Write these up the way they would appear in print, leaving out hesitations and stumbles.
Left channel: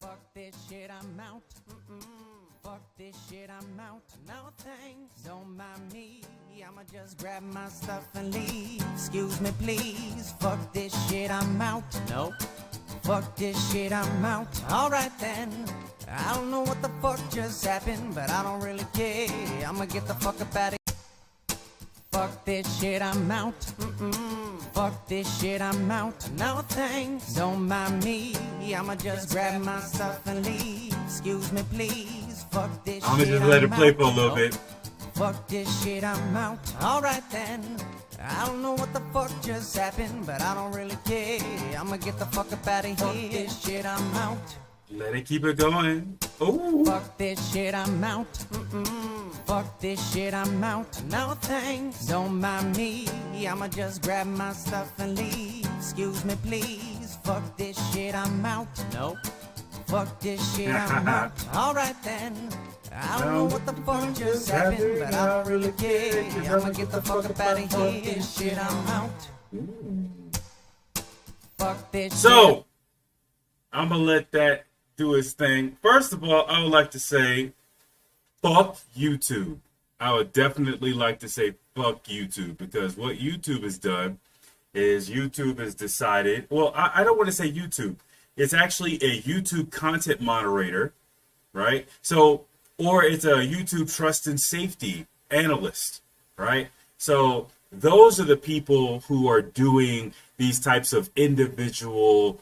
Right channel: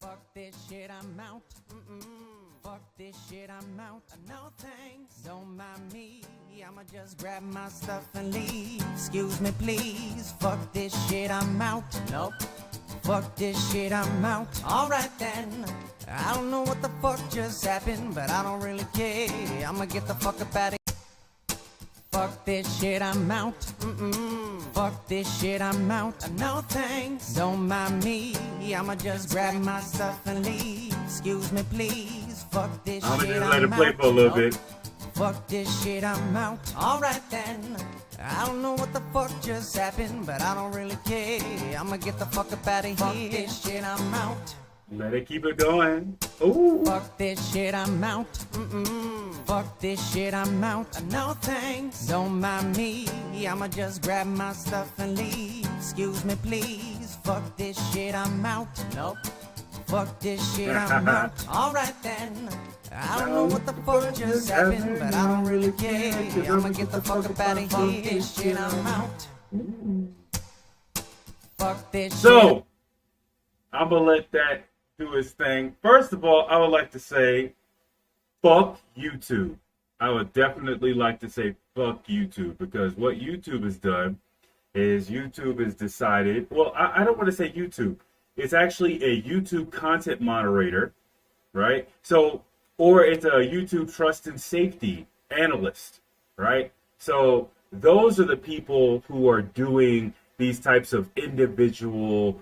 Fuck this shit, I'm out. Fuck this shit, I'm out. No thanks. Don't mind me. I'ma just grab my stuff and leave. Excuse me, please. Fuck this shit, I'm out. Nope. Fuck this shit, I'm out. Alright then. I don't know what the fuck just happened, but I don't really care. I'ma get the fuck up out of here. Fuck this shit, I'm out. Fuck this shit, I'm out. No thanks. Don't mind me. I'ma just grab my stuff and leave. Excuse me, please. Fuck this shit, I'm out. I'm gonna just let it play for a little bit. Fuck this shit, I'm out. Alright then. I don't know what the fuck just happened, but I don't really care. I'ma get the fuck up out of here. Fuck this shit, I'm out. Let it keep it going. Ooh. Fuck this shit, I'm out. Fuck this shit, I'm out. No thanks. Don't mind me. I'ma just grab my stuff and leave. Excuse me, please. Fuck this shit, I'm out. Nope. Fuck this shit, I'm out. Alright then. I don't know what the fuck just happened, but I don't really care. I'ma get the fuck up out of here. Fuck this shit, I'm out. Fuck this shit. So, I'm gonna let that do his thing. First of all, I would like to say, fuck YouTube. I would definitely like to say fuck YouTube, because what YouTube has done is YouTube has decided, well, I don't want to say YouTube. It's actually a YouTube content moderator, right? So, or it's a YouTube trust and safety analyst, right? So those are the people who are doing these types of individual,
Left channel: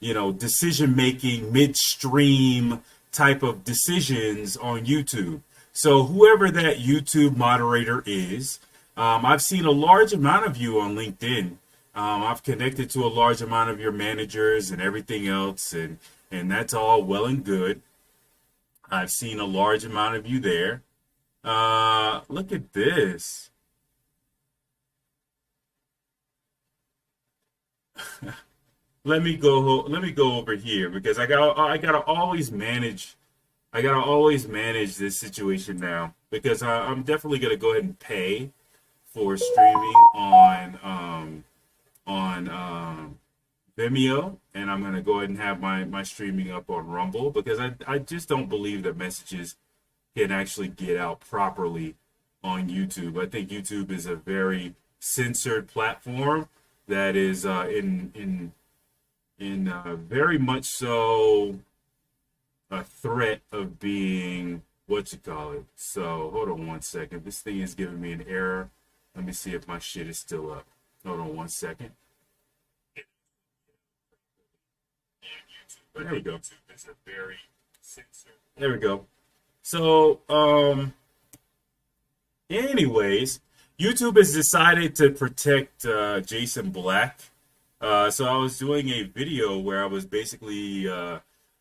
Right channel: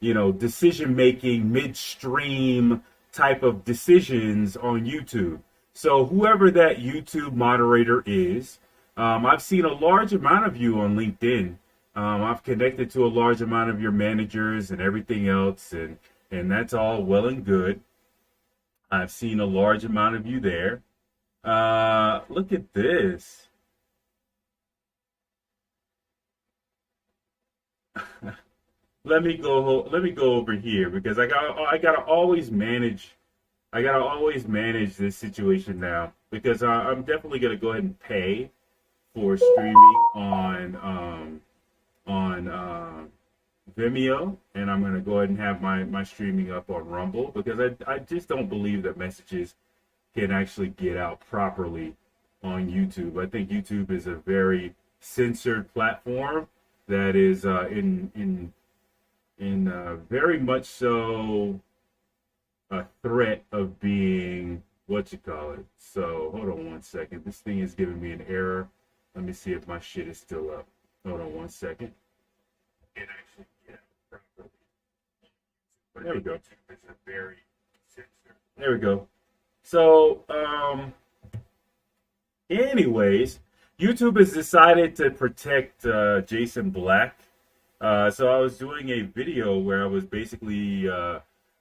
decision-making, midstream type of decisions on YouTube. So whoever that YouTube moderator is, I've seen a large amount of you on LinkedIn. I've connected to a large amount of your managers and everything else, and that's all well and good. I've seen a large amount of you there. Look at this. Let me go over here, because I gotta always manage this situation now, because I'm definitely gonna go ahead and pay for streaming on Vimeo, and I'm going to go ahead and have my streaming up on Rumble, because I just don't believe that messages can actually get out properly on YouTube. I think YouTube is a very censored platform that is in very much so a threat of being So hold on one second. This thing is giving me an error. Let me see if my shit is still up. Hold on one second. There we go. There we go. So, anyways, YouTube has decided to protect Jason Black. So I was doing a video where I was basically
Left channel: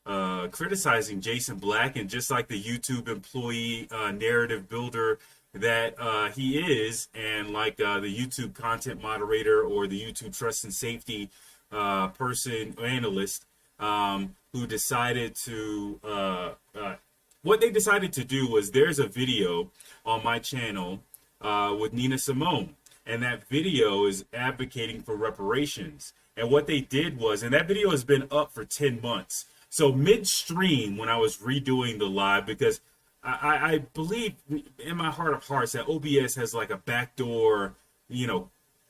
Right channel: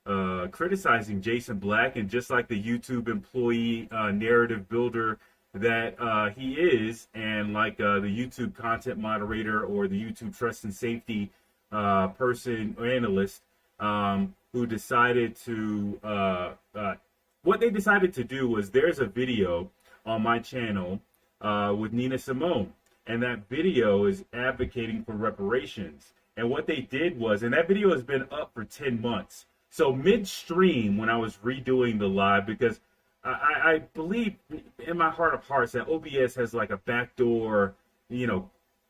criticizing Jason Black, and just like the YouTube employee narrative builder that he is, and like the YouTube content moderator or the YouTube trust and safety person analyst, who decided to what they decided to do was, there's a video on my channel with Nina Simone, and that video is advocating for reparations. And what they did was, and that video has been up for 10 months. So midstream, when I was redoing the live, because I believe in my heart of hearts that OBS has like a backdoor,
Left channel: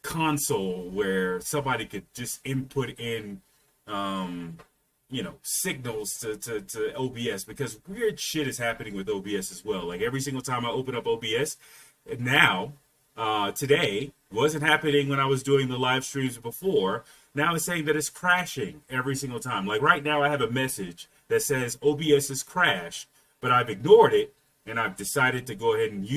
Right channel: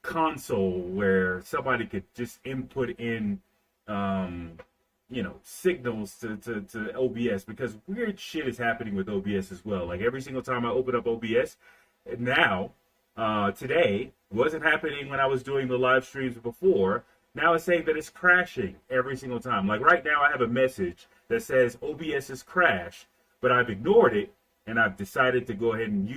console where somebody could just input in, signals to OBS, because weird shit is happening with OBS as well. Like every single time I open up OBS now, today, wasn't happening when I was doing the live streams before. Now it's saying that it's crashing every single time. Like right now I have a message that says OBS is crashed, but I've ignored it, and I've decided to go ahead and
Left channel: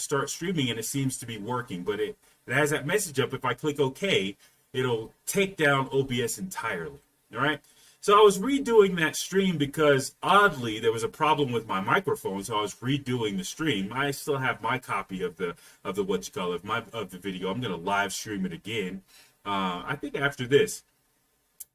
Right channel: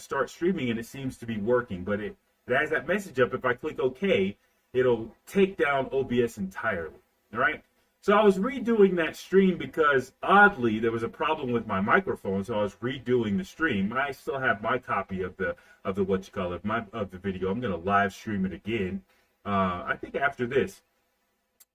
start streaming, and it seems to be working. But it has that message up. If I click OK, it'll take down OBS entirely. All right. So I was redoing that stream because oddly there was a problem with my microphone. So I was redoing the stream. I still have my copy of the video. I'm gonna live stream it again. I think after this,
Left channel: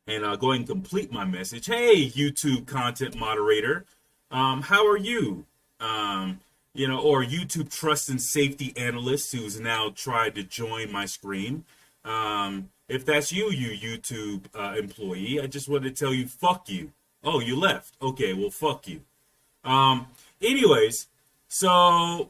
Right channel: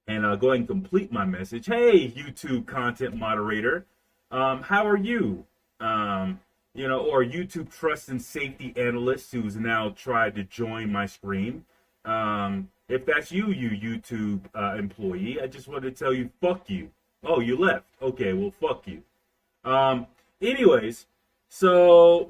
and go ahead and complete my message. Hey, YouTube content moderator, how are you? Or YouTube trust and safety analyst who's now tried to join my screen. If that's you YouTube employee, I just wanted to tell you, fuck you. Oh, you left. Okay, well, fuck you. Anyways, so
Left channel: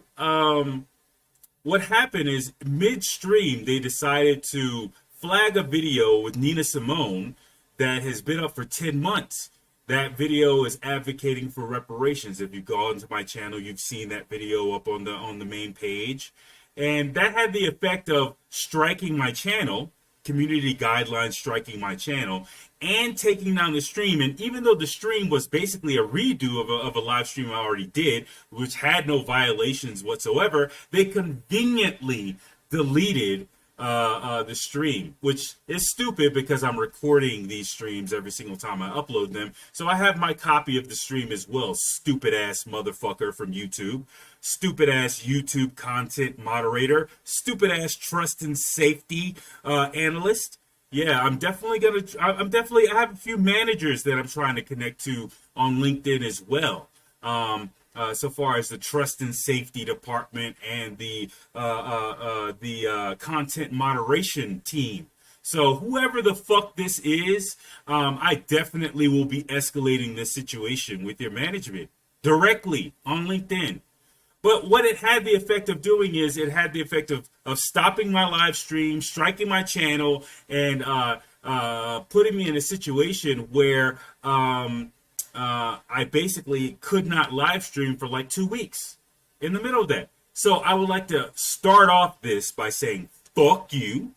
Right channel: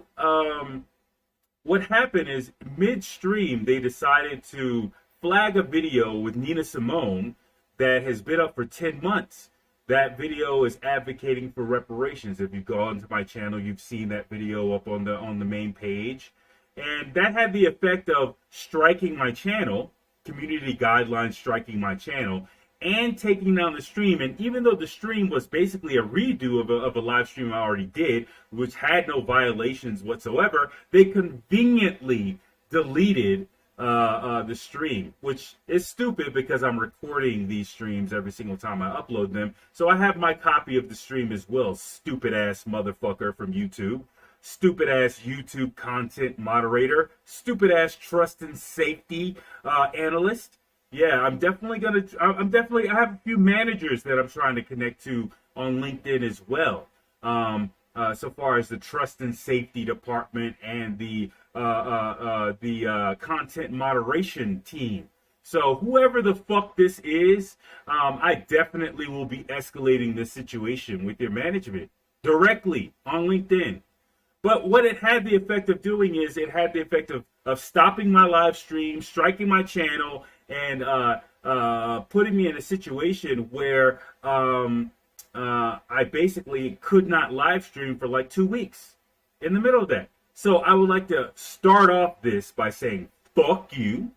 what happened is midstream they decided to flag a video with Nina Simone that has been up for 10 months. That video is advocating for reparations. If you've gone to my channel, you've seen that video up on the main page. And that had the effect of striking my channel, community guidelines striking my channel, and taking down the stream. And even though the stream was basically a redo of a live stream I already did, which had no violations whatsoever, they conveniently deleted the stream, which is stupid because I'm recording these streams every single time I upload them. So I have my copy of the stream as well, stupid ass motherfucker from YouTube. Stupid ass YouTube content moderator, stupid ass trust and safety analyst. Yeah, I have a few managers that I'm trying to connect to on LinkedIn as well. So far as the trust and safety department and the content moderation team. So whoever the fuck this is, I definitely will be escalating this situation with your management directly on LinkedIn. But what it had the effect of doing is it had the effect of stopping my live stream, striking my channel, and putting me in a situation where I basically could not live stream for like 2 weeks in the middle of that. So I would like to start off this by saying, fuck you.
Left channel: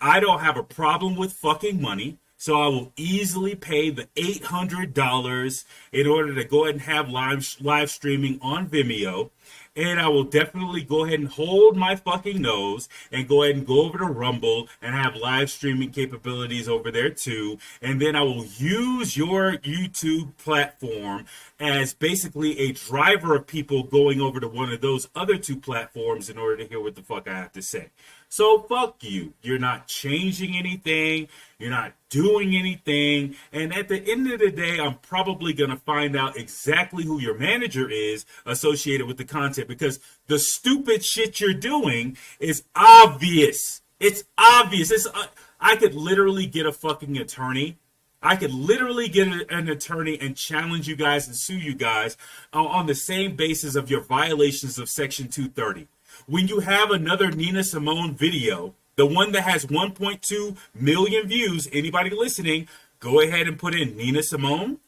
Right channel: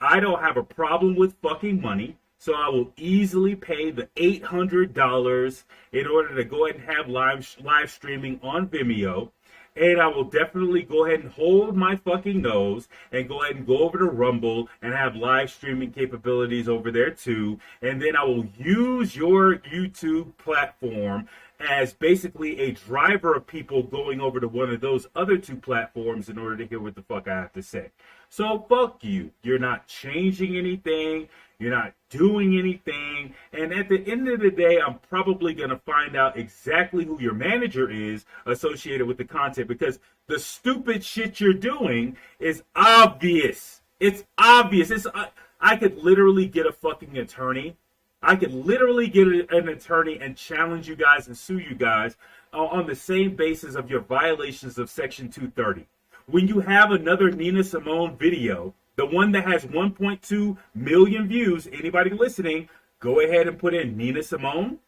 I don't have a problem with fucking money. So I will easily pay the $800 in order to go ahead and have live streaming on Vimeo. And I will definitely go ahead and hold my fucking nose and go ahead and go over to Rumble and have live streaming capabilities over there too. And then I will use your YouTube platform as basically a driver of people going over to one of those other two platforms in order to hear what the fuck I have to say. So fuck you. You're not changing anything. You're not doing anything. And at the end of the day, I'm probably going to find out exactly who your manager is associated with the content, because the stupid shit you're doing is obvious. It's obvious. I could literally get a fucking attorney. I could literally get an attorney and challenge you guys and sue you guys on the same basis of your violations of Section 230. When you have another Nina Simone video, the one that has 1.2 million views, anybody listening, go ahead and put in Nina Simone.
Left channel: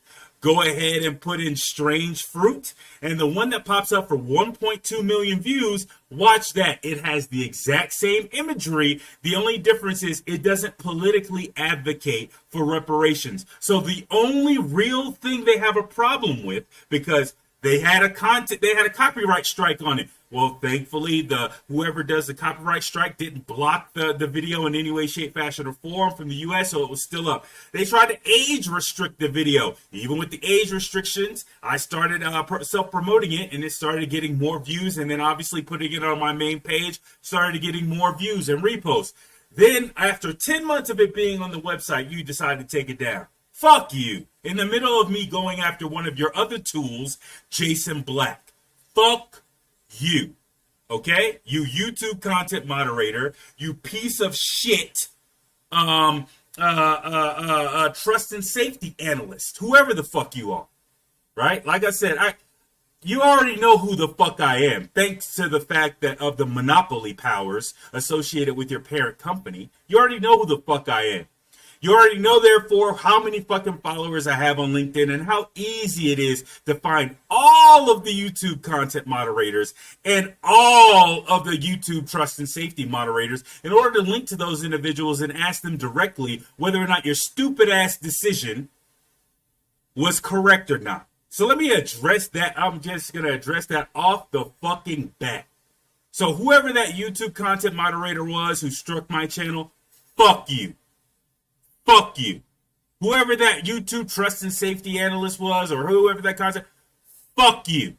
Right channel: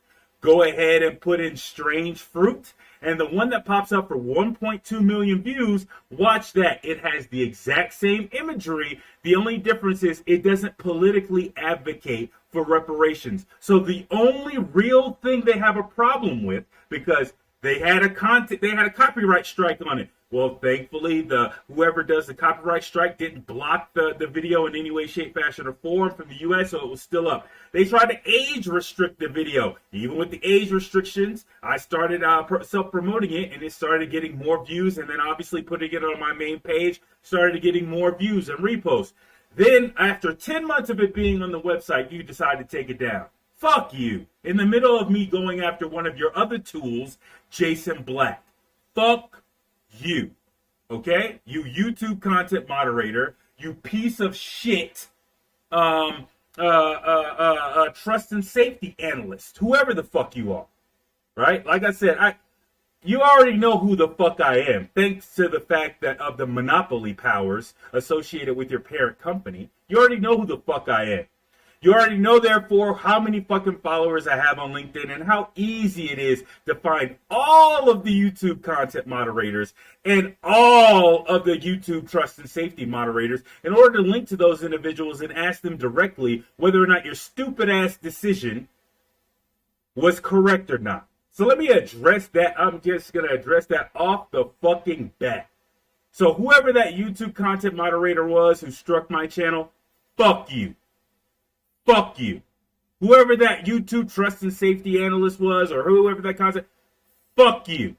Go ahead and put in Strange Fruit. And the one that pops up for 1.2 million views, watch that. It has the exact same imagery. The only difference is it doesn't politically advocate for reparations. So the only real thing they have a problem with, because they had a copyright strike on it. Well, thankfully, whoever does the copyright strike didn't block the video in any way, shape, fashion, or form from the U.S., so it was still up. They tried to age restrict the video. Even with the age restrictions, I started self-promoting it, and it started getting more views, and then obviously putting it on my main page started getting more views and reposts. Then, after 10 months of it being on the website, you decided to take it down. Fuck you. In the middle of me going after one of your other tools, Jason Black. Fuck you. Okay? You YouTube content moderator, you piece of shit, trust and safety analyst, whoever the fuck you are. Right? Like I said, you already know who the fuck I am, thanks to the fact that of the monopoly powers associated with your parent company. You already know who the fuck I am. You already know, therefore, how many fucking followers I have on LinkedIn and how easy it is to find all of the YouTube content moderators and all of the YouTube trust and safety moderators in order to link to those individuals and ask them directly whether or not your stupid ass decision was correct or not. So let me address that. I'm just going to address that off the fucking bat. So whoever that YouTube content moderator was who struck my channel, fuck you. Fuck you. Whoever that YouTube trust and safety analyst was, or whoever that content, fuck you.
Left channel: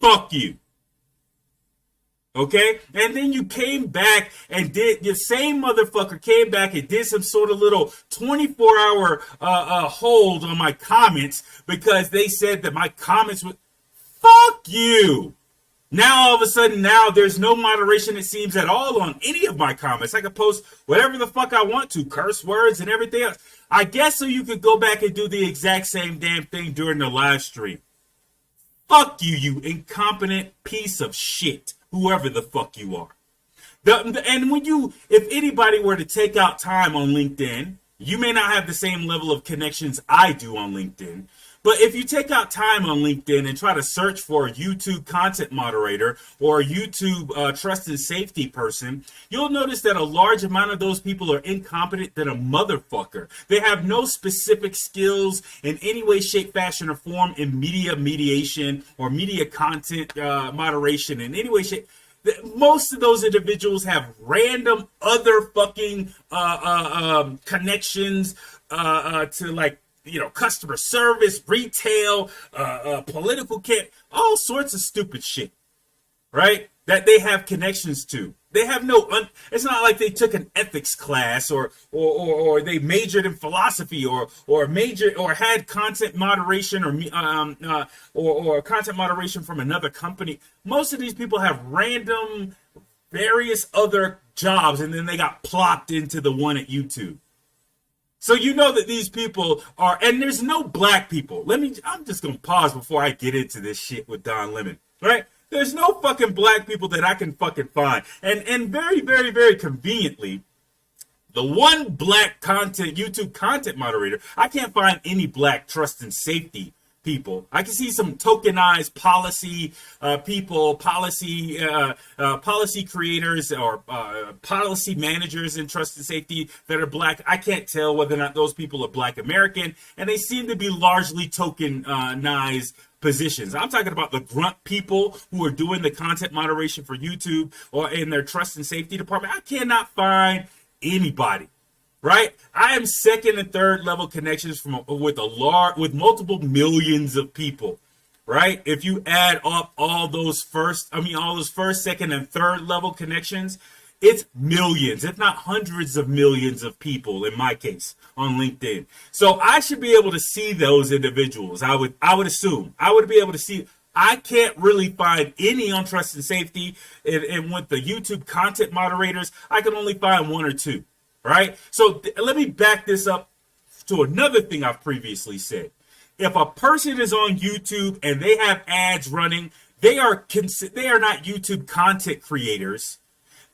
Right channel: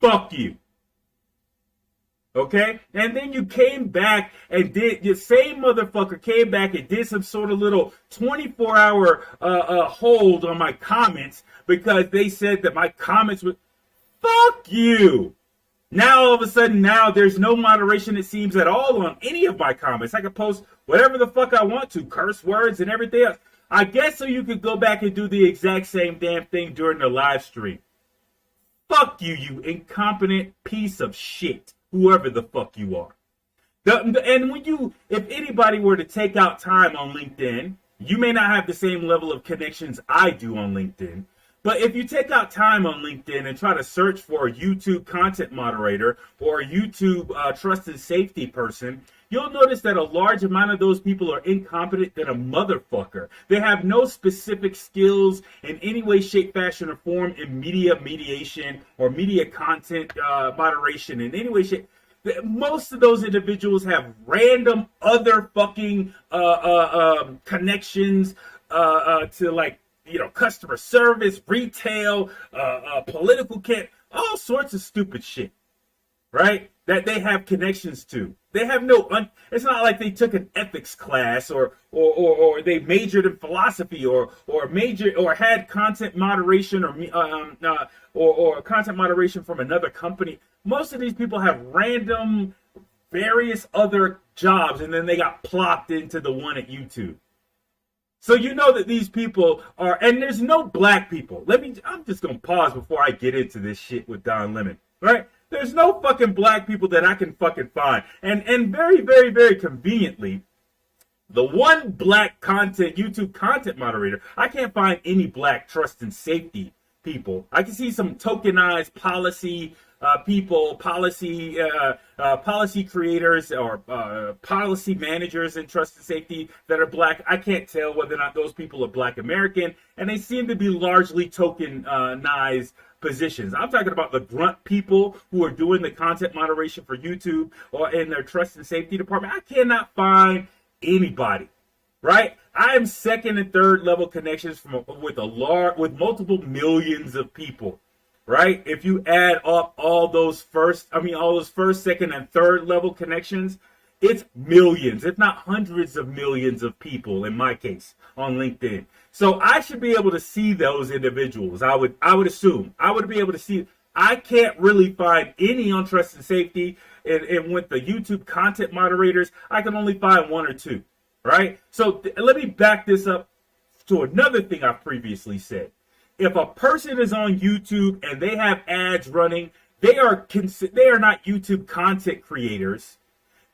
Fuck you. Okay? And then you came back and the same motherfucker came back and did some sort of little 24-hour hold on my comments because they said that my comments were, fuck you. Now, all of a sudden, there's no moderation, it seems, at all on any of my comments. I can post whatever the fuck I want to, curse words and everything else. I guess so you could go back and do the exact same damn thing during the live stream. Fuck you, you incompetent piece of shit, whoever the fuck you are. And if anybody were to take out time on LinkedIn, you may not have the same level of connections I do on LinkedIn. But if you take out time on LinkedIn and try to search for a YouTube content moderator or a YouTube trust and safety person, you'll notice that a large amount of those people are incompetent than a motherfucker. They have no specific skills in any way, shape, fashion, or form in media mediation or media content moderation in any way, shape. Most of those individuals have random other fucking connections to, like, customer service, retail, political all sorts of stupid shit, right? That they have connections to. They have it's not like they took an ethics class or they majored in philosophy or had content moderation or content moderation from another company. Most of these people have random various other jobs, and then they got plopped into the one at YouTube. So you know that these people are, and there's no black people. I'm just going to pause before I get into this shit with Don Lemon, right? There's no fucking black people that I can fucking find. And very, very, very conveniently, the one black YouTube content moderator, I can't find any black trust and safety people. I can see some tokenized policy people, policy creators, or policy managers in trust and safety that are black. I can't tell whether or not those people are black American, and they seem to be largely tokenized positions. I'm talking about the grunt people who are doing the content moderation for YouTube or in their trust and safety department. I cannot find anybody. Right, I am second and third level connections with multiple millions of people. Right, if you add up all those first, second, and third level connections, it's millions, if not hundreds of millions of people in my case on LinkedIn. So I should be able to see those individuals. I would assume I would be able to see. I can't really find any on trust and safety, and with the YouTube content moderators, I can only find one or two. Right? So let me back this up to another thing I've previously said. If a person is on YouTube and they have ads running, they are not YouTube content creators.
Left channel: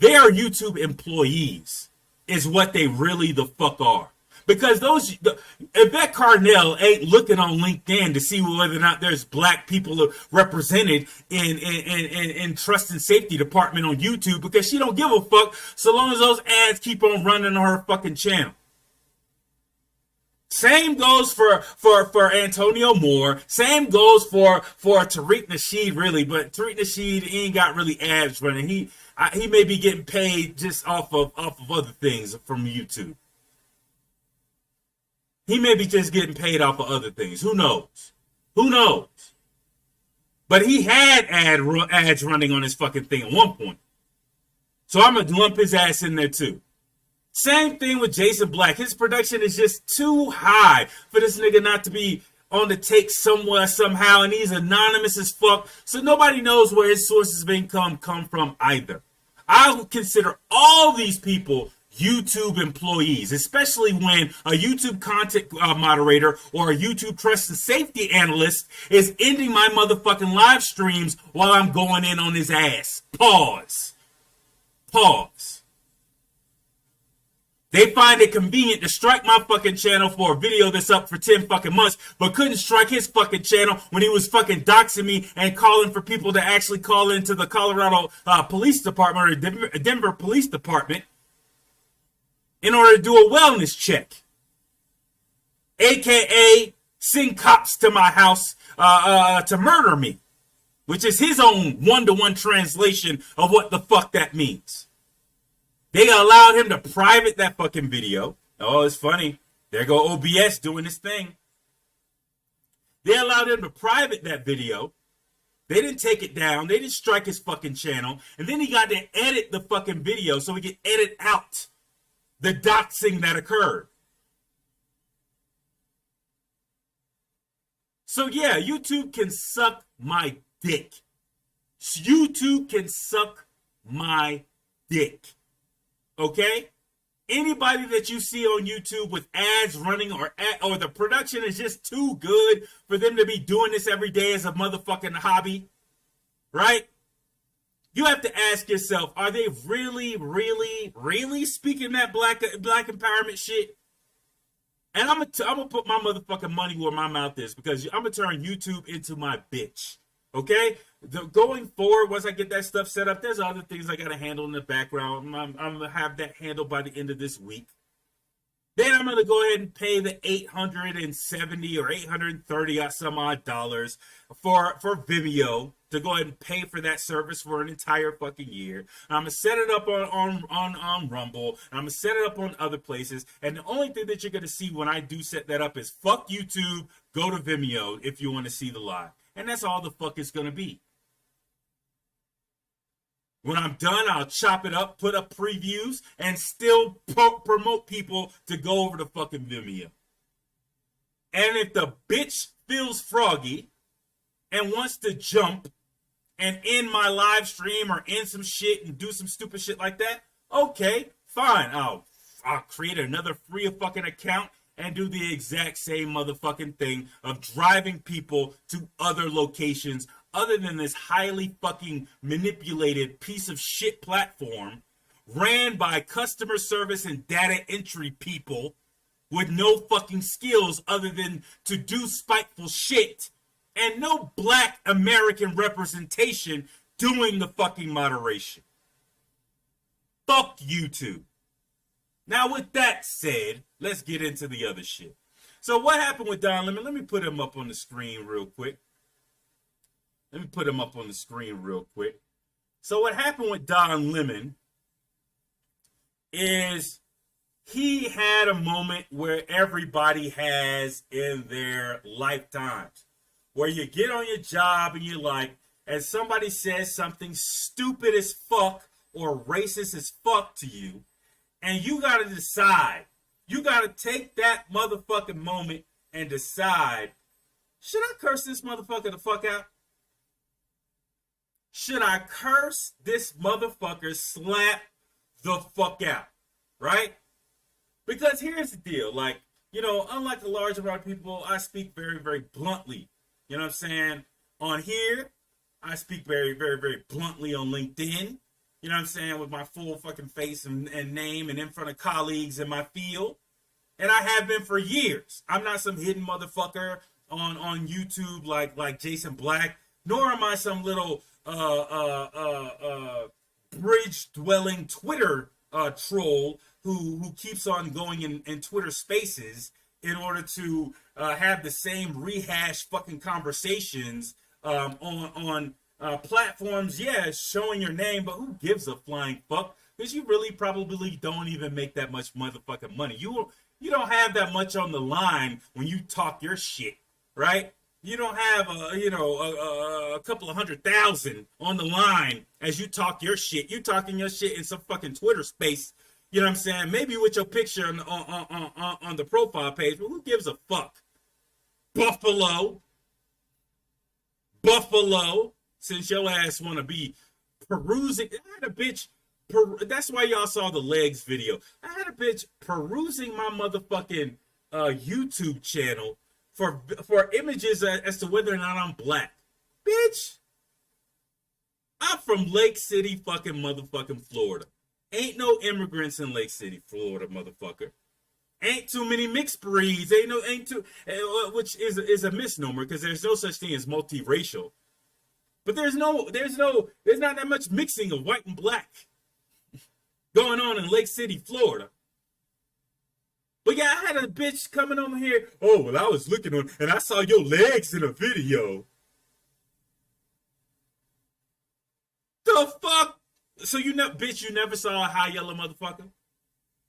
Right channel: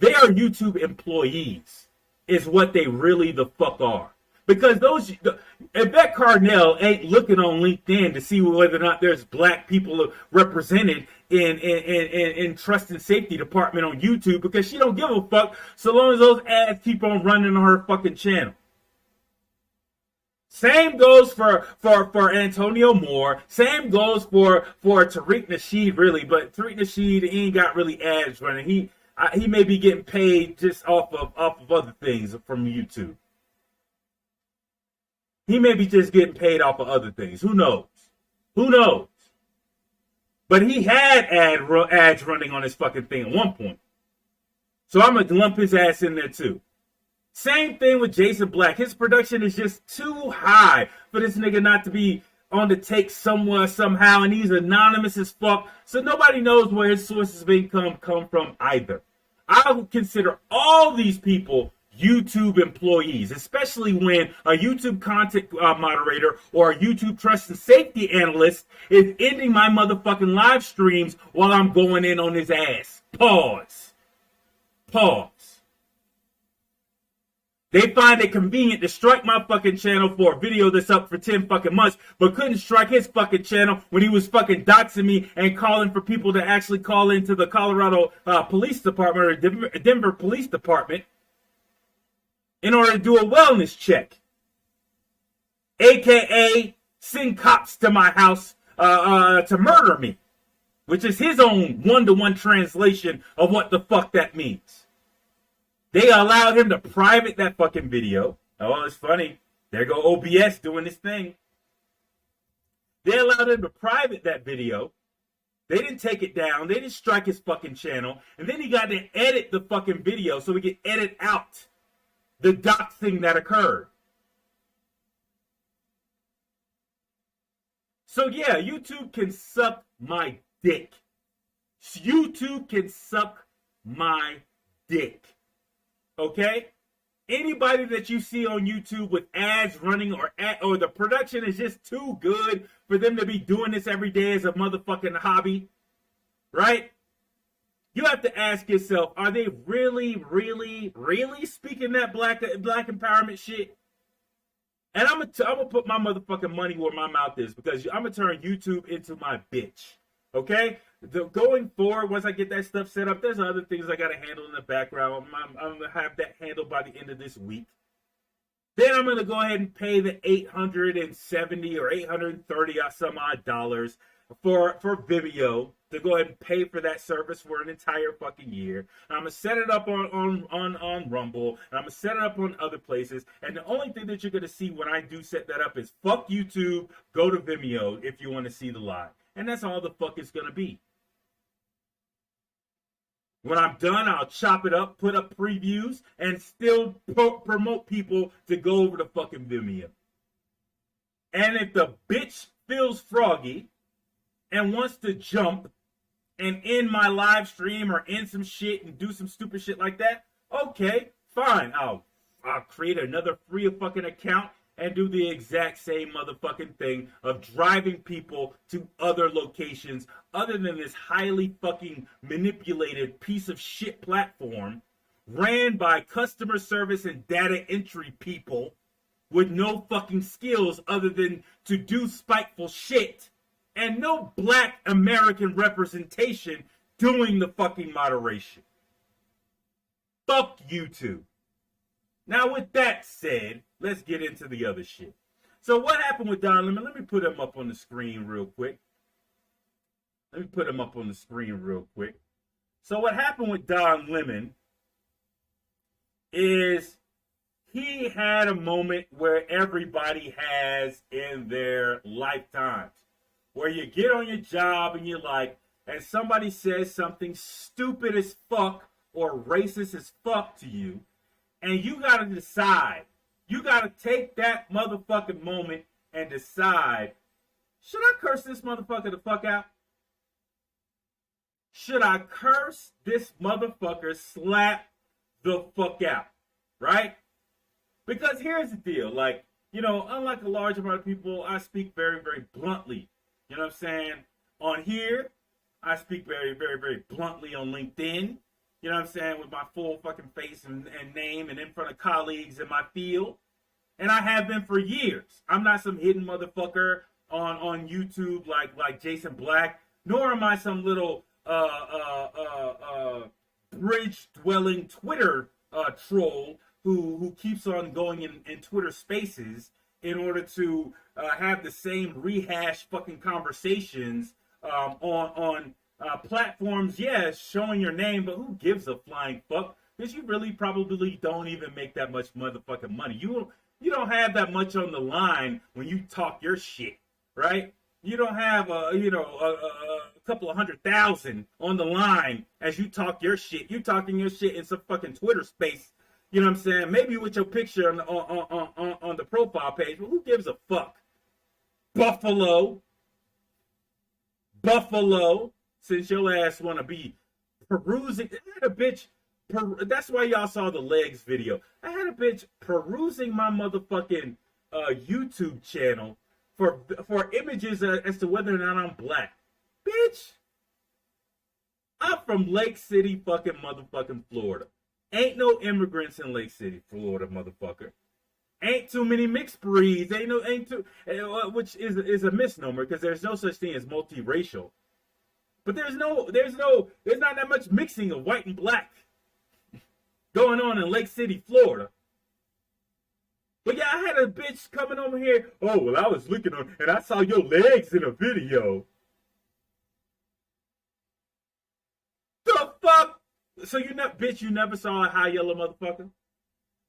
They are YouTube employees, is what they really the fuck are. Because Vivek Carnell ain't looking on LinkedIn to see whether or not there's black people represented in trust and safety department on YouTube, because she don't give a fuck so long as those ads keep on running on her fucking channel. Same goes for Antonio Moore. Same goes for Tariq Nasheed, really, but Tariq Nasheed ain't got really ads running. He may be getting paid just off of other things from YouTube. He may be just getting paid off of other things. Who knows? Who knows? But he had ads running on his fucking thing at one point. So I'm going to lump his ass in there too. Same thing with Jason Black. His production is just too high for this nigga not to be on the take somewhere, somehow. And he's anonymous as fuck. So nobody knows where his sources of income come from either. I would consider all these people YouTube employees, especially when a YouTube content moderator or a YouTube trust and safety analyst is ending my motherfucking live streams while I'm going in on his ass. Pause. They find it convenient to strike my fucking channel for a video that's up for 10 fucking months, but couldn't strike his fucking channel when he was fucking doxing me and calling for people to actually call into the Colorado Police Department or Denver Police Department in order to do a wellness check, aka send cops to my house to murder me, which is his own one-to-one translation of what the fuck that means. They allowed him to private that fucking video. Oh, it's funny. There go OBS doing this thing. They allowed him to private that video. They didn't take it down. They didn't strike his fucking channel. And then he got to edit the fucking video so he could edit out the doxing that occurred. So yeah, YouTube can suck my dick. YouTube can suck my dick. Okay? Anybody that you see on YouTube with ads running or the production is just too good for them to be doing this every day as a motherfucking hobby, right? You have to ask yourself, are they really, really, really speaking that black empowerment shit? And I'm gonna put my motherfucking money where my mouth is, because I'm gonna turn YouTube into my bitch. Okay? Going forward, once I get that stuff set up, there's other things I gotta handle in the background. I'm gonna have that handled by the end of this week. Then I'm gonna go ahead and pay the $870 or $830 some odd dollars for Vimeo to go ahead and pay for that service for an entire fucking year. And I'm gonna set it up on Rumble, and I'm gonna set it up on other places. And the only thing that you're gonna see when I do set that up is fuck YouTube, go to Vimeo if you want to see the live. And that's all the fuck it's gonna be. When I'm done, I'll chop it up, put up previews, and still promote people to go over to fucking Vimeo. And if the bitch feels froggy and wants to jump and end my live stream or end some shit and do some stupid shit like that, okay, fine. I'll create another free fucking account and do the exact same motherfucking thing of driving people to other locations other than this highly fucking manipulated piece of shit platform ran by customer service and data entry people with no fucking skills other than to do spiteful shit, and no black American representation doing the fucking moderation. Fuck YouTube. Now, with that said, let's get into the other shit. So what happened with Don Lemon? Let me put him up on the screen real quick. So what happened with Don Lemon is he had a moment where everybody has in their lifetimes, where you get on your job and you're like, and somebody says something stupid as fuck or racist as fuck to you, and you got to decide. You got to take that motherfucking moment and decide, should I curse this motherfucker the fuck out? Should I curse this motherfucker slap the fuck out? Right? Because here's the deal. Like, you know, unlike a large amount of people, I speak very, very bluntly. You know what I'm saying? On here, I speak very, very, very bluntly on LinkedIn. You know what I'm saying? With my full fucking face and name and in front of colleagues in my field. And I have been for years. I'm not some hidden motherfucker on YouTube like Jason Black, nor am I some little bridge-dwelling Twitter troll who keeps on going in Twitter spaces in order to have the same rehash fucking conversations on platforms, yeah, showing your name, but who gives a flying fuck? Because you really probably don't even make that much motherfucking money. You don't have that much on the line when you talk your shit, right? You don't have a couple of 100,000 on the line as you talk your shit. You talking your shit in some fucking Twitter space. You know what I'm saying? Maybe with your picture on the profile page, but who gives a fuck? Buffalo, since your ass want to be perusing. I had a bitch, that's why y'all saw the legs video. I had a bitch perusing my motherfucking YouTube channel for images as to whether or not I'm black. Bitch, I'm from Lake City fucking motherfucking Florida. Ain't no immigrants in Lake City, Florida, motherfucker. Ain't too many mixed breeds. Which is a misnomer because there's no such thing as multiracial. But there's not that much mixing of white and black going on in Lake City, Florida. But yeah, I had a bitch coming over here. Oh, well, I was looking on and I saw your legs in a video. The fuck? So you never saw a high yellow motherfucker?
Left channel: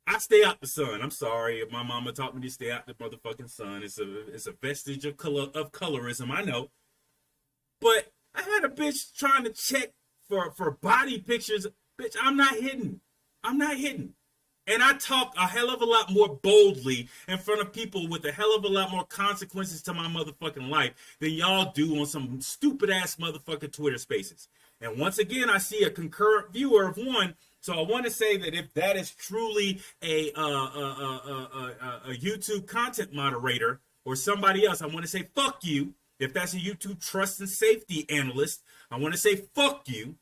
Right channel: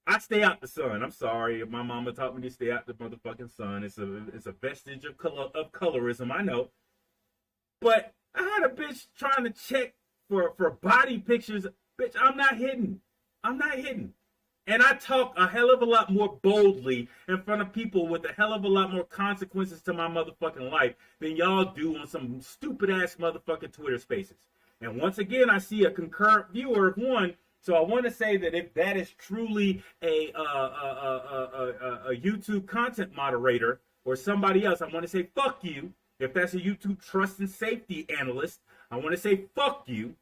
I stay out the sun. I'm sorry. My mama taught me to stay out the motherfucking sun. It's a vestige of colorism, I know. But I had a bitch trying to check for body pictures. Bitch, I'm not hidden. And I talk a hell of a lot more boldly in front of people with a hell of a lot more consequences to my motherfucking life than y'all do on some stupid ass motherfucking Twitter spaces. And once again, I see a concurrent viewer of one So I want to say that if that is truly a YouTube content moderator or somebody else, I want to say fuck you. If that's a YouTube trust and safety analyst, I want to say fuck you.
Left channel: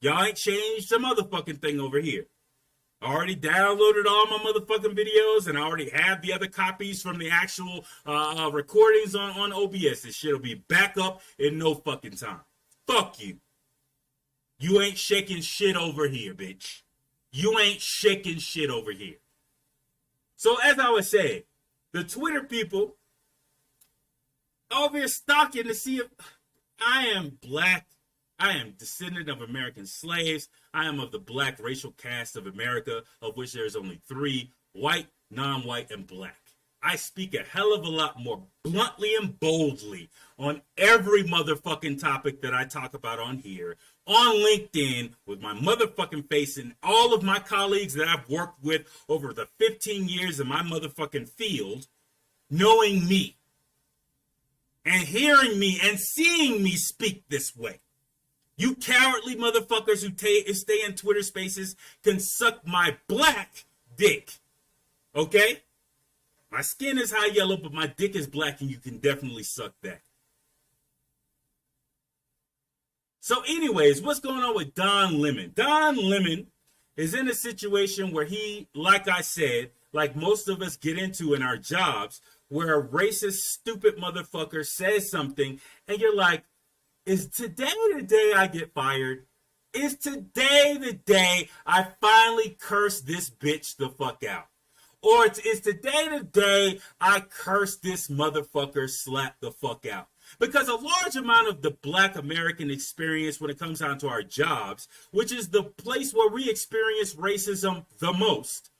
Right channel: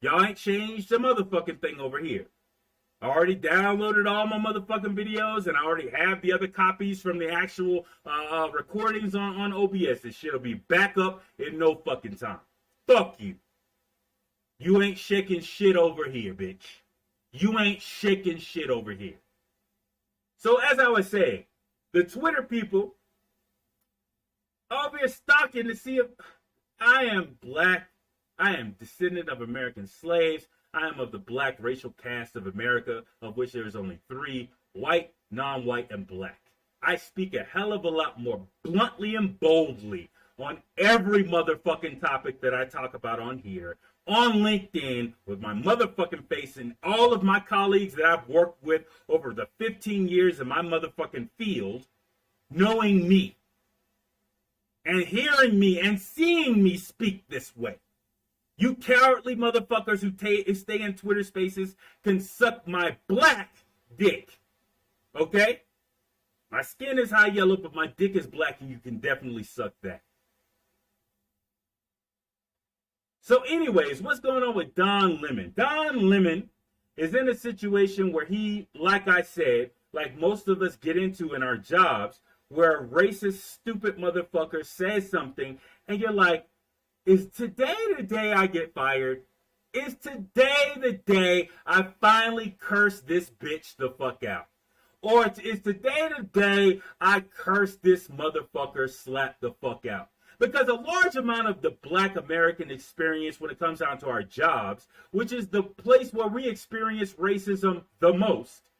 Y'all ain't changed the motherfucking thing over here. I already downloaded all my motherfucking videos, and I already have the other copies from the actual recordings on OBS. This shit'll be back up in no fucking time. Fuck you. You ain't shaking shit over here, bitch. You ain't shaking shit over here. So as I was saying, the Twitter people over here stalking to see if I am black. I am descendant of American slaves. I am of the black racial caste of America, of which there is only 3, white, non-white, and black. I speak a hell of a lot more bluntly and boldly on every motherfucking topic that I talk about on here, on LinkedIn, with my motherfucking face, and all of my colleagues that I've worked with over the 15 years in my motherfucking field, knowing me, and hearing me, and seeing me speak this way. You cowardly motherfuckers who stay in Twitter spaces can suck my black dick. Okay? My skin is high yellow, but my dick is black, and you can definitely suck that. So anyways, what's going on with Don Lemon? Don Lemon is in a situation where he, like I said, like most of us get into in our jobs, where a racist, stupid motherfucker says something, and you're like, is today the day I get fired? Is today the day I finally curse this bitch the fuck out? Or is today the day I curse this motherfucker slap the fuck out? Because a large amount of the black American experience when it comes down to our jobs, which is the place where we experience racism the most,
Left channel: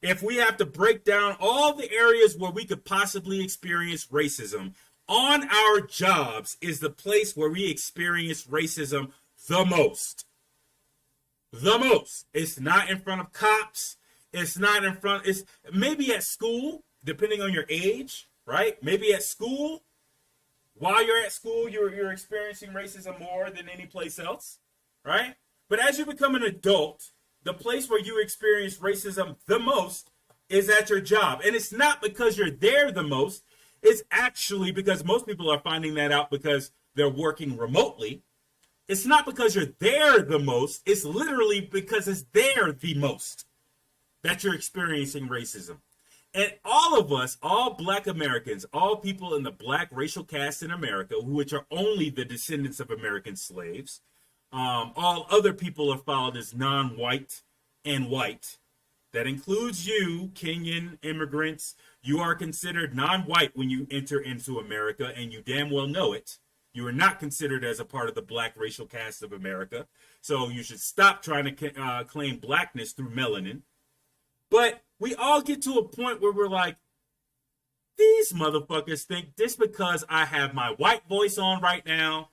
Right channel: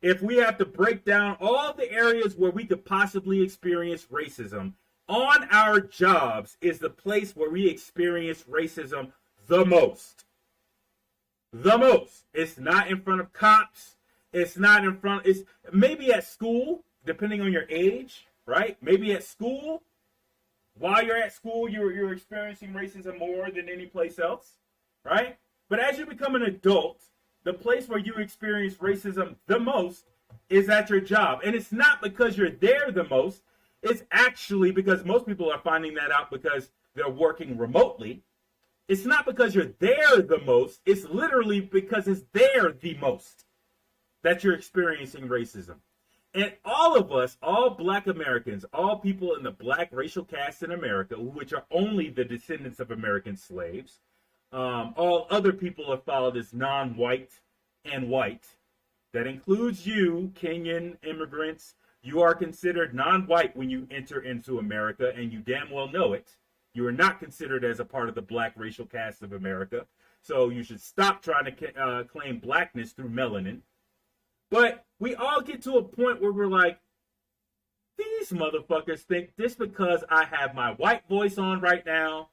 if we have to break down all the areas where we could possibly experience racism, on our jobs is the place where we experience racism the most. The most. It's not in front of cops. It's not in front. It's maybe at school, depending on your age, right? Maybe at school. While you're at school, you're experiencing racism more than any place else, right? But as you become an adult, the place where you experience racism the most is at your job. And it's not because you're there the most. It's actually because most people are finding that out because they're working remotely. It's not because you're there the most. It's literally because it's there the most that you're experiencing racism. And all of us, all black Americans, all people in the black racial caste in America, which are only the descendants of American slaves, all other people are followed as non-white and white. That includes you, Kenyan immigrants. You are considered non-white when you enter into America, and you damn well know it. You are not considered as a part of the black racial caste of America. So you should stop trying to claim blackness through melanin. But we all get to a point where we're like, these motherfuckers think just because I have my white voice on right now,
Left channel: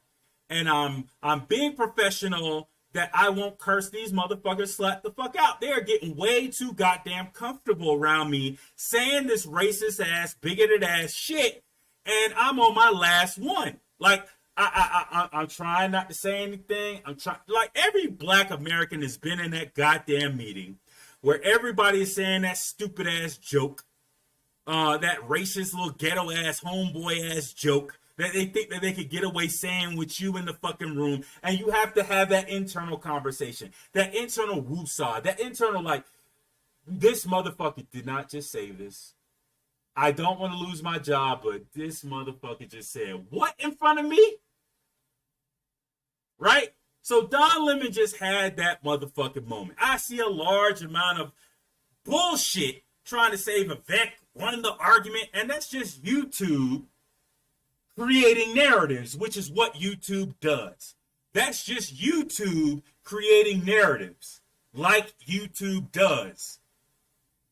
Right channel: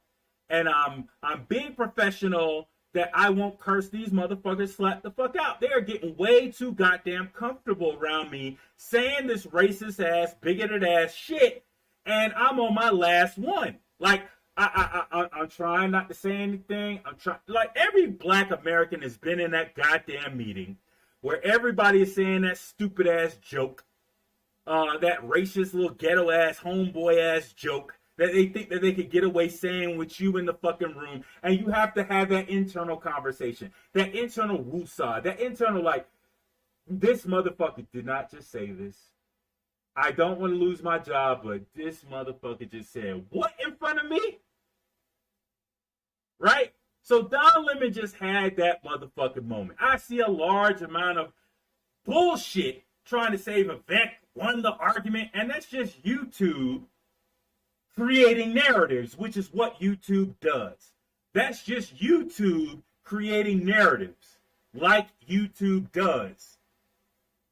and I'm being professional, that I won't curse these motherfuckers slap the fuck out. They are getting way too goddamn comfortable around me saying this racist ass, bigoted ass shit, and I'm on my last one. Like, I'm trying not to say anything. I'm trying, like, every black American has been in that goddamn meeting where everybody is saying that stupid ass joke, that racist little ghetto ass homeboy ass joke that they think that they could get away saying with you in the fucking room, and you have to have that internal conversation, that internal woosah, that internal like, this motherfucker did not just say this. I don't want to lose my job, but this motherfucker just said what in front of me? Right? So Don Lemon just had that motherfucking moment. I see a large amount of bullshit trying to say Vivek won the argument, and that's just YouTube creating narratives, which is what YouTube does. That's just YouTube creating narratives like YouTube does.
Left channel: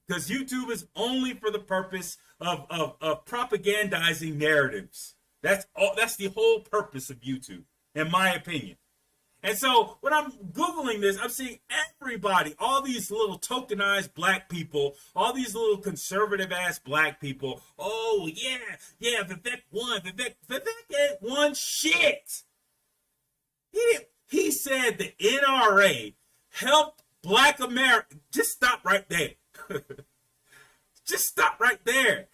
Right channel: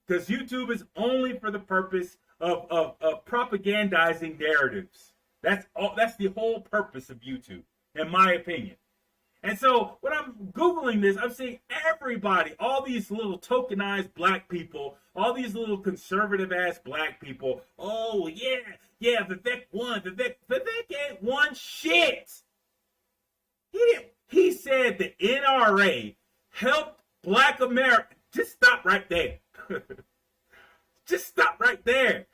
Because YouTube is only for the purpose of propagandizing narratives. That's all. That's the whole purpose of YouTube, in my opinion. And so when I'm Googling this, I'm seeing everybody, all these little tokenized black people, all these little conservative ass black people. Oh, yeah, Vivek won. Vivek ain't won shit. He said the NRA helped Black America. Just stop right there. Just stop right there.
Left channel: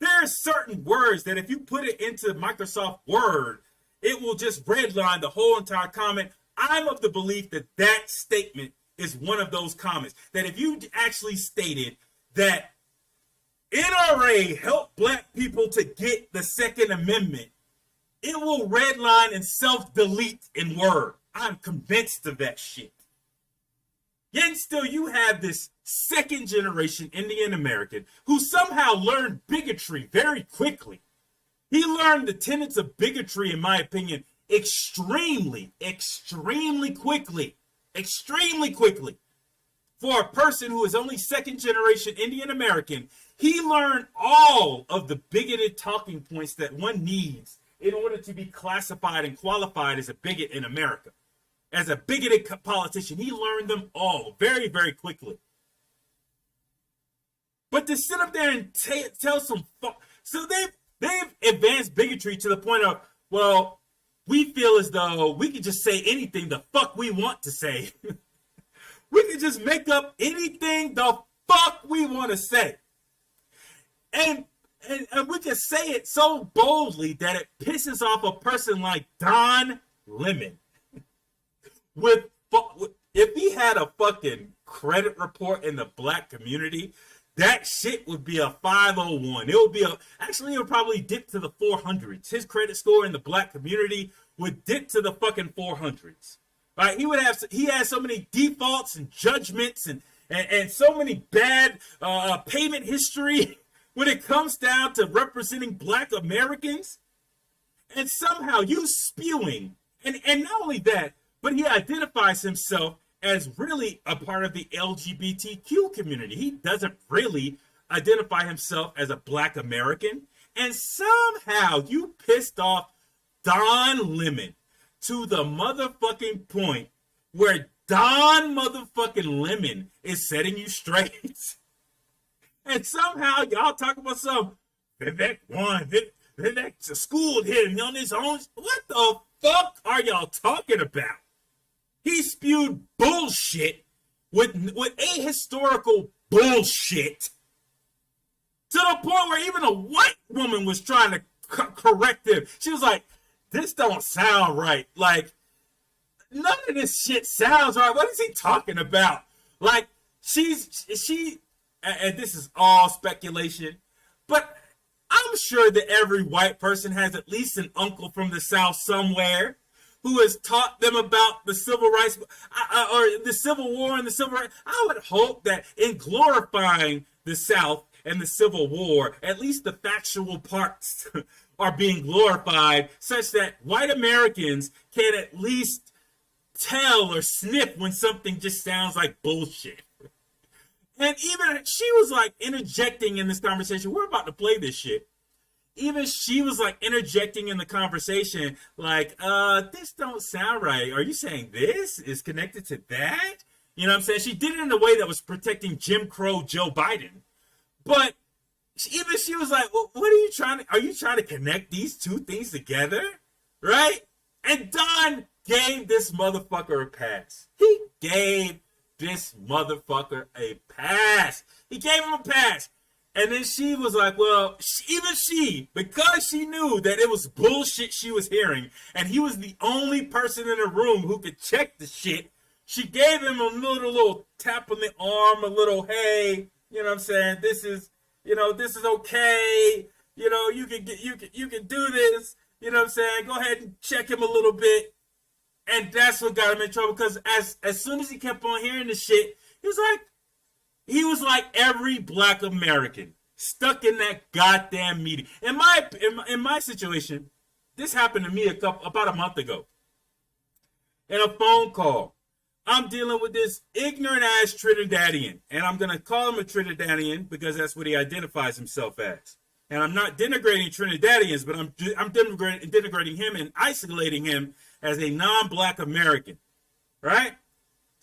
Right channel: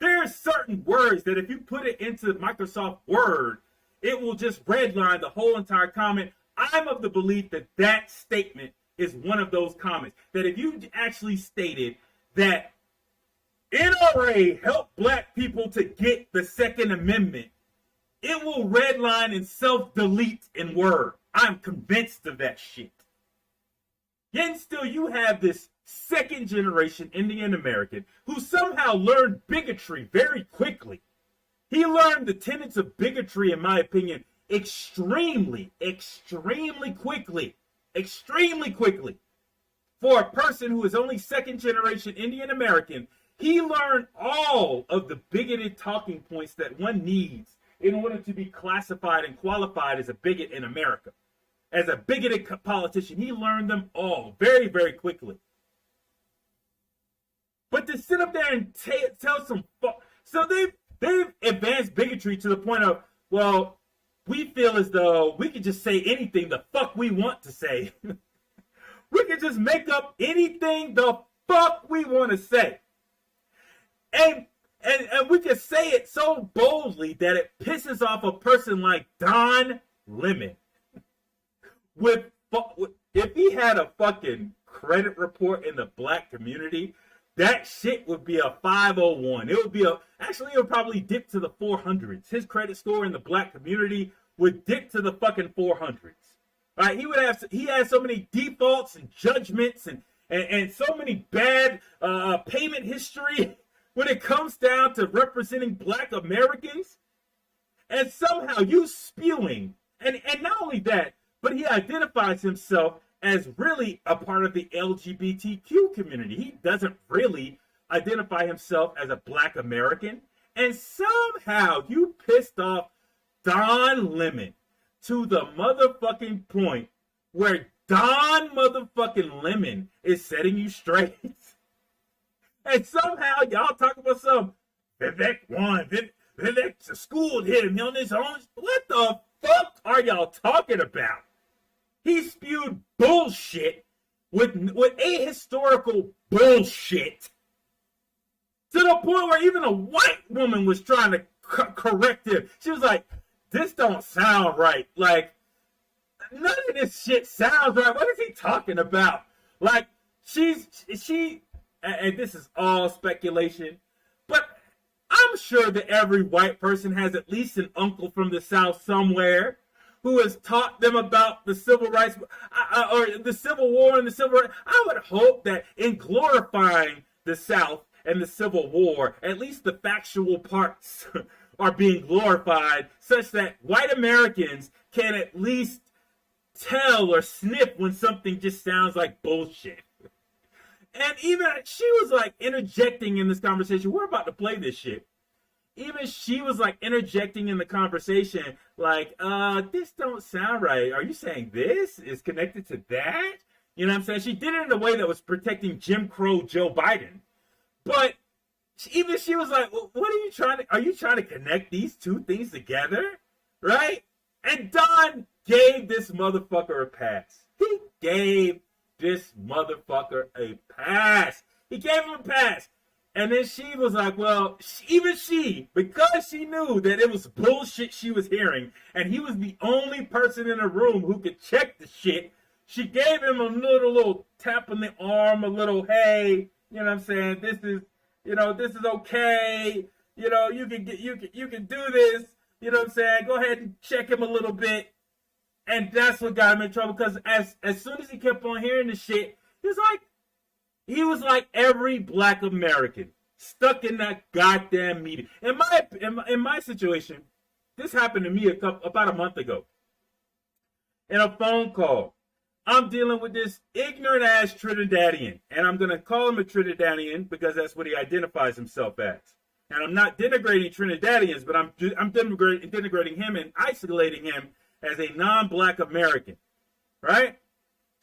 There are certain words that if you put it into Microsoft Word, it will just redline the whole entire comment. I'm of the belief that that statement is one of those comments. That if you actually stated that NRA helped black people to get the Second Amendment, it will redline and self-delete in Word. I'm convinced of that shit. Yet still, you have this second generation Indian American who somehow learned bigotry very quickly. He learned the tenets of bigotry, in my opinion, extremely quickly. Extremely quickly. For a person who is only second generation Indian American, he learned all of the bigoted talking points that one needs in order to be classified and qualified as a bigot in America. As a bigoted politician, he learned them all very, very quickly. But to sit up there and tell some so they've advanced bigotry to the point of, well, we feel as though we could just say anything the fuck we want to say. We could just make up anything the fuck we want to say. And we can say it so boldly that it pisses off a person like Don Lemon. If he had a fucking credit report in the black community, that shit would be a 501. It would be actually it would probably dip to the 400s. His credit score in the black community would dip to the fucking 400s. Right? He has so many defaults and judgments and so many bad payment history when it comes down to representing black Americans. And somehow you spewing, and not only that, but he identifies himself as really a part of the LGBTQ community. He doesn't really identify himself as a black American. And somehow you pissed off Don Lemon to the motherfucking point where Don motherfucking Lemon is setting you straight. And somehow y'all talk about some Vivek won. Vivek schooled him on his own. What the fuck are y'all talking about? He spewed bullshit with ahistorical bullshit to the point where even a white woman was trying to correct him. She was like, this don't sound right. Like, none of this shit sounds right. What is he talking about? Like, and this is all speculation, but I'm sure that every white person has at least an uncle from the South somewhere who has taught them about the civil rights or the Civil War and the civil rights. I would hope that in glorifying the South and the Civil War, at least the factual parts are being glorified such that white Americans can at least tell or sniff when something just sounds like bullshit. And even she was like interjecting in this conversation. We're about to play this shit. Even she was like interjecting in the conversation, like, this don't sound right. Are you saying this is connected to that? You know what I'm saying? She did it in a way that was protecting Jim Crow Joe Biden. But even she was like, well, are you trying to connect these two things together? Right? And Don gave this motherfucker a pass. He gave this motherfucker a pass. He gave him a pass. And then she was like, well, even she, because she knew that it was bullshit she was hearing, and he was the only person in the room who could check the shit, she gave him a little tap on the arm, a little, hey, you know what I'm saying? This is okay. You know, you can do this. You know what I'm saying? Go ahead and check him a little bit. And that's what got him in trouble, because as soon as he kept on hearing the shit, he was like every black American stuck in that goddamn meeting. In my situation, this happened to me about a month ago. In a phone call, I'm dealing with this ignorant ass Trinidadian, and I'm gonna call him a Trinidadian because that's what he identifies himself as. And I'm not denigrating Trinidadians, but I'm denigrating him and isolating him as a non-black American, right?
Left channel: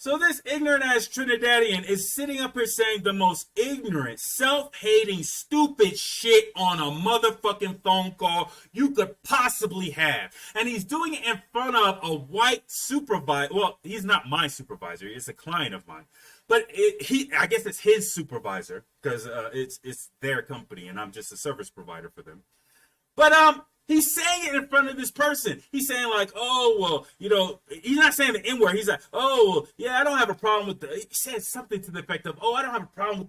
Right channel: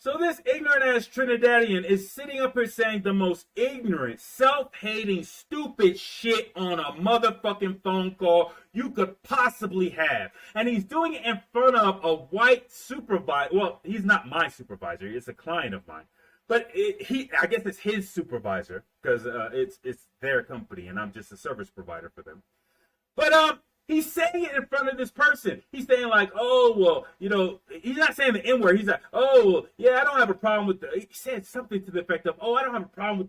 So this ignorant ass Trinidadian is sitting up here saying the most ignorant, self-hating, stupid shit on a motherfucking phone call you could possibly have. And he's doing it in front of a white supervisor. Well, he's not my supervisor. It's a client of mine. But I guess it's his supervisor because it's their company and I'm just a service provider for them. But he's saying it in front of this person. He's saying like, oh, well, you know, he's not saying the N-word. He's like, oh, well, yeah, I don't have a problem with he said something to the effect of, oh, I don't have a problem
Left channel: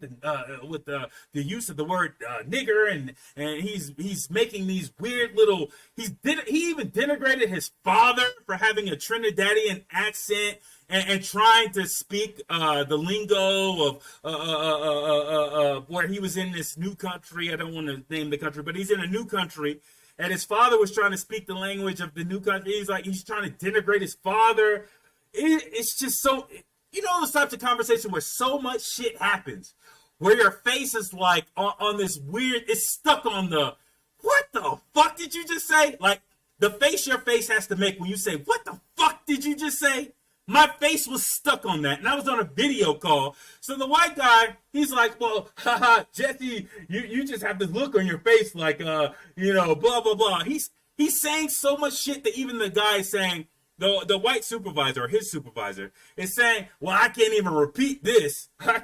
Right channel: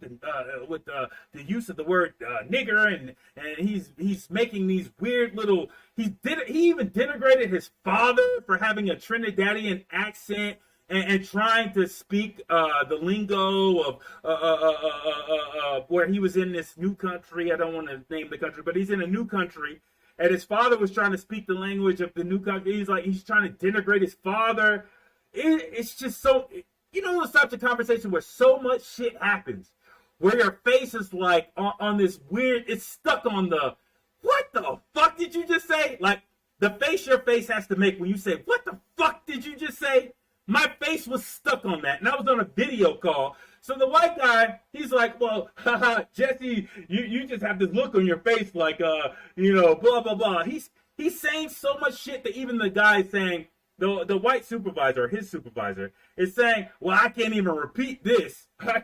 with the use of the word nigger. And he's making these weird little, he even denigrated his father for having a Trinidadian accent and trying to speak the lingo of where he was in this new country. I don't want to name the country, but he's in a new country. And his father was trying to speak the language of the new country. He's trying to denigrate his father. It's just so, you know, those types of conversations where so much shit happens, where your face is like on this weird, it's stuck on the, what the fuck did you just say? Like the face your face has to make when you say, what the fuck did you just say? My face was stuck on that, and I was on a video call. So the white guy, he's like, well, haha, Jesse, you just have this look on your face like, you know, blah, blah, blah. He's saying so much shit that even the guy saying, the white supervisor, or his supervisor, is saying, well, I can't even repeat this. I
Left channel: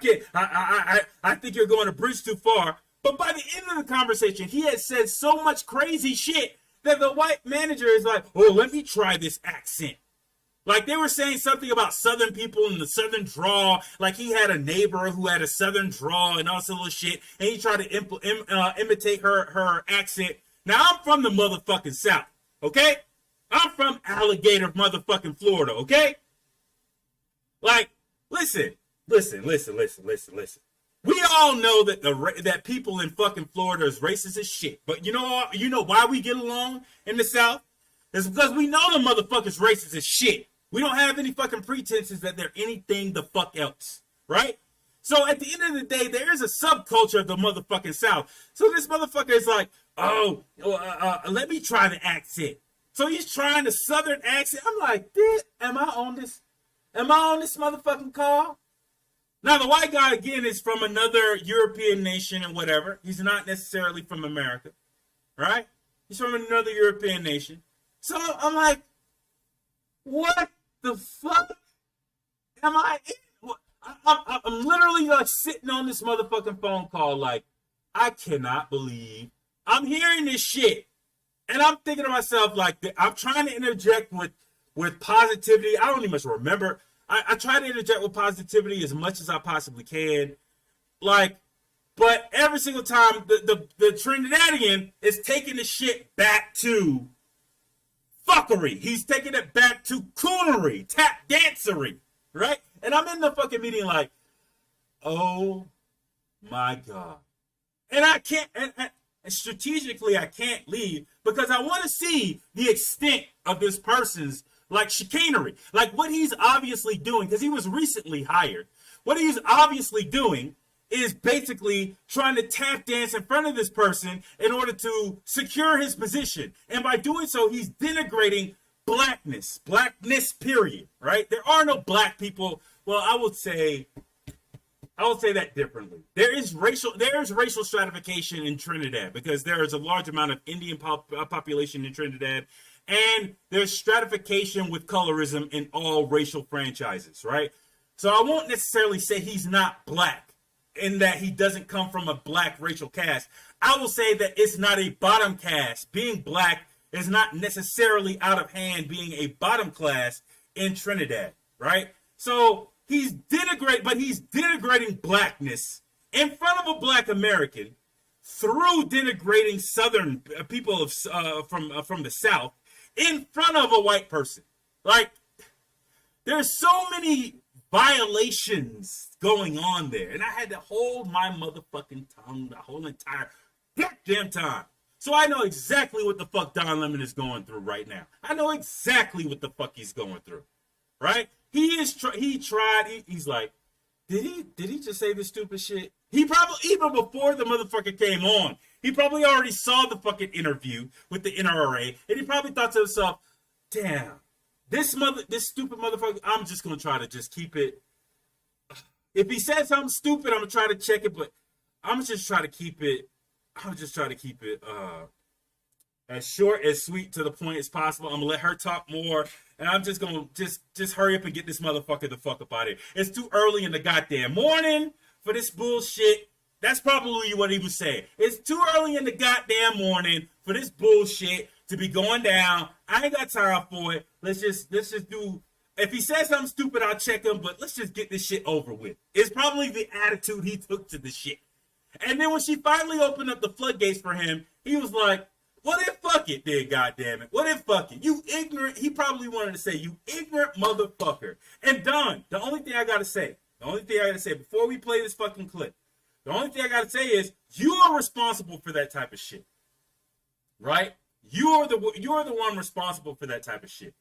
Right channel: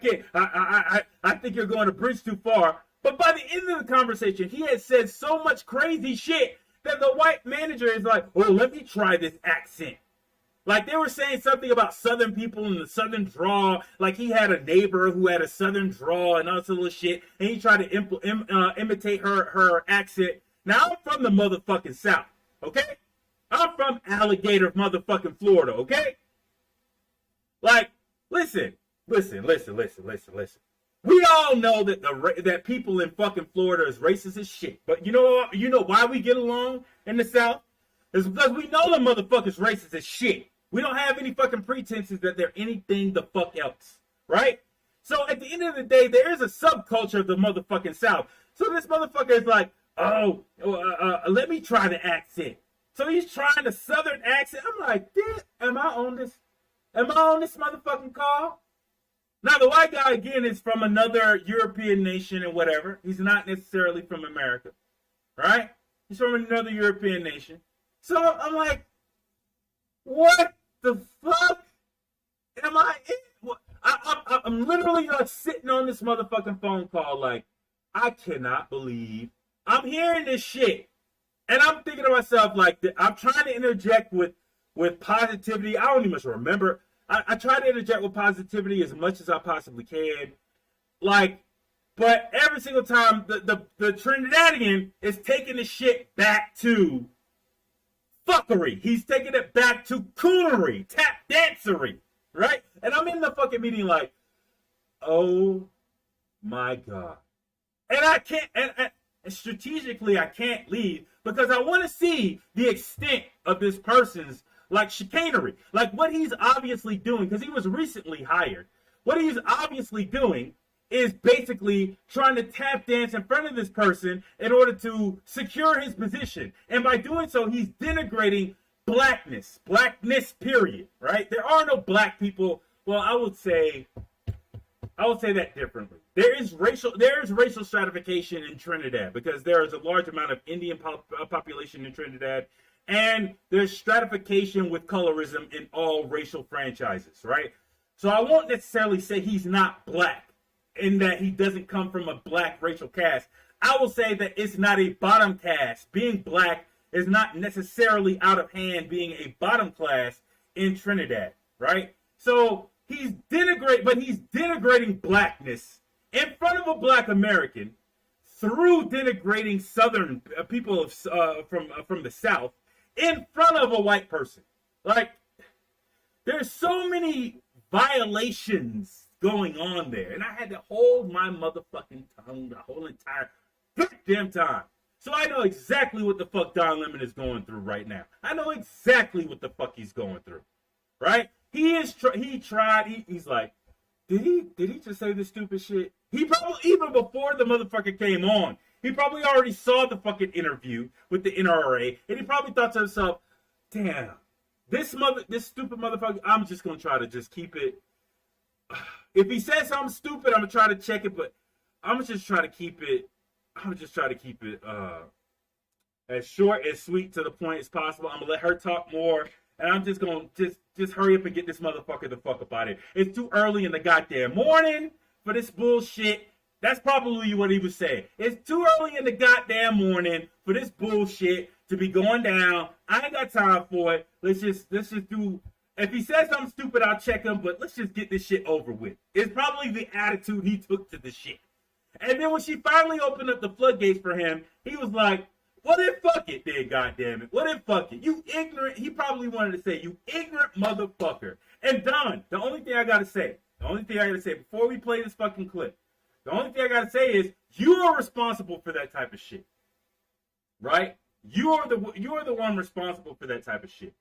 think you're going a bridge too far. But by the end of the conversation, he had said so much crazy shit that the white manager is like, oh, let me try this accent. Like they were saying something about Southern people and the Southern drawl. Like he had a neighbor who had a Southern drawl and all this little shit. And he tried to imitate her accent. Now I'm from the motherfucking South. Okay? I'm from Alligator motherfucking Florida. Okay? Like, listen. We all know that that people in fucking Florida is racist as shit. But you know why we get along in the South? It's because we know the motherfuckers racist as shit. We don't have any fucking pretenses that they're anything the fuck else, right? So at the end of the day, there is a subculture of the motherfucking South. So this motherfucker is like, oh, let me try the accent. So he's trying the Southern accent. I'm like, am I on this motherfucking call? Now the white guy again is from another European nation and whatever. He's not necessarily from America, right? He's from another European nation. So I'm like, what the fuck am I in? I'm literally like sitting on this motherfucking phone call like, I cannot believe I'm hearing this shit. And I'm thinking to myself like, I'm trying to interject with positivity. I don't even much remember. I try to interject with positivity as much as I possibly can. Like, but every single time the Trinidadian is taking the shit back to fuckery. He's taking it back to coonery, tap dancery, right? And I'm in the fucking meeting like, oh my God. And I can't, and strategically I can't leave because I want to see the extent of this person's like chicanery, like what he's obviously doing, because he was recently hired. What he's obviously doing is basically trying to tap dance in front of this person in order to secure his position. And by doing so, he's denigrating blackness, period, right? There are no black people. Well, I would say that differently. There is racial stratification in Trinidad because there is a large amount of Indian population in Trinidad. And there's stratification with colorism in all racial franchises, right? So I won't necessarily say he's not black in that he doesn't come from a black racial caste. I will say that it's not a bottom caste. Being black is not necessarily out of hand being a bottom class in Trinidad, right? So he's denigrating blackness in front of a black American through denigrating Southern people from the South in front of a white person. Like, there's so many violations going on there. And I had to hold my motherfucking tongue the whole entire goddamn time. So I know exactly what the fuck Don Lemon is going through right now. I know exactly what the fuck he's going through. Right? He's like, did he just say this stupid shit? He probably, even before the motherfucker came on, he probably already saw the fucking interview with the NRA, and he probably thought to himself, damn, this stupid motherfucker, I'm just gonna try to just keep it. If he says something stupid, I'm gonna try to check it, but I'm gonna just try to keep it. As short, as sweet, to the point as possible. I'm gonna let her talk more, and I'm just gonna just hurry up and get this motherfucker the fuck up out of here. It's too early in the goddamn morning for this bullshit. That's probably what he was saying. It's too early in the goddamn morning for this bullshit to be going down. I ain't got time for it. Let's just do. If he says something stupid, I'll check him, but let's just get this shit over with. It's probably the attitude he took to the shit. And then when she finally opened up the floodgates for him, he was like, well, then fuck it, then, goddammit. Well, then fuck it. You ignorant. He probably wanted to say, you ignorant motherfucker. And Don, the only thing I got to say before we play this fucking clip, the only thing I got to say is you are responsible for that type of shit. Right? You are the one responsible for that type of shit.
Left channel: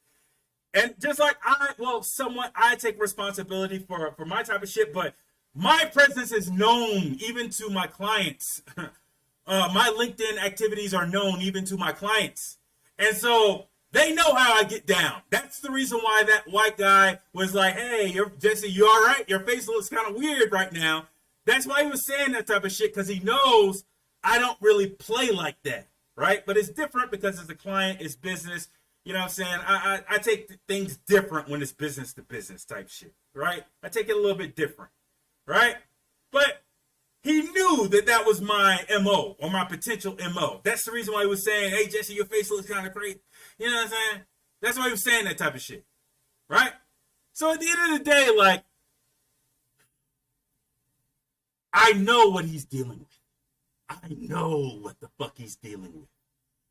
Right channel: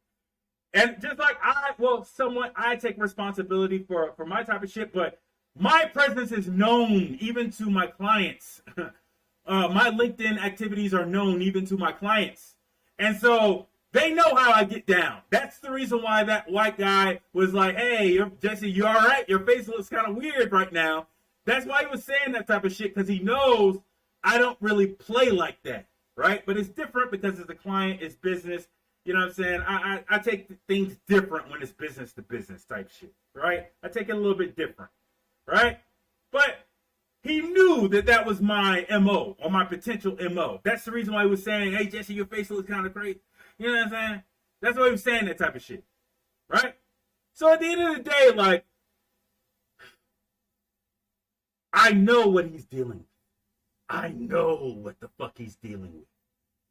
And just like I take responsibility for my type of shit, but my presence is known even to my clients. My LinkedIn activities are known even to my clients. And so they know how I get down. That's the reason why that white guy was like, hey, Jesse, you all right? Your face looks kind of weird right now. That's why he was saying that type of shit, because he knows I don't really play like that, right? But it's different because it's a client, it's business. You know what I'm saying? I take things different when it's business to business type shit, right? I take it a little bit different, right? But he knew that was my MO, or my potential MO. That's the reason why he was saying, hey, Jesse, your face looks kind of crazy. You know what I'm saying? That's why he was saying that type of shit, right? So at the end of the day, like, I know what he's dealing with. I know what the fuck he's dealing with.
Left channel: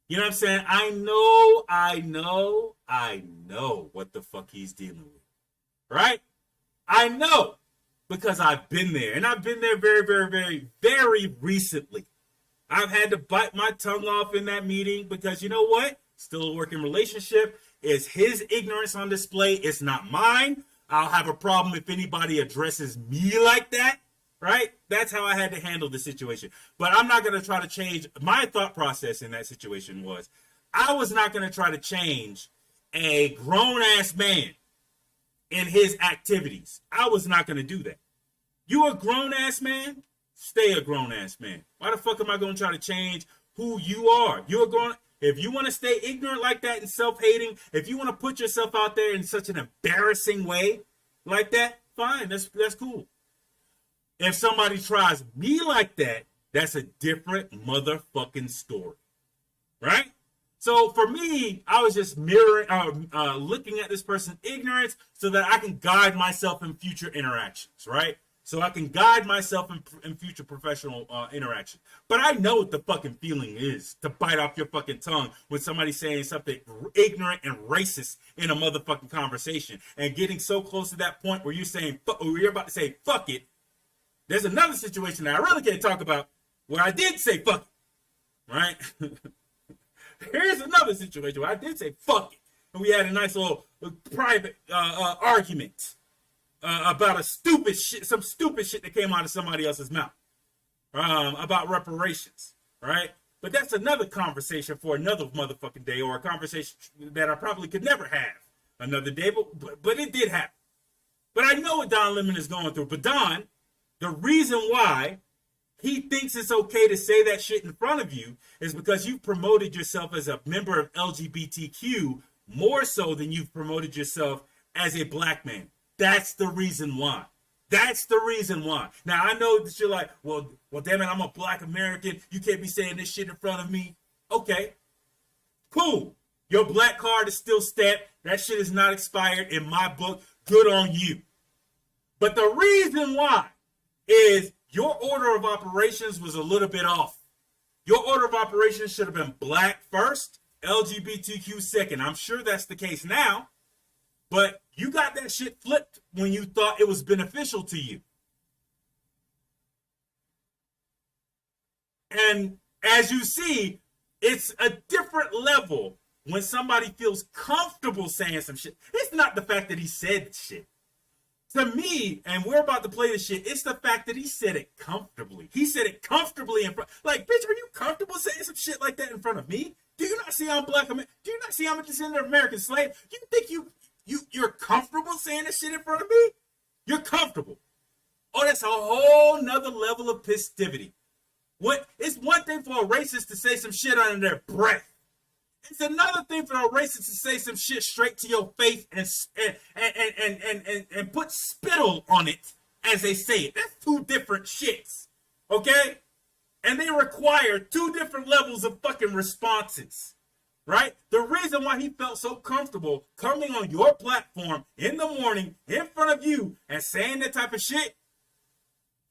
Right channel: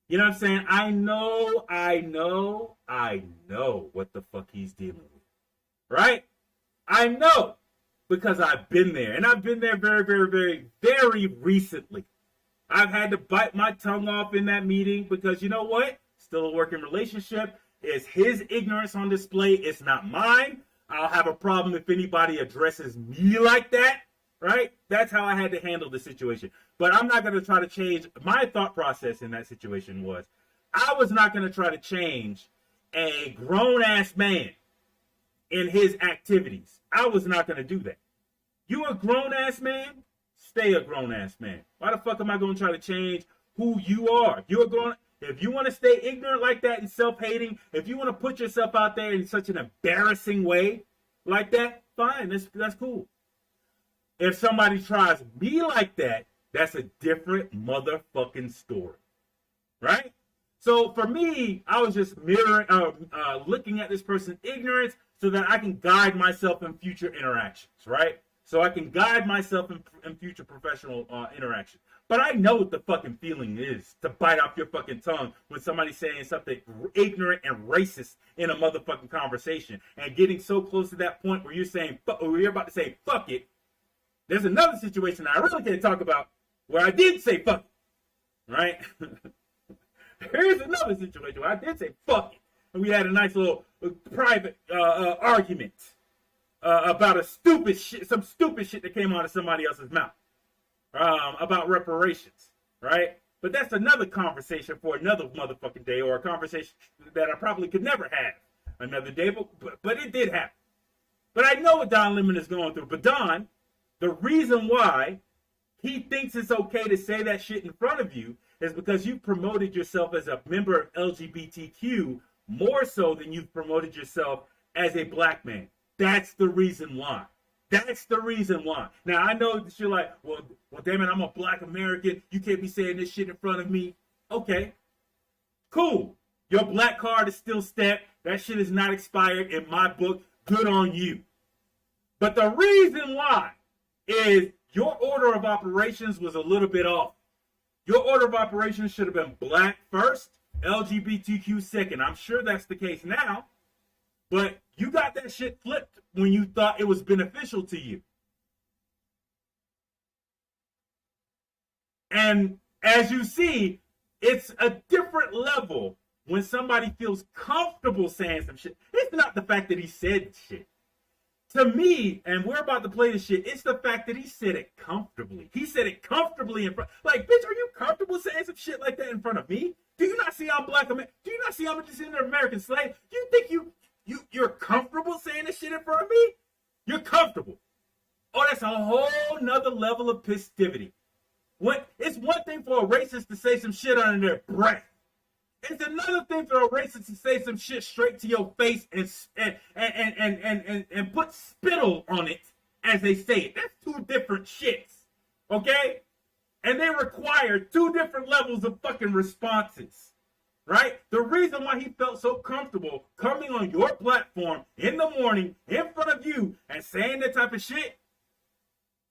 You know what I'm saying? I know what the fuck he's dealing with. Right? I know, because I've been there. And I've been there very, very, very, very recently. I've had to bite my tongue off in that meeting because you know what? Still a working relationship. It's his ignorance on display. It's not mine. I'll have a problem if anybody addresses me like that. Right? That's how I had to handle the situation. But I'm not going to try to change. My thought process in that situation was I was not going to try to change a grown-ass man in his activities. I was not going to do that. You a grown-ass man? Stay a grown-ass man. Why the fuck am I going to try to change who you are? You're a grown. If you want to stay ignorant like that and self-hating, if you want to put yourself out there in such an embarrassing way like that, fine. That's cool. If somebody tries me like that, that's a different motherfucking story, right? So for me, I was just looking at this person's ignorance so that I can guide myself in future interactions, right? So I can guide myself in future professional interactions. But I know what the fucking feeling is to bite off your fucking tongue when somebody's saying something ignorant and racist in a motherfucking conversation and getting so close to that point where you're saying, or you're about to say, fuck it. There's another situation that I really can't talk about where I did say fuck it, right? Here's another situation where I did say fuck it. And we had a nice little private argument about some stupid shit that came out of somebody else's mouth about reparations, right? But that's another conversation for another motherfucking day, or a conversation that I probably could never have another day, but it did happen. But I know what Don Lemon is going through. But Don, the reason why he thinks it's okay to say that shit in front of you is because you've promoted yourself as a member of LGBTQ more so than you've promoted yourself as a black man. That's the reason why. That's the reason why. Now, I know that you're like, well, damn it, I'm a black American. You can't be saying this shit in front of me. Okay, cool. Your black card is still stamped. That shit is not expired in my book. Good on you. But the reason why is your order of operations was a little bit off. Your order of operations should have been black first, LGBTQ second. I'm sure that's the case now, but you got that shit flipped when you thought it was beneficial to you. And as you see, it's a different level when somebody feels comfortable saying some shit. It's not the fact that he said shit. To me, and we're about to play this shit, it's the fact that he said it comfortably. He said it comfortably in front. Like, bitch, are you comfortable saying some shit like that in front of me? Do you not see I'm black? Do you not see I'm a descendant of American slave? You think You're comfortable saying this shit in front of me? You're comfortable. Oh, that's a whole nother level of pistivity. It's one thing for a racist to say some shit under their breath. It's another thing for a racist to say some shit straight to your face and put spittle on it as they say it. That's two different shits. Okay? And they require two different levels of fucking responses. Right? The reason why he felt so comfortable coming on your platform in the morning in front of you and saying that type of shit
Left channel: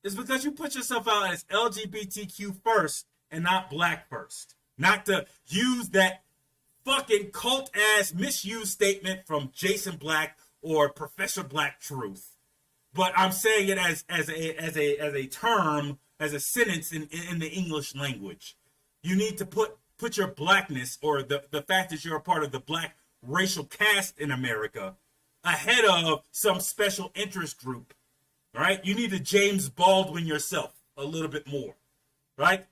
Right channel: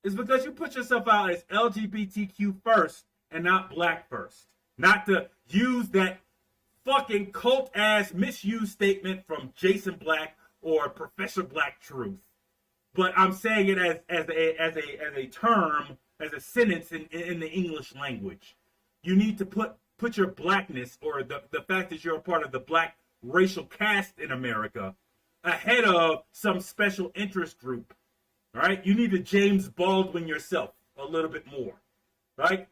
is because you put yourself out as LGBTQ first and not black first. Not to use that fucking cult ass misuse statement from Jason Black or Professor Black Truth. But I'm saying it as a term, as a sentence in the English language. You need to put your blackness or the fact that you're a part of the black racial caste in America ahead of some special interest group. Right? You need to James Baldwin yourself a little bit more. Right?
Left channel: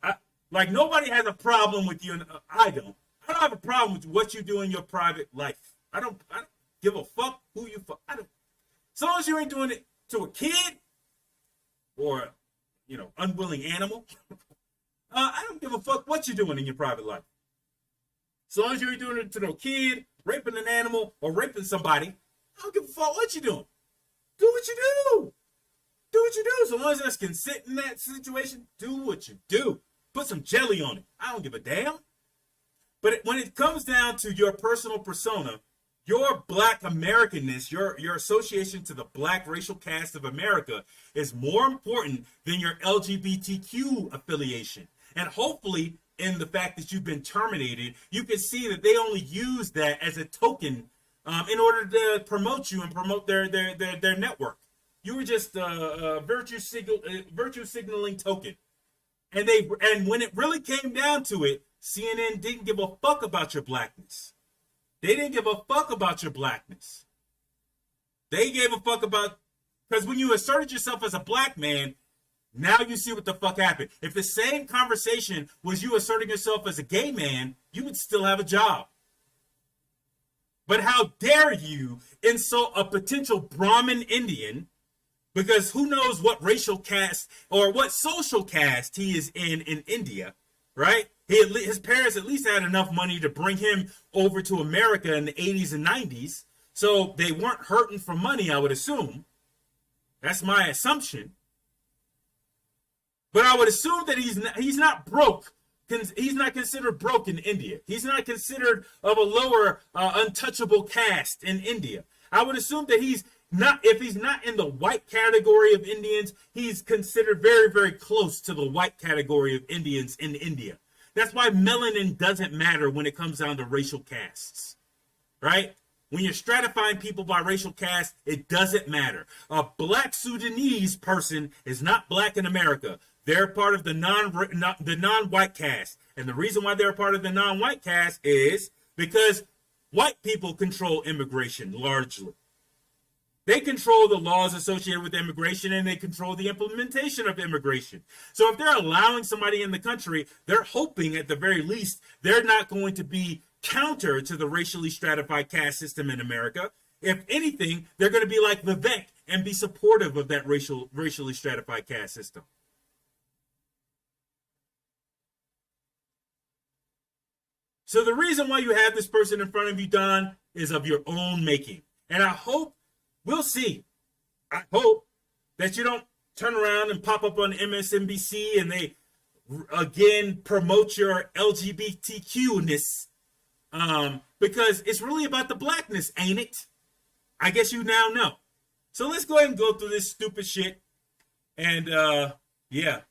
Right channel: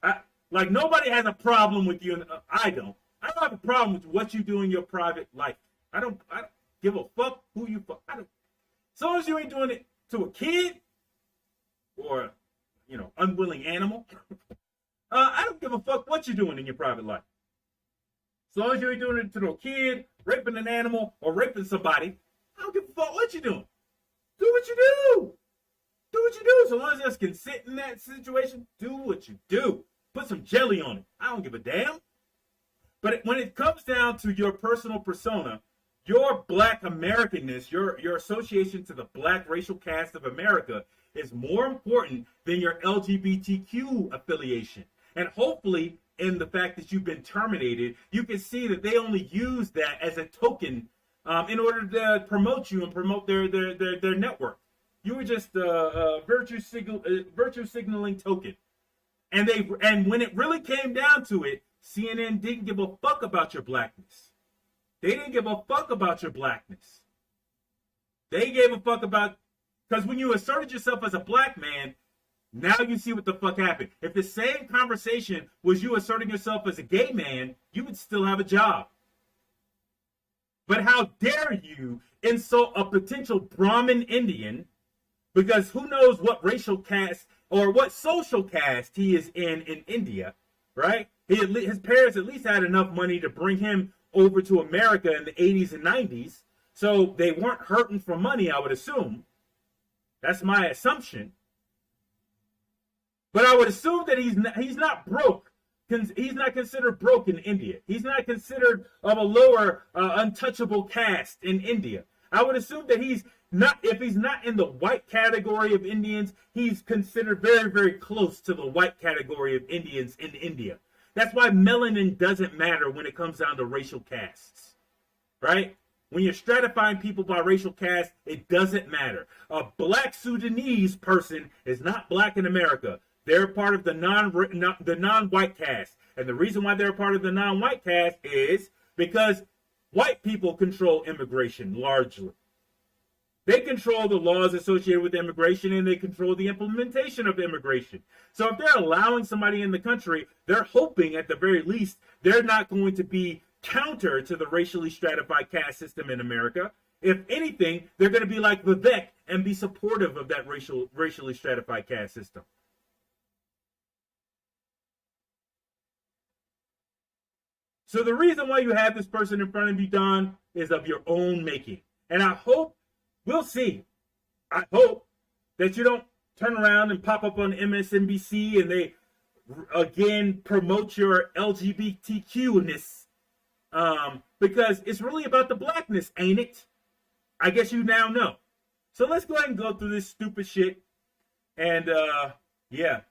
Like nobody has a problem with you. I don't have a problem with what you do in your private life. I don't give a fuck who you fuck. As long as you ain't doing it to a kid or, unwilling animal. I don't give a fuck what you're doing in your private life. As long as you ain't doing it to no kid, raping an animal, or raping somebody, I don't give a fuck what you're doing. Do what you do. Do what you do. So long as there's consent in that situation, do what you do. Put some jelly on it. I don't give a damn. But when it comes down to your personal persona, your black Americanness, your association to the black racial caste of America is more important than your LGBTQ affiliation. And hopefully, in the fact that you've been terminated, you can see that they only use that as a token in order to promote you and promote their network. You were just a virtue signaling token. And when it really came down to it, CNN didn't give a fuck about your blackness. They didn't give a fuck about your blackness. They gave a fuck about, because when you asserted yourself as a black man, now you see what the fuck happened. If the same conversation was you asserting yourself as a gay man, you would still have a job. But how dare you insult a potential Brahmin Indian, because who knows what racial caste or what social caste he is in India, right? His parents at least had enough money to bring him over to America in the 80s and 90s. So they weren't hurting for money, I would assume. That's my assumption. But I would assume that he's not broke. He's not considered broke in India. He's not considered of a lower untouchable caste in India. I would assume that he's not, if he's not in the white category of Indians, he's considered very, very close to the white category of Indians in India. That's why melanin doesn't matter when it comes down to racial castes, right? When you're stratifying people by racial caste, it doesn't matter. A black Sudanese person is not black in America. They're part of the non-white caste. And the reason why they're part of the non-white caste is because white people control immigration largely. They control the laws associated with immigration, and they control the implementation of immigration. So if they're allowing somebody in the country, they're hoping at the very least they're not going to be counter to the racially stratified caste system in America. If anything, they're going to be like Vivek and be supportive of that racially stratified caste system. So the reason why you have this person in front of you, Don, is of your own making. And I hope, we'll see. I hope that you don't turn around and pop up on MSNBC and they again promote your LGBTQ-ness, because it's really about the blackness, ain't it? I guess you now know. So let's go ahead and go through this stupid shit. And yeah,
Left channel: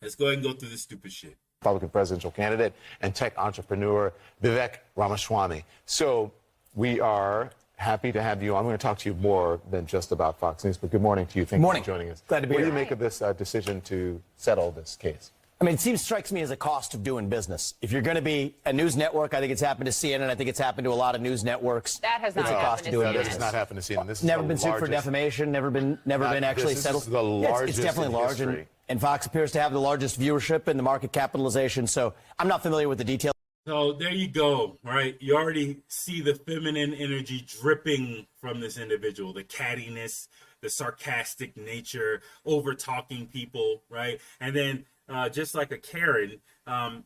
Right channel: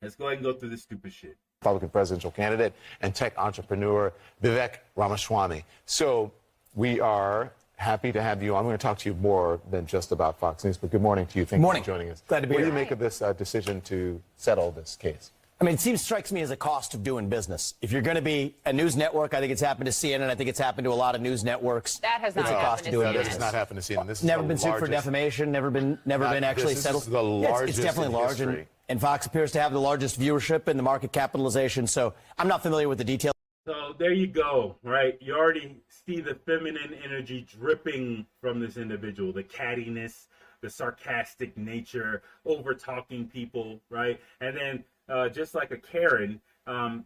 let's go ahead and go through this stupid shit. Republican presidential candidate and tech entrepreneur Vivek Ramaswamy. So we are happy to have you on. I'm going to talk to you more than just about Fox News, but good morning to you. Thank you for joining us. Glad to be here. here. What do you make of this decision to settle this case? I mean, it strikes me as a cost of doing business. If you're going to be a news network, I think it's happened to CNN. I think it's happened to a lot of news networks. That has not happened to CNN. That has not happened to CNN. This is never been sued for defamation. Never been actually settled. This is the largest it's definitely in large, history. and Fox appears to have the largest viewership and the market capitalization. So I'm not familiar with the details. So there you go, right? You already see the feminine energy dripping from this individual, the cattiness, the sarcastic nature, over talking people, right? And then just like a Karen,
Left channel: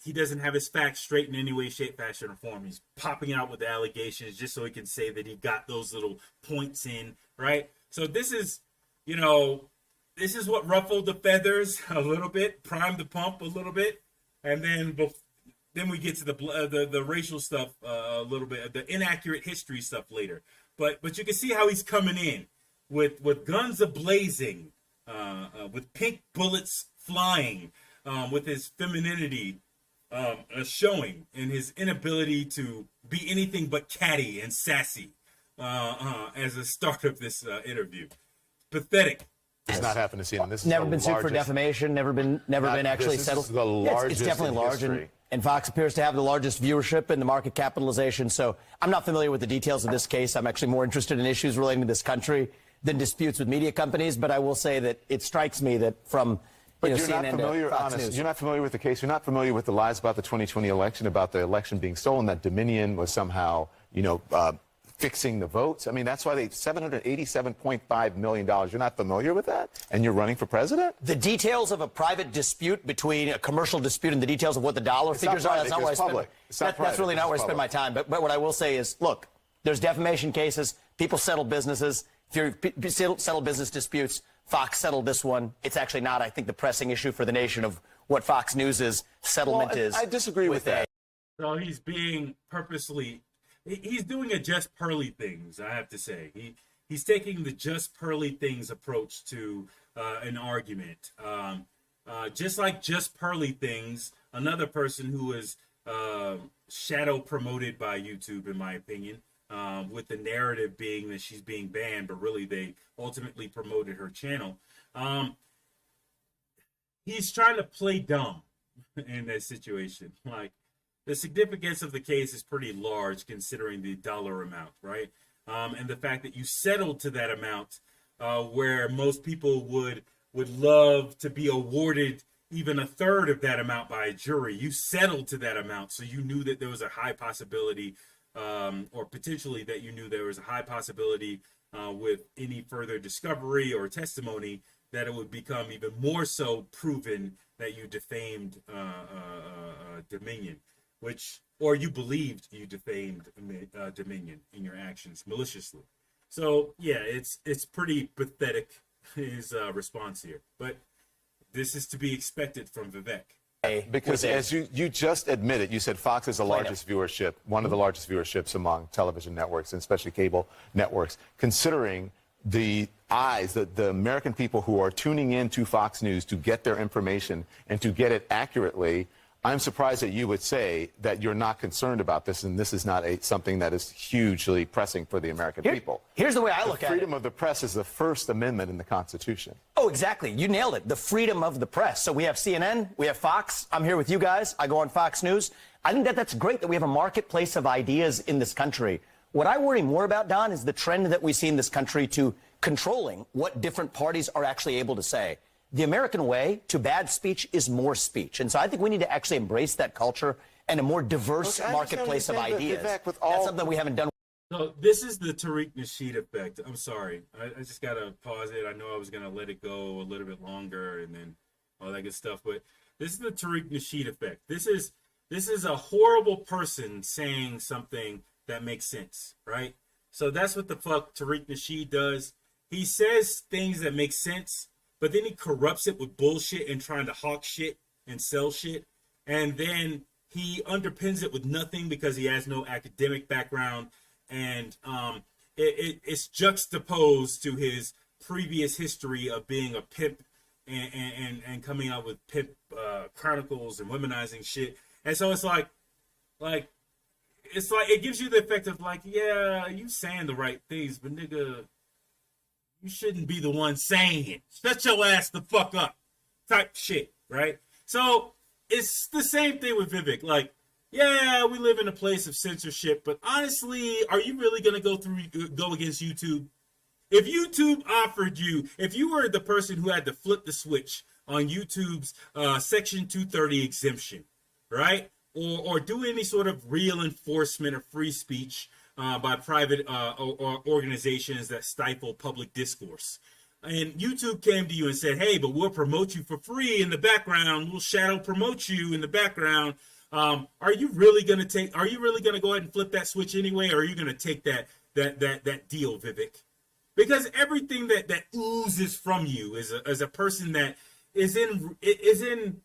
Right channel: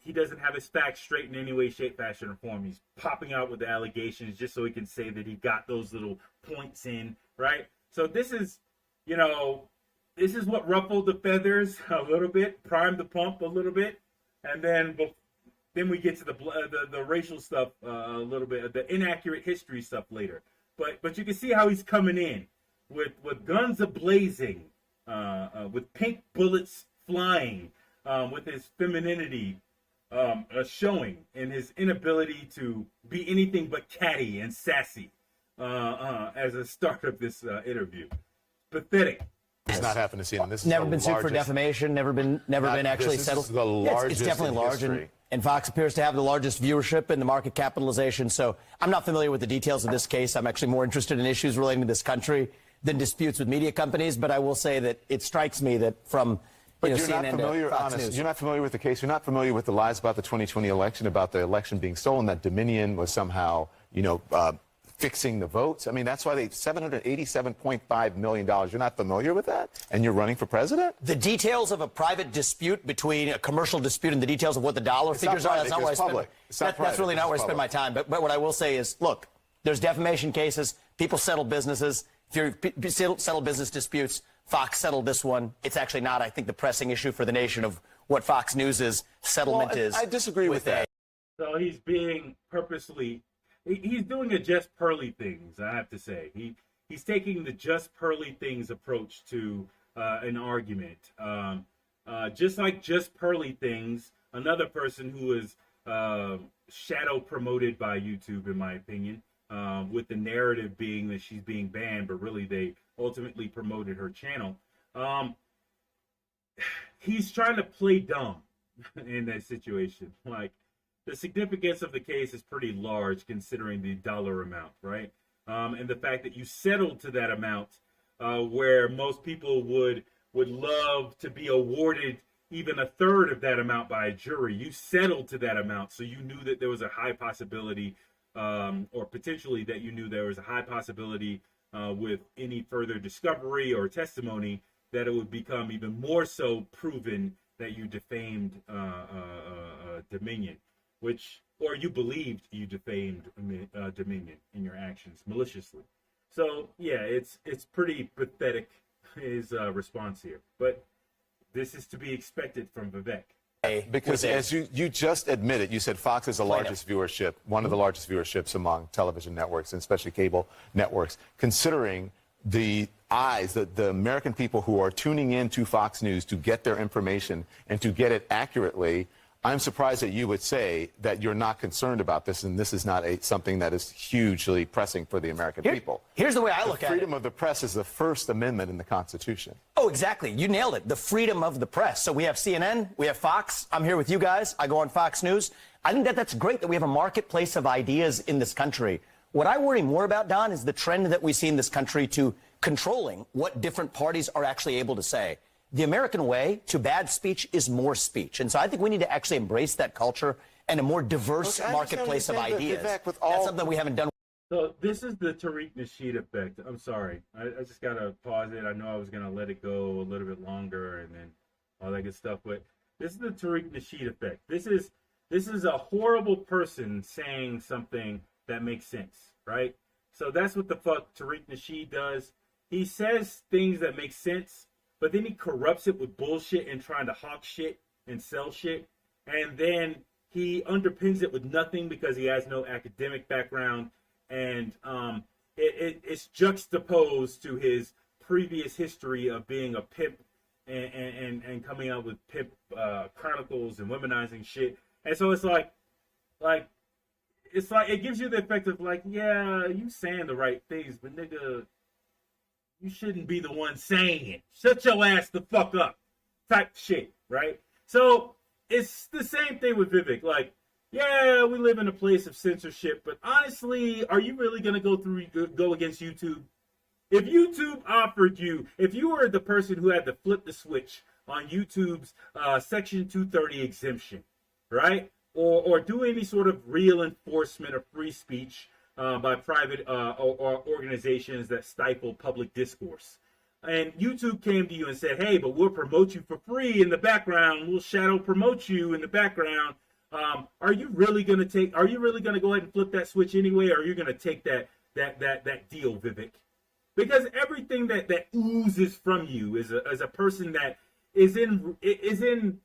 he doesn't have his facts straight in any way, shape, fashion, or form. He's popping out with the allegations just so he can say that he got those little points in, right? So this is, you know, this is what ruffled the feathers a little bit, primed the pump a little bit, and then we get to the racial stuff a little bit, the inaccurate history stuff later. But you can see how he's coming in with guns ablazing, with pink bullets flying, with his femininity showing, and his inability to be anything but catty and sassy as a start of this interview. Pathetic. It's not happened to CNN. This is Never the been sued for largest- defamation. Never been actually this settled. is the Yeah, largest it's definitely in large, history. and Fox appears to have the largest viewership and the market capitalization. So I'm not familiar with the details of this case. I'm actually more interested in issues relating to this country than disputes with media companies. But I will say that it strikes me that from But you're CNN not familiar, to Fox honest, News. you're not familiar with the case. You're not familiar with the lies about the 2020 election, about the election being stolen, that Dominion was somehow, fixing the votes. I mean, that's why they $787.5 million. You're not familiar with that? And you're running for president? The details of a private dispute between a commercial dispute and the details of what the dollar figures are, that's not where I spend. That's really not where I spend my time. But what I will say is, look, there's defamation cases. People settle businesses. If you settle business disputes, Fox settled this one. It's actually not, I think, the pressing issue for the nation of what Fox News' settlement is. I disagree with that. So he's being purposely, he's doing a just Pearly things, I have to say. He's taking the just Pearly things approach to an argument. Just like just Pearly things, another person who is shadow promoted by YouTube, in my opinion, with the narrative being that she's being banned, but really they ultimately promoted her channel. He's trying to play dumb in that situation. Like, the significance of the case is pretty large considering the dollar amount, right? And the fact that you settled to that amount, where most people would love to be awarded even a third of that amount by a jury. You settled to that amount, so you knew that there was a high possibility, or potentially that you knew there was a high possibility with any further discovery or testimony that it would become even more so proven that you defamed Dominion. Or you believed you defamed Dominion in your actions maliciously. So yeah, it's pretty pathetic, his response here. But this is to be expected from Vivek. Because as you just admitted, you said Fox is the largest viewership, one of the largest viewerships among television networks, and especially cable networks, considering the eyes, the American people who are tuning in to Fox News to get their information and to get it accurately. I'm surprised that you would say that you're not concerned about this, and this is not something that is hugely pressing for the American people. Here's the way I look at it. Freedom of the press is the First Amendment in the Constitution. Oh, exactly. You nailed it. The freedom of the press. So we have CNN, we have Fox. I'm here with you guys. I go on Fox News. I think that's great that we have a marketplace of ideas in this country. What I worry more about, Don, is the trend that we see in this country to controlling what different parties are actually able to say. The American way to bad speech is more speech. And so I think we need to actually embrace that culture and a more diverse marketplace of ideas. That's something we haven't done. So this is the Tariq Nasheed effect. I'm sorry. I just got to pause it. I know I was going to let it go a little bit longer and then all that good stuff. But this is the Tariq Nasheed effect. This is a horrible person saying something that makes sense, right? So that's what the fuck Tariq Nasheed does. He says things that make sense, but then he corrupts it with bullshit and trying to hawk shit and sell shit. And then he underpins it with nothing because he has no academic background. And it's juxtaposed to his previous history of being a pimp and coming out with pimp chronicles and womanizing shit. And so it's like it gives you the effect of like, yeah, you saying the right things, but nigga, you shouldn't be the one saying it. Shut your ass the fuck up type shit, right? So it's the same thing with Vivek. Like, yeah, we live in a place of censorship, but honestly, are you really going to go against YouTube? If YouTube offered you, if you were the person who had to flip the switch on YouTube's Section 230 exemption, right? or do any sort of real enforcement of free speech by private or organizations that stifle public discourse. And YouTube came to you and said, hey, but we'll promote you for free in the background. We'll shadow promote you in the background. Are you really going to go ahead and flip that switch anyway? Or are you going to take that deal, Vivek? Because everything that oozes from you is a person that is in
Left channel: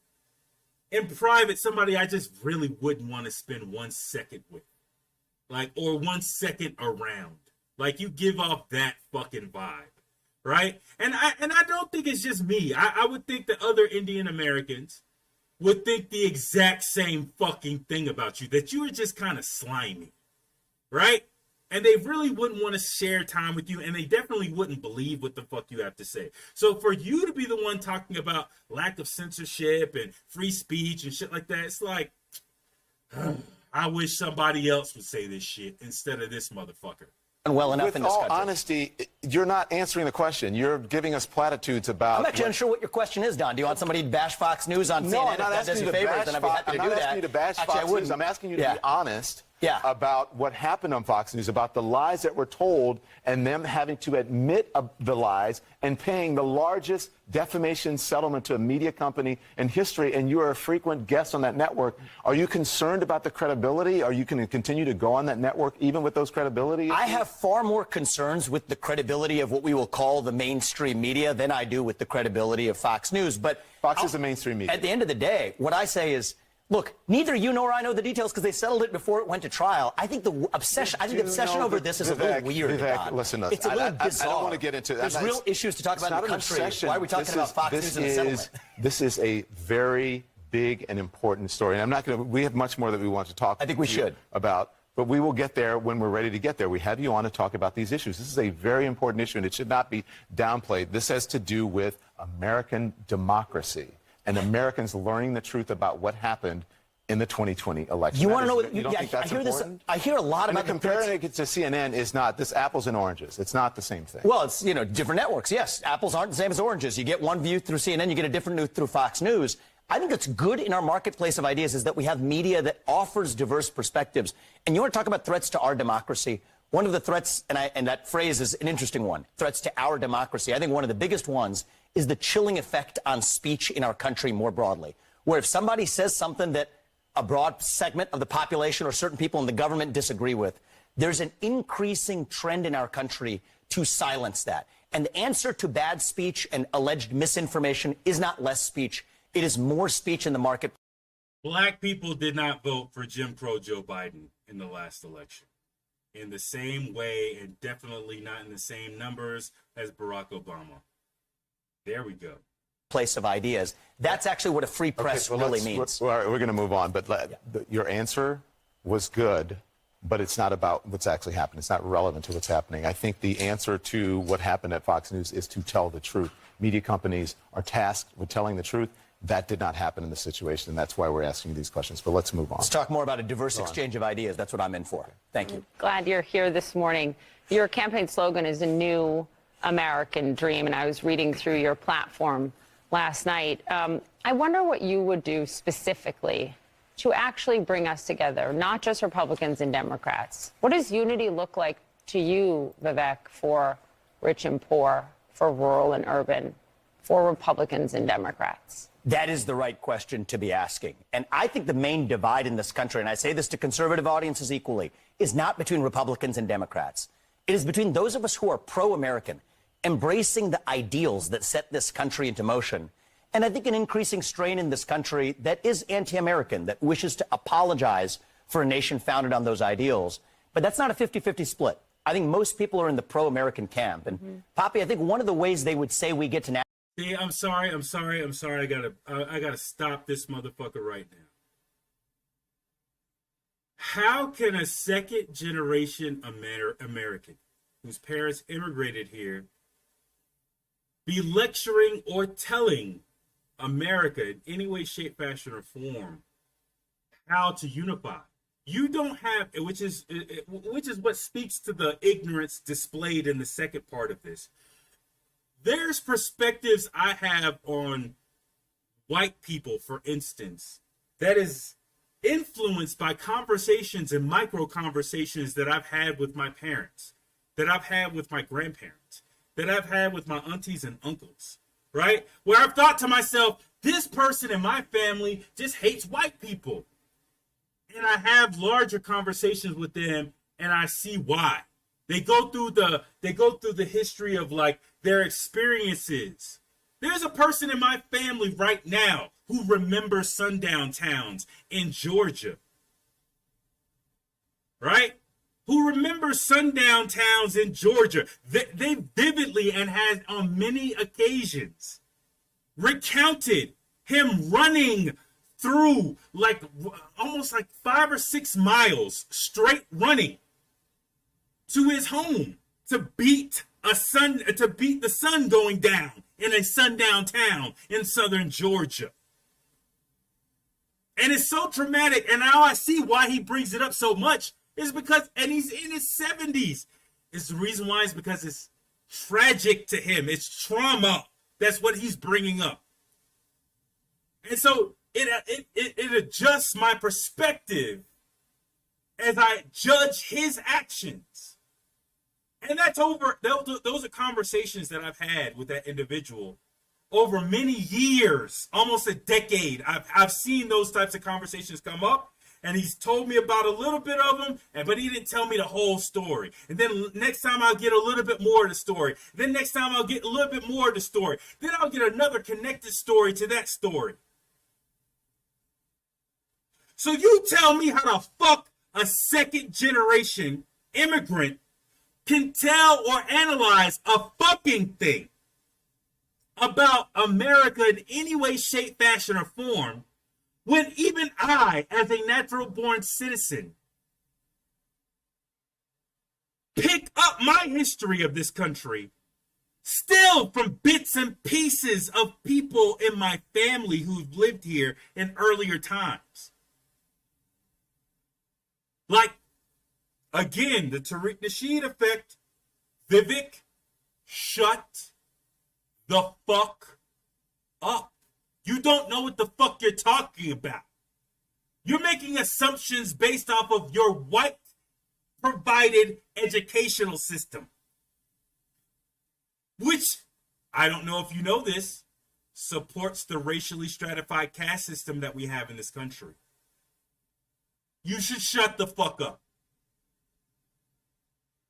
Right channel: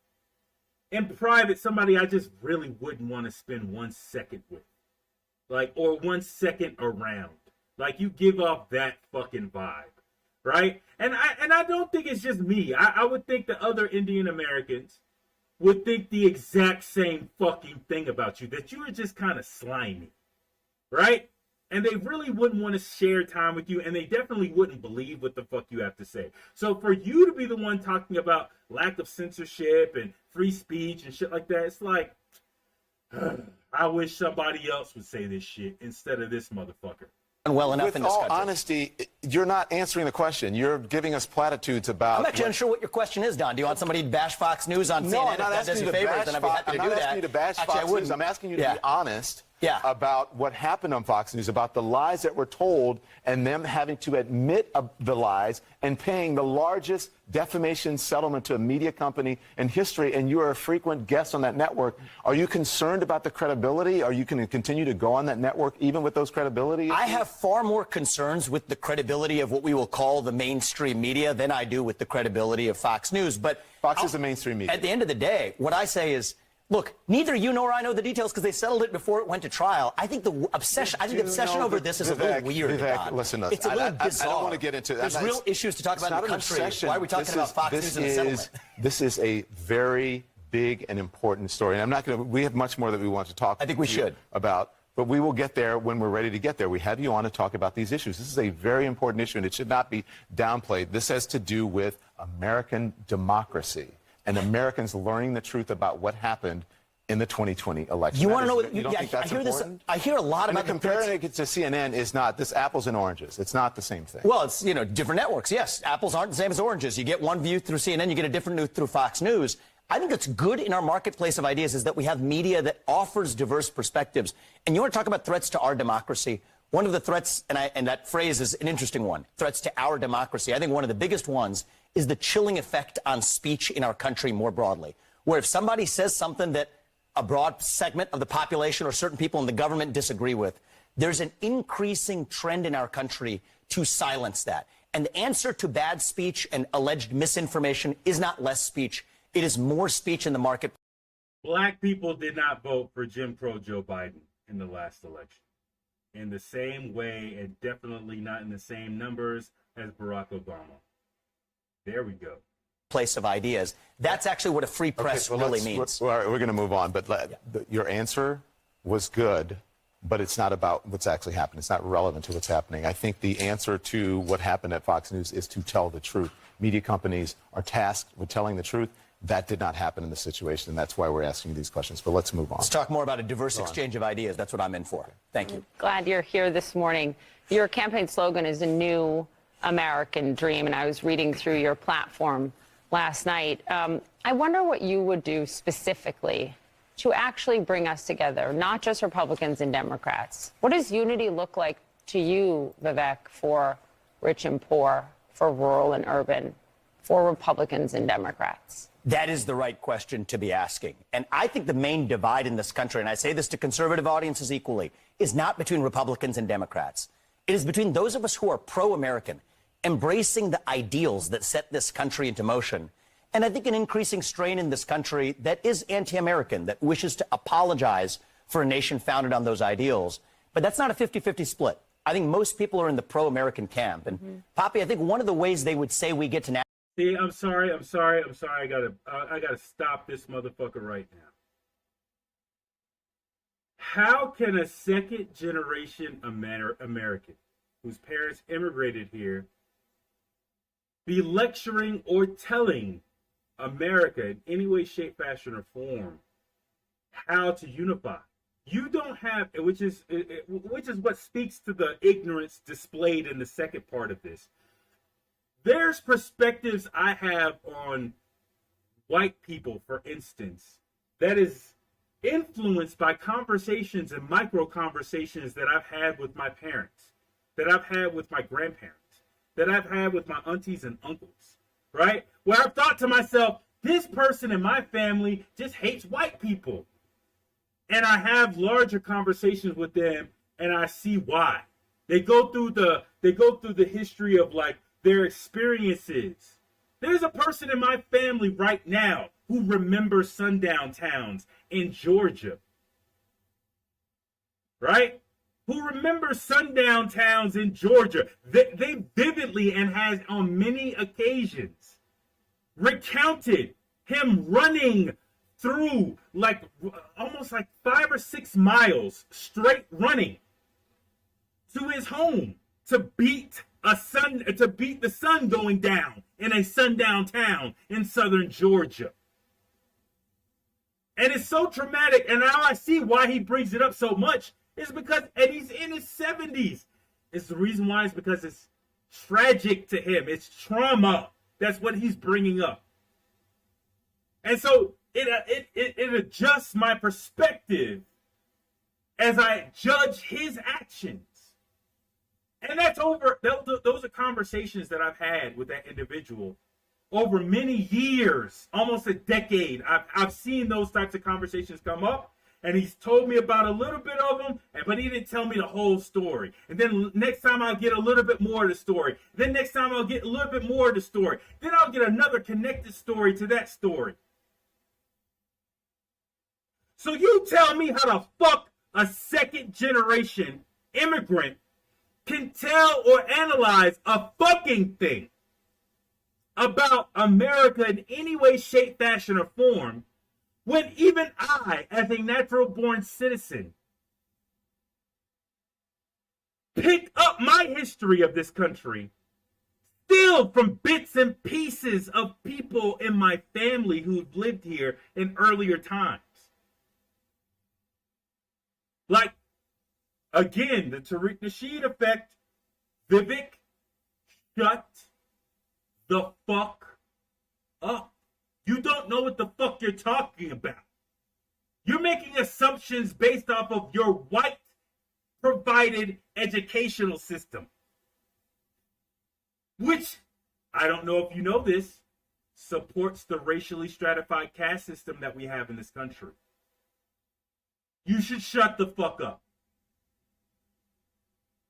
private, somebody I just really wouldn't want to spend 1 second with. Like, or 1 second around. Like, you give off that fucking vibe. Right? And I don't think it's just me. I would think that other Indian Americans would think the exact same fucking thing about you, that you are just kind of slimy. Right? And they really wouldn't want to share time with you, and they definitely wouldn't believe what the fuck you have to say. So for you to be the one talking about lack of censorship and free speech and shit like that, it's like, I wish somebody else would say this shit instead of this motherfucker. Well enough With in this all country. honesty, you're not answering the question. You're giving us platitudes about. I'm actually unsure what your question is, Don. Do you want somebody to bash Fox News on CNN? No, I'm If not that asking does you you to favors, bash then I'd be Fox. happy I'm to not do that. asking you to bash Actually, Fox News. I'm asking you to be honest about what happened on Fox News, about the lies that were told, and them having to admit the lies and paying the largest defamation settlement to a media company in history. And you are a frequent guest on that network. Are you concerned about the credibility? Are you going to continue to go on that network even with those credibility issues? I have far more concerns with the credibility of what we will call the mainstream media than I do with the credibility of Fox News. But Fox is the mainstream media. At the end of the day, what I say is, look, neither you nor I know the details because they settled it before it went to trial. I think the obsession over this is a little weird. Vivek, listen, it's a little bizarre. I don't want to get into. There's real issues to talk about in the country. Obsession. Why are we talking about Fox News and the settlement? This is a very big and important story, and I'm not going to. We have much more that we want to talk. I think we should about. But we will get there when we're ready to get there. We have you on to talk about these issues. This is a very important issue, and it should not be downplayed. This has to do with American democracy and Americans learning the truth about what happened in the 2020 election. You want to know what? You don't think that's important? I hear a lot about comparing it to CNN is not this apples and oranges. It's not the same thing. Well, it's different networks. Yes, apples aren't the same as oranges. You get one view through CNN, you get a different view through Fox News. I think it's good in our marketplace of ideas is that we have media that offers diverse perspectives. And you want to talk about threats to our democracy? One of the threats, and that phrase is an interesting one, threats to our democracy. I think one of the biggest ones is the chilling effect on speech in our country more broadly, where if somebody says something that a broad segment of the population or certain people in the government disagree with, there's an increasing trend in our country to silence that. And the answer to bad speech and alleged misinformation is not less speech. It is more speech in the market. Black people did not vote for Jim Crow Joe Biden in the last election in the same way, and definitely not in the same numbers as Barack Obama. There we go. Place of ideas. That's actually what a free press really means. We're going to move on, but your answer was good, but it's not about what's actually happened. It's not relevant to what's happening. I think the answer to what happened at Fox News is to tell the truth. Media companies are tasked with telling the truth. That did not happen in this situation, and that's why we're asking you these questions. But let's move on. Let's talk more about a diverse exchange of ideas. That's what I'm in for. Thank you. Glad you're here this morning. Your campaign slogan is a new American dream, and I was reading through your platform last night. I wonder what you would do specifically to actually bring us together, not just Republicans and Democrats. What does unity look like to you, Vivek, for rich and poor, for rural and urban, for Republicans and Democrats? That is the right question to be asking. And I think the main divide in this country, and I say this to conservative audiences equally, is not between Republicans and Democrats. It is between those of us who are pro-American, embracing the ideals that set this country into motion, and I think an increasing strain in this country that is anti-American, that wishes to apologize for a nation founded on those ideals. But that's not a 50-50 split. I think most people are in the pro-American camp. And Poppy, I think one of the ways they would say we get to now. See, I'm sorry. I gotta stop this motherfucker right now. How can a second generation American whose parents immigrated here be lecturing or telling America in any way, shape, fashion, or form how to unify? You don't have, which is what speaks to the ignorance displayed in the second part of this. There's perspectives I have on white people, for instance, that is influenced by conversations and micro conversations that I've had with my parents, that I've had with my grandparents, that I've had with my aunties and uncles, right? Where I've thought to myself, this person in my family just hates white people. And I have larger conversations with them and I see why. They go through the history of like their experiences. There's a person in my family right now who remembers sundown towns in Georgia. Right? Who remembers sundown towns in Georgia. They vividly and has on many occasions recounted him running through like almost like 5 or 6 miles straight running to his home to beat the sun going down in a sundown town in southern Georgia. And it's so traumatic, and now I see why he brings it up so much is because, and he's in his 70s. It's the reason why is because it's tragic to him. It's trauma. That's what he's bringing up. And so it adjusts my perspective as I judge his actions. And that's over. Those are conversations that I've had with that individual over many years, almost a decade. I've seen those types of conversations come up, and he's told me about a little bit of them, but he didn't tell me the whole story. And then next time I'll get a little bit more of the story. Then next time I'll get a little bit more of the story. Then I'll get another connected story to that story. So you tell me how the fuck a second generation immigrant can tell or analyze a fucking thing about America in any way, shape, fashion, or form when even I, as a natural born citizen, pick up my history of this country still from bits and pieces of people in my family who've lived here in earlier times. Like, again, the Tariq Nasheed effect. Vivek, shut the fuck up. You don't know what the fuck you're talking about. You're making assumptions based off of your white provided educational system. Which, I don't know if you know this, supports the racially stratified caste system that we have in this country. You should shut the fuck up.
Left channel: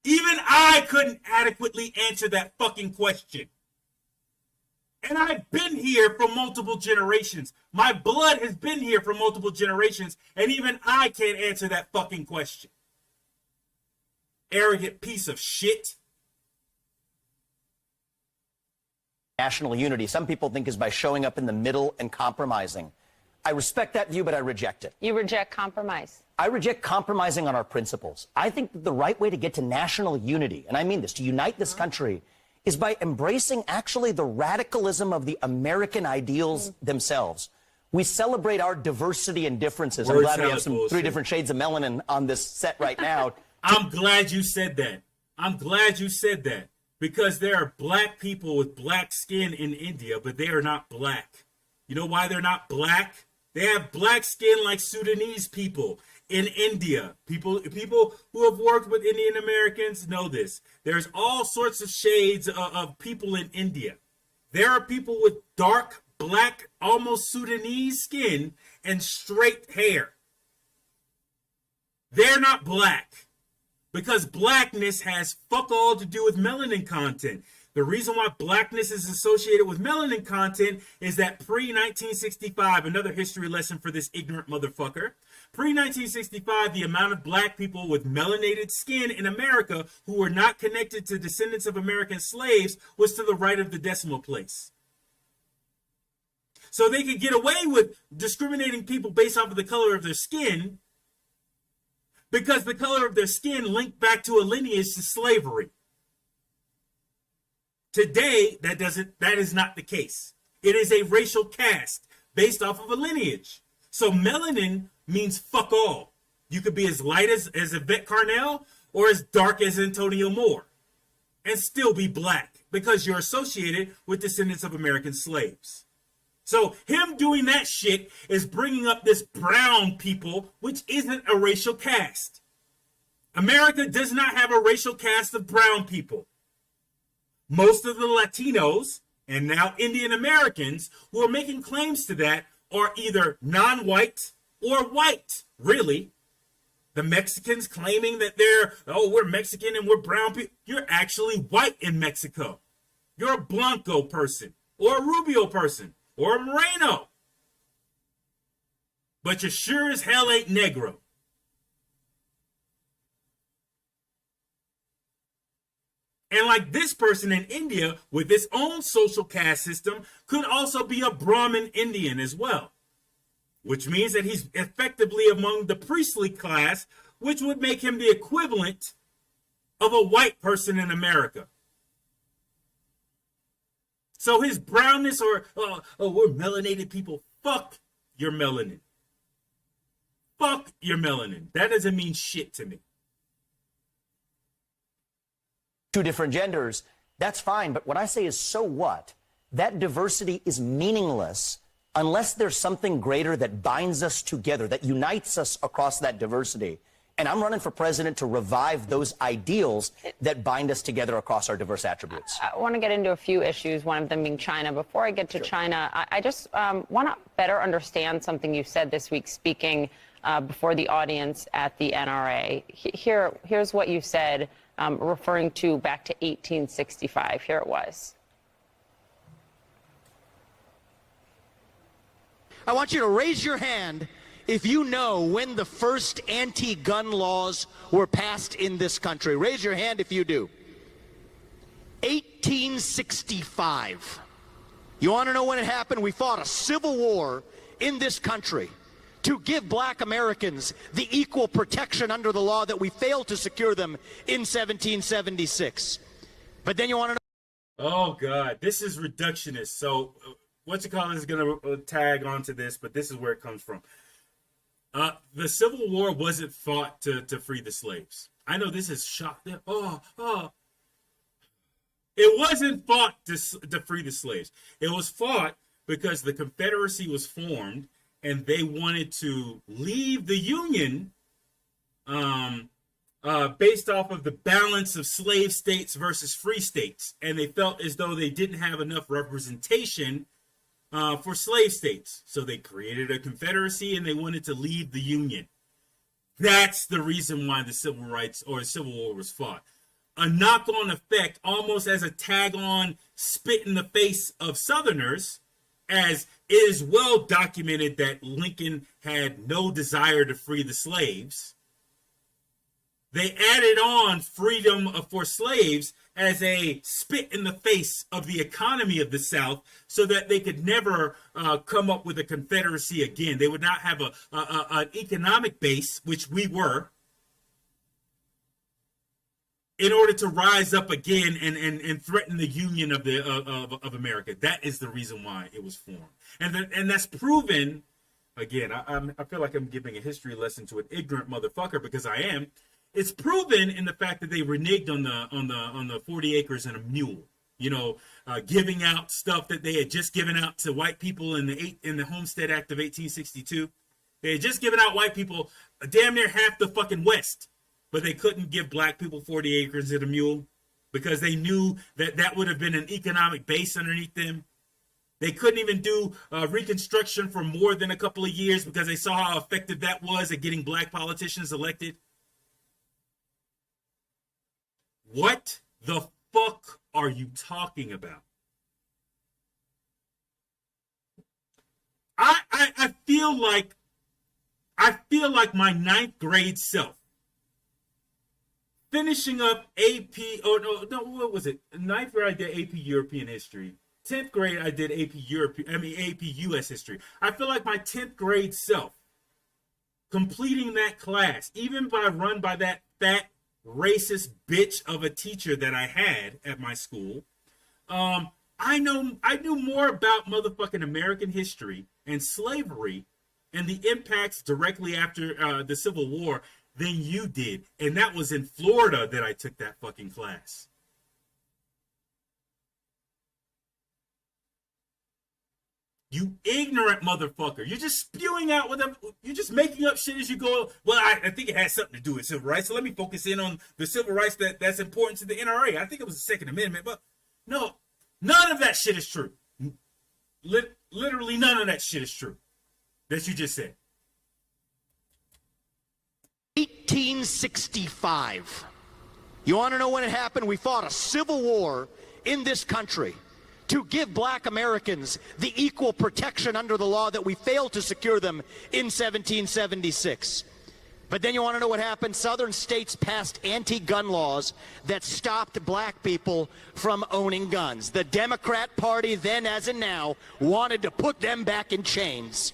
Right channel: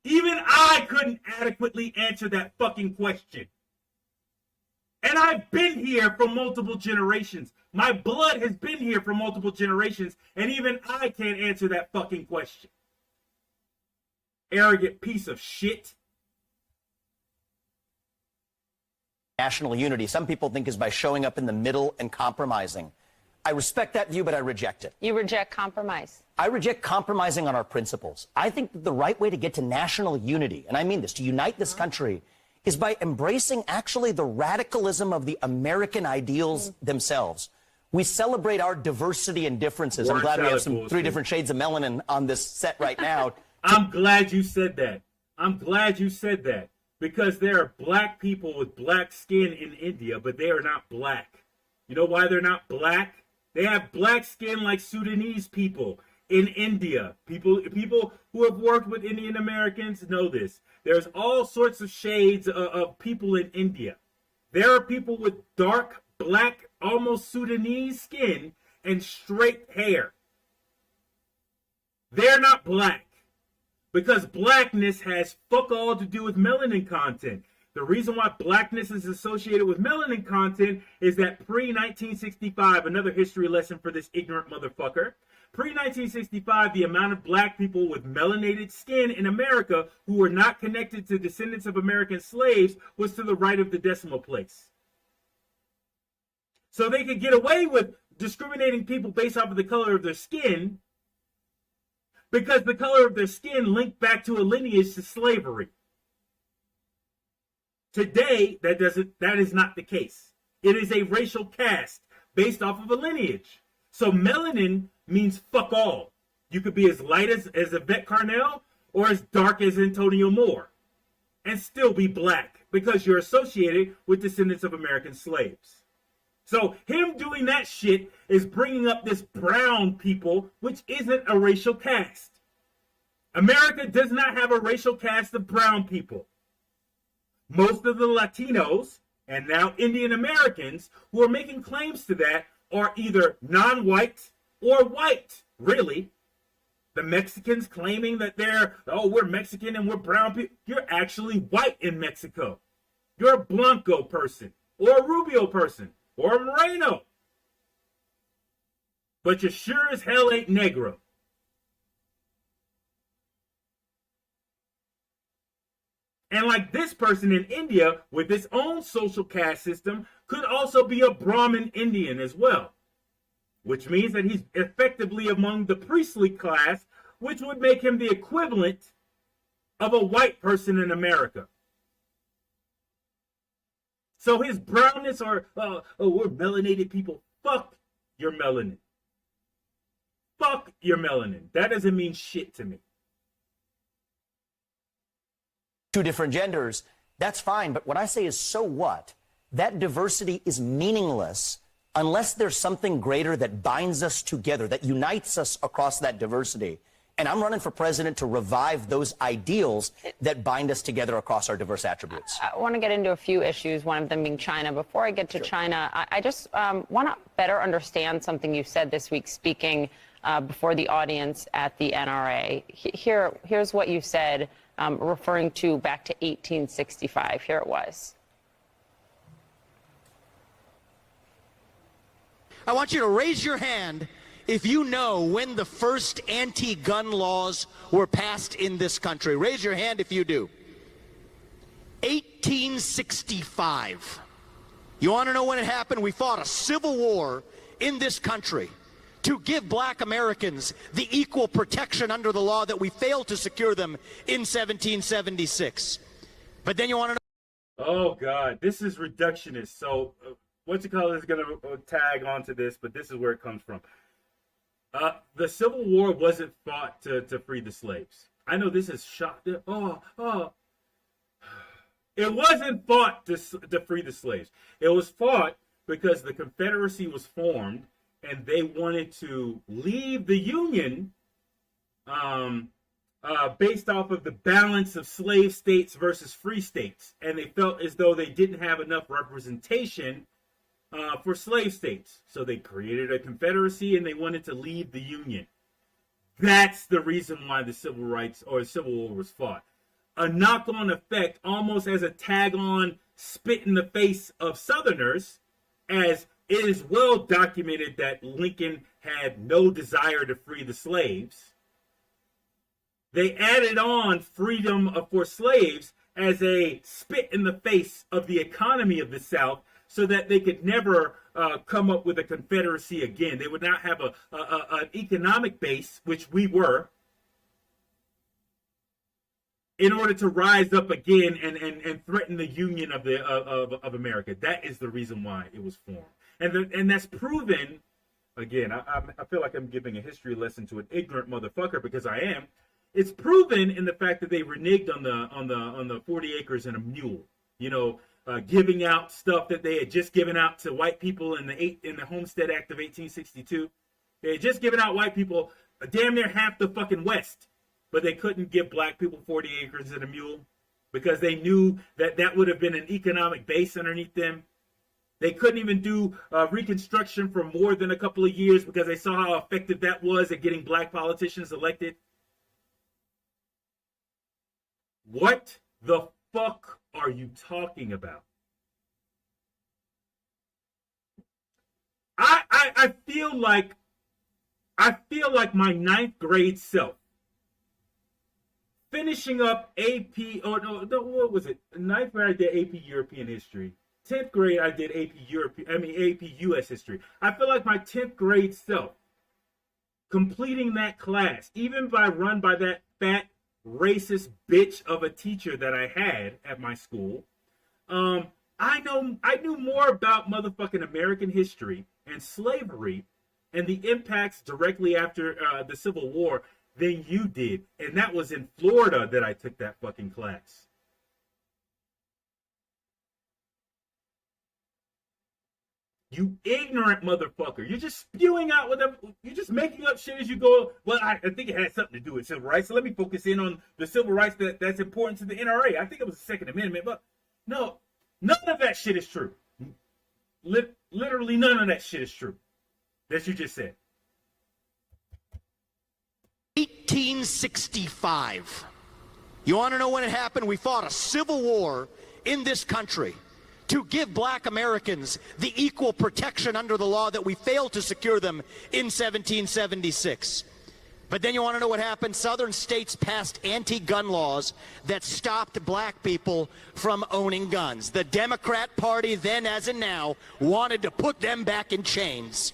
Even I couldn't adequately answer that fucking question. And I've been here for multiple generations. My blood has been here for multiple generations, and even I can't answer that fucking question. Arrogant piece of shit. National unity, some people think, is by showing up in the middle and compromising. I respect that view, but I reject it. You reject compromise. I reject compromising on our principles. I think that the right way to get to national unity, and I mean this, to unite this country, is by embracing actually the radicalism of the American ideals themselves. We celebrate our diversity and differences. I'm glad we have some 3 different shades of melanin on this set right now. I'm glad you said that. I'm glad you said that. Because there are black people with black skin in India, but they are not black. You know why they're not black? They have black skin like Sudanese people in India. People who have worked with Indian Americans know this. There's all sorts of shades of people in India. There are people with dark, black, almost Sudanese skin and straight hair. They're not black because blackness has fuck all to do with melanin content. The reason why blackness is associated with melanin content is that pre-1965, another history lesson for this ignorant motherfucker, pre-1965, the amount of black people with melanated skin in America who were not connected to descendants of American slaves was to the right of the decimal place. So they could get away with discriminating people based off of the color of their skin because the color of their skin linked back to a lineage to slavery. Today, that is not the case. It is a racial caste based off of a lineage. So melanin means fuck all. You could be as light as Yvette Carnell or as dark as Antonio Moore and still be black because you're associated with descendants of American slaves. So him doing that shit is bringing up this brown people, which isn't a racial caste. America does not have a racial caste of brown people. Most of the Latinos and now Indian Americans who are making claims to that are either non-white or white, really. The Mexicans claiming that we're Mexican and we're brown people. You're actually white in Mexico. You're a Blanco person or a Rubio person or a Moreno. But you sure as hell ain't Negro. And like this person in India with its own social caste system could also be a Brahmin Indian as well, which means that he's effectively among the priestly class, which would make him the equivalent of a white person in America. So his brownness or, we're melanated people, fuck your melanin. Fuck your melanin. That doesn't mean shit to me. Two different genders, that's fine. But what I say is, so what? That diversity is meaningless unless there's something greater that binds us together, that unites us across that diversity. And I'm running for president to revive those ideals that bind us together across our diverse attributes. I want to get into a few issues, one of them being China. Before I get to China, I just want to better understand something you said this week speaking before the audience at the NRA. Here's what you said, referring to back to 1865. Here it was. I want you to raise your hand if you know when the first anti-gun laws were passed in this country. Raise your hand if you do. 1865. You want to know when it happened? We fought a civil war in this country to give black Americans the equal protection under the law that we failed to secure them in 1776. But then you want to know... Oh, God. This is reductionist. So... is going to tag onto this, but this is where it comes from. The Civil War wasn't fought to free the slaves. I know this is shocked. It wasn't fought to free the slaves. It was fought because the Confederacy was formed and they wanted to leave the Union based off of the balance of slave states versus free states. And they felt as though they didn't have enough representation for slave states. So they created a confederacy and they wanted to leave the Union. That's the reason why the Civil Rights or Civil War was fought. A knock-on effect, almost as a tag-on spit in the face of Southerners, as it is well documented that Lincoln had no desire to free the slaves. They added on freedom for slaves as a spit in the face of the economy of the South, so that they could never come up with a confederacy again. They would not have an economic base, which we were, in order to rise up again and threaten the union of America. That is the reason why it was formed, and that's proven. Again, I feel like I'm giving a history lesson to an ignorant motherfucker, because I am. It's proven in the fact that they reneged on the 40 acres and a mule. You know, giving out stuff that they had just given out to white people in the Homestead Act of 1862. They had just given out white people damn near half the fucking West, but they couldn't give black people 40 acres and a mule because they knew that would have been an economic base underneath them. They couldn't even do Reconstruction for more than a couple of years because they saw how effective that was at getting black politicians elected. What the fuck are you talking about? I feel like my ninth grade self finishing up AP. Oh no, what was it? Ninth grade I did AP European History. 10th grade I did AP US History. I feel like my 10th grade self completing that class, even run by that fat racist bitch of a teacher that I had at my school. I knew more about motherfucking American history and slavery and the impacts directly after the Civil War than you did. And that was in Florida that I took that fucking class. You ignorant motherfucker. You're just spewing out whatever. You're just making up shit as you go. Well, I think it has something to do with civil rights. So let me focus in on the civil rights that's important to the NRA. I think it was the Second Amendment, but no, none of that shit is true. Literally none of that shit is true that you just said. 1865. You want to know when it happened? We fought a civil war in this country to give black Americans the equal protection under the law that we failed to secure them in 1776. But then you want to know what happened? Southern states passed anti-gun laws that stopped black people from owning guns. The Democrat Party, then as in now, wanted to put them back in chains.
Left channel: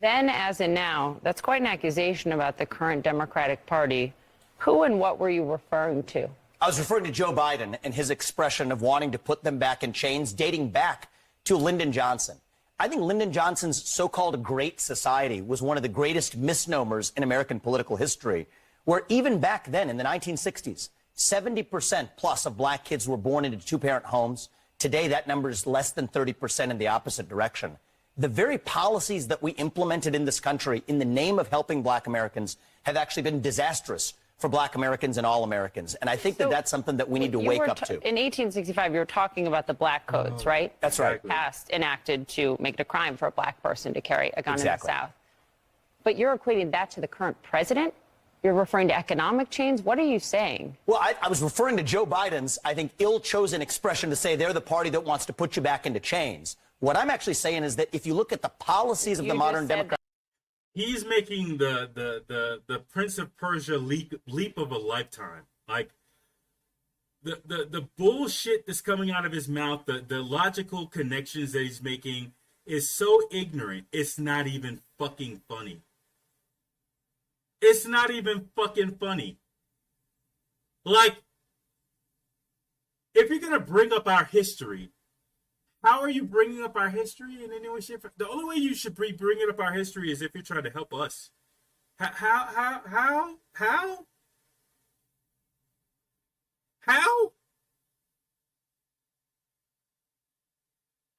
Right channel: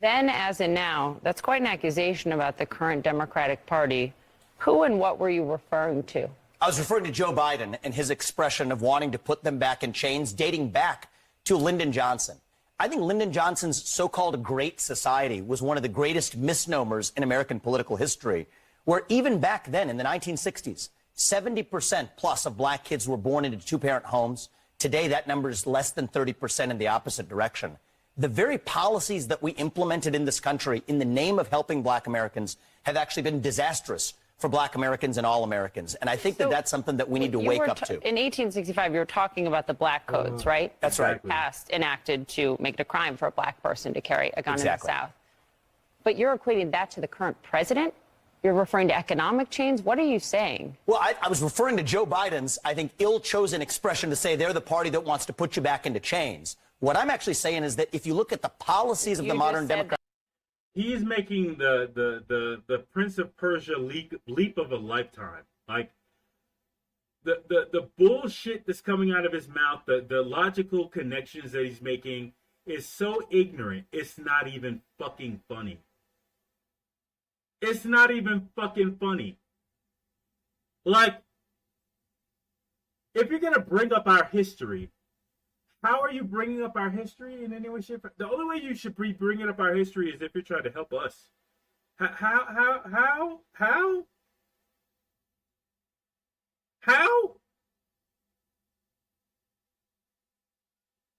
Then as in now, that's quite an accusation about the current Democratic Party. Who and what were you referring to? I was referring to Joe Biden and his expression of wanting to put them back in chains, dating back to Lyndon Johnson. I think Lyndon Johnson's so-called Great Society was one of the greatest misnomers in American political history, where even back then in the 1960s, 70% plus of black kids were born into two-parent homes. Today, that number is less than 30% in the opposite direction. The very policies that we implemented in this country in the name of helping black Americans have actually been disastrous for black Americans and all Americans. And I think that that's something that we need to wake up to. In 1865, you were talking about the black codes, right? That's right. Passed, enacted to make it a crime for a black person to carry a gun in the Exactly. South. But you're equating that to the current president? You're referring to economic chains? What are you saying? Well, I was referring to Joe Biden's, I think, ill-chosen expression to say they're the party that wants to put you back into chains. What I'm actually saying is that if you look at the policies of the modern Democrats, He's making the Prince of Persia leap of a lifetime. Like the bullshit that's coming out of his mouth, the logical connections that he's making is so ignorant. It's not even fucking funny. It's not even fucking funny. Like, if you're gonna bring up our history, how are you bringing up our history in any way, shape? The only way you should be bringing up our history is if you're trying to help us. How?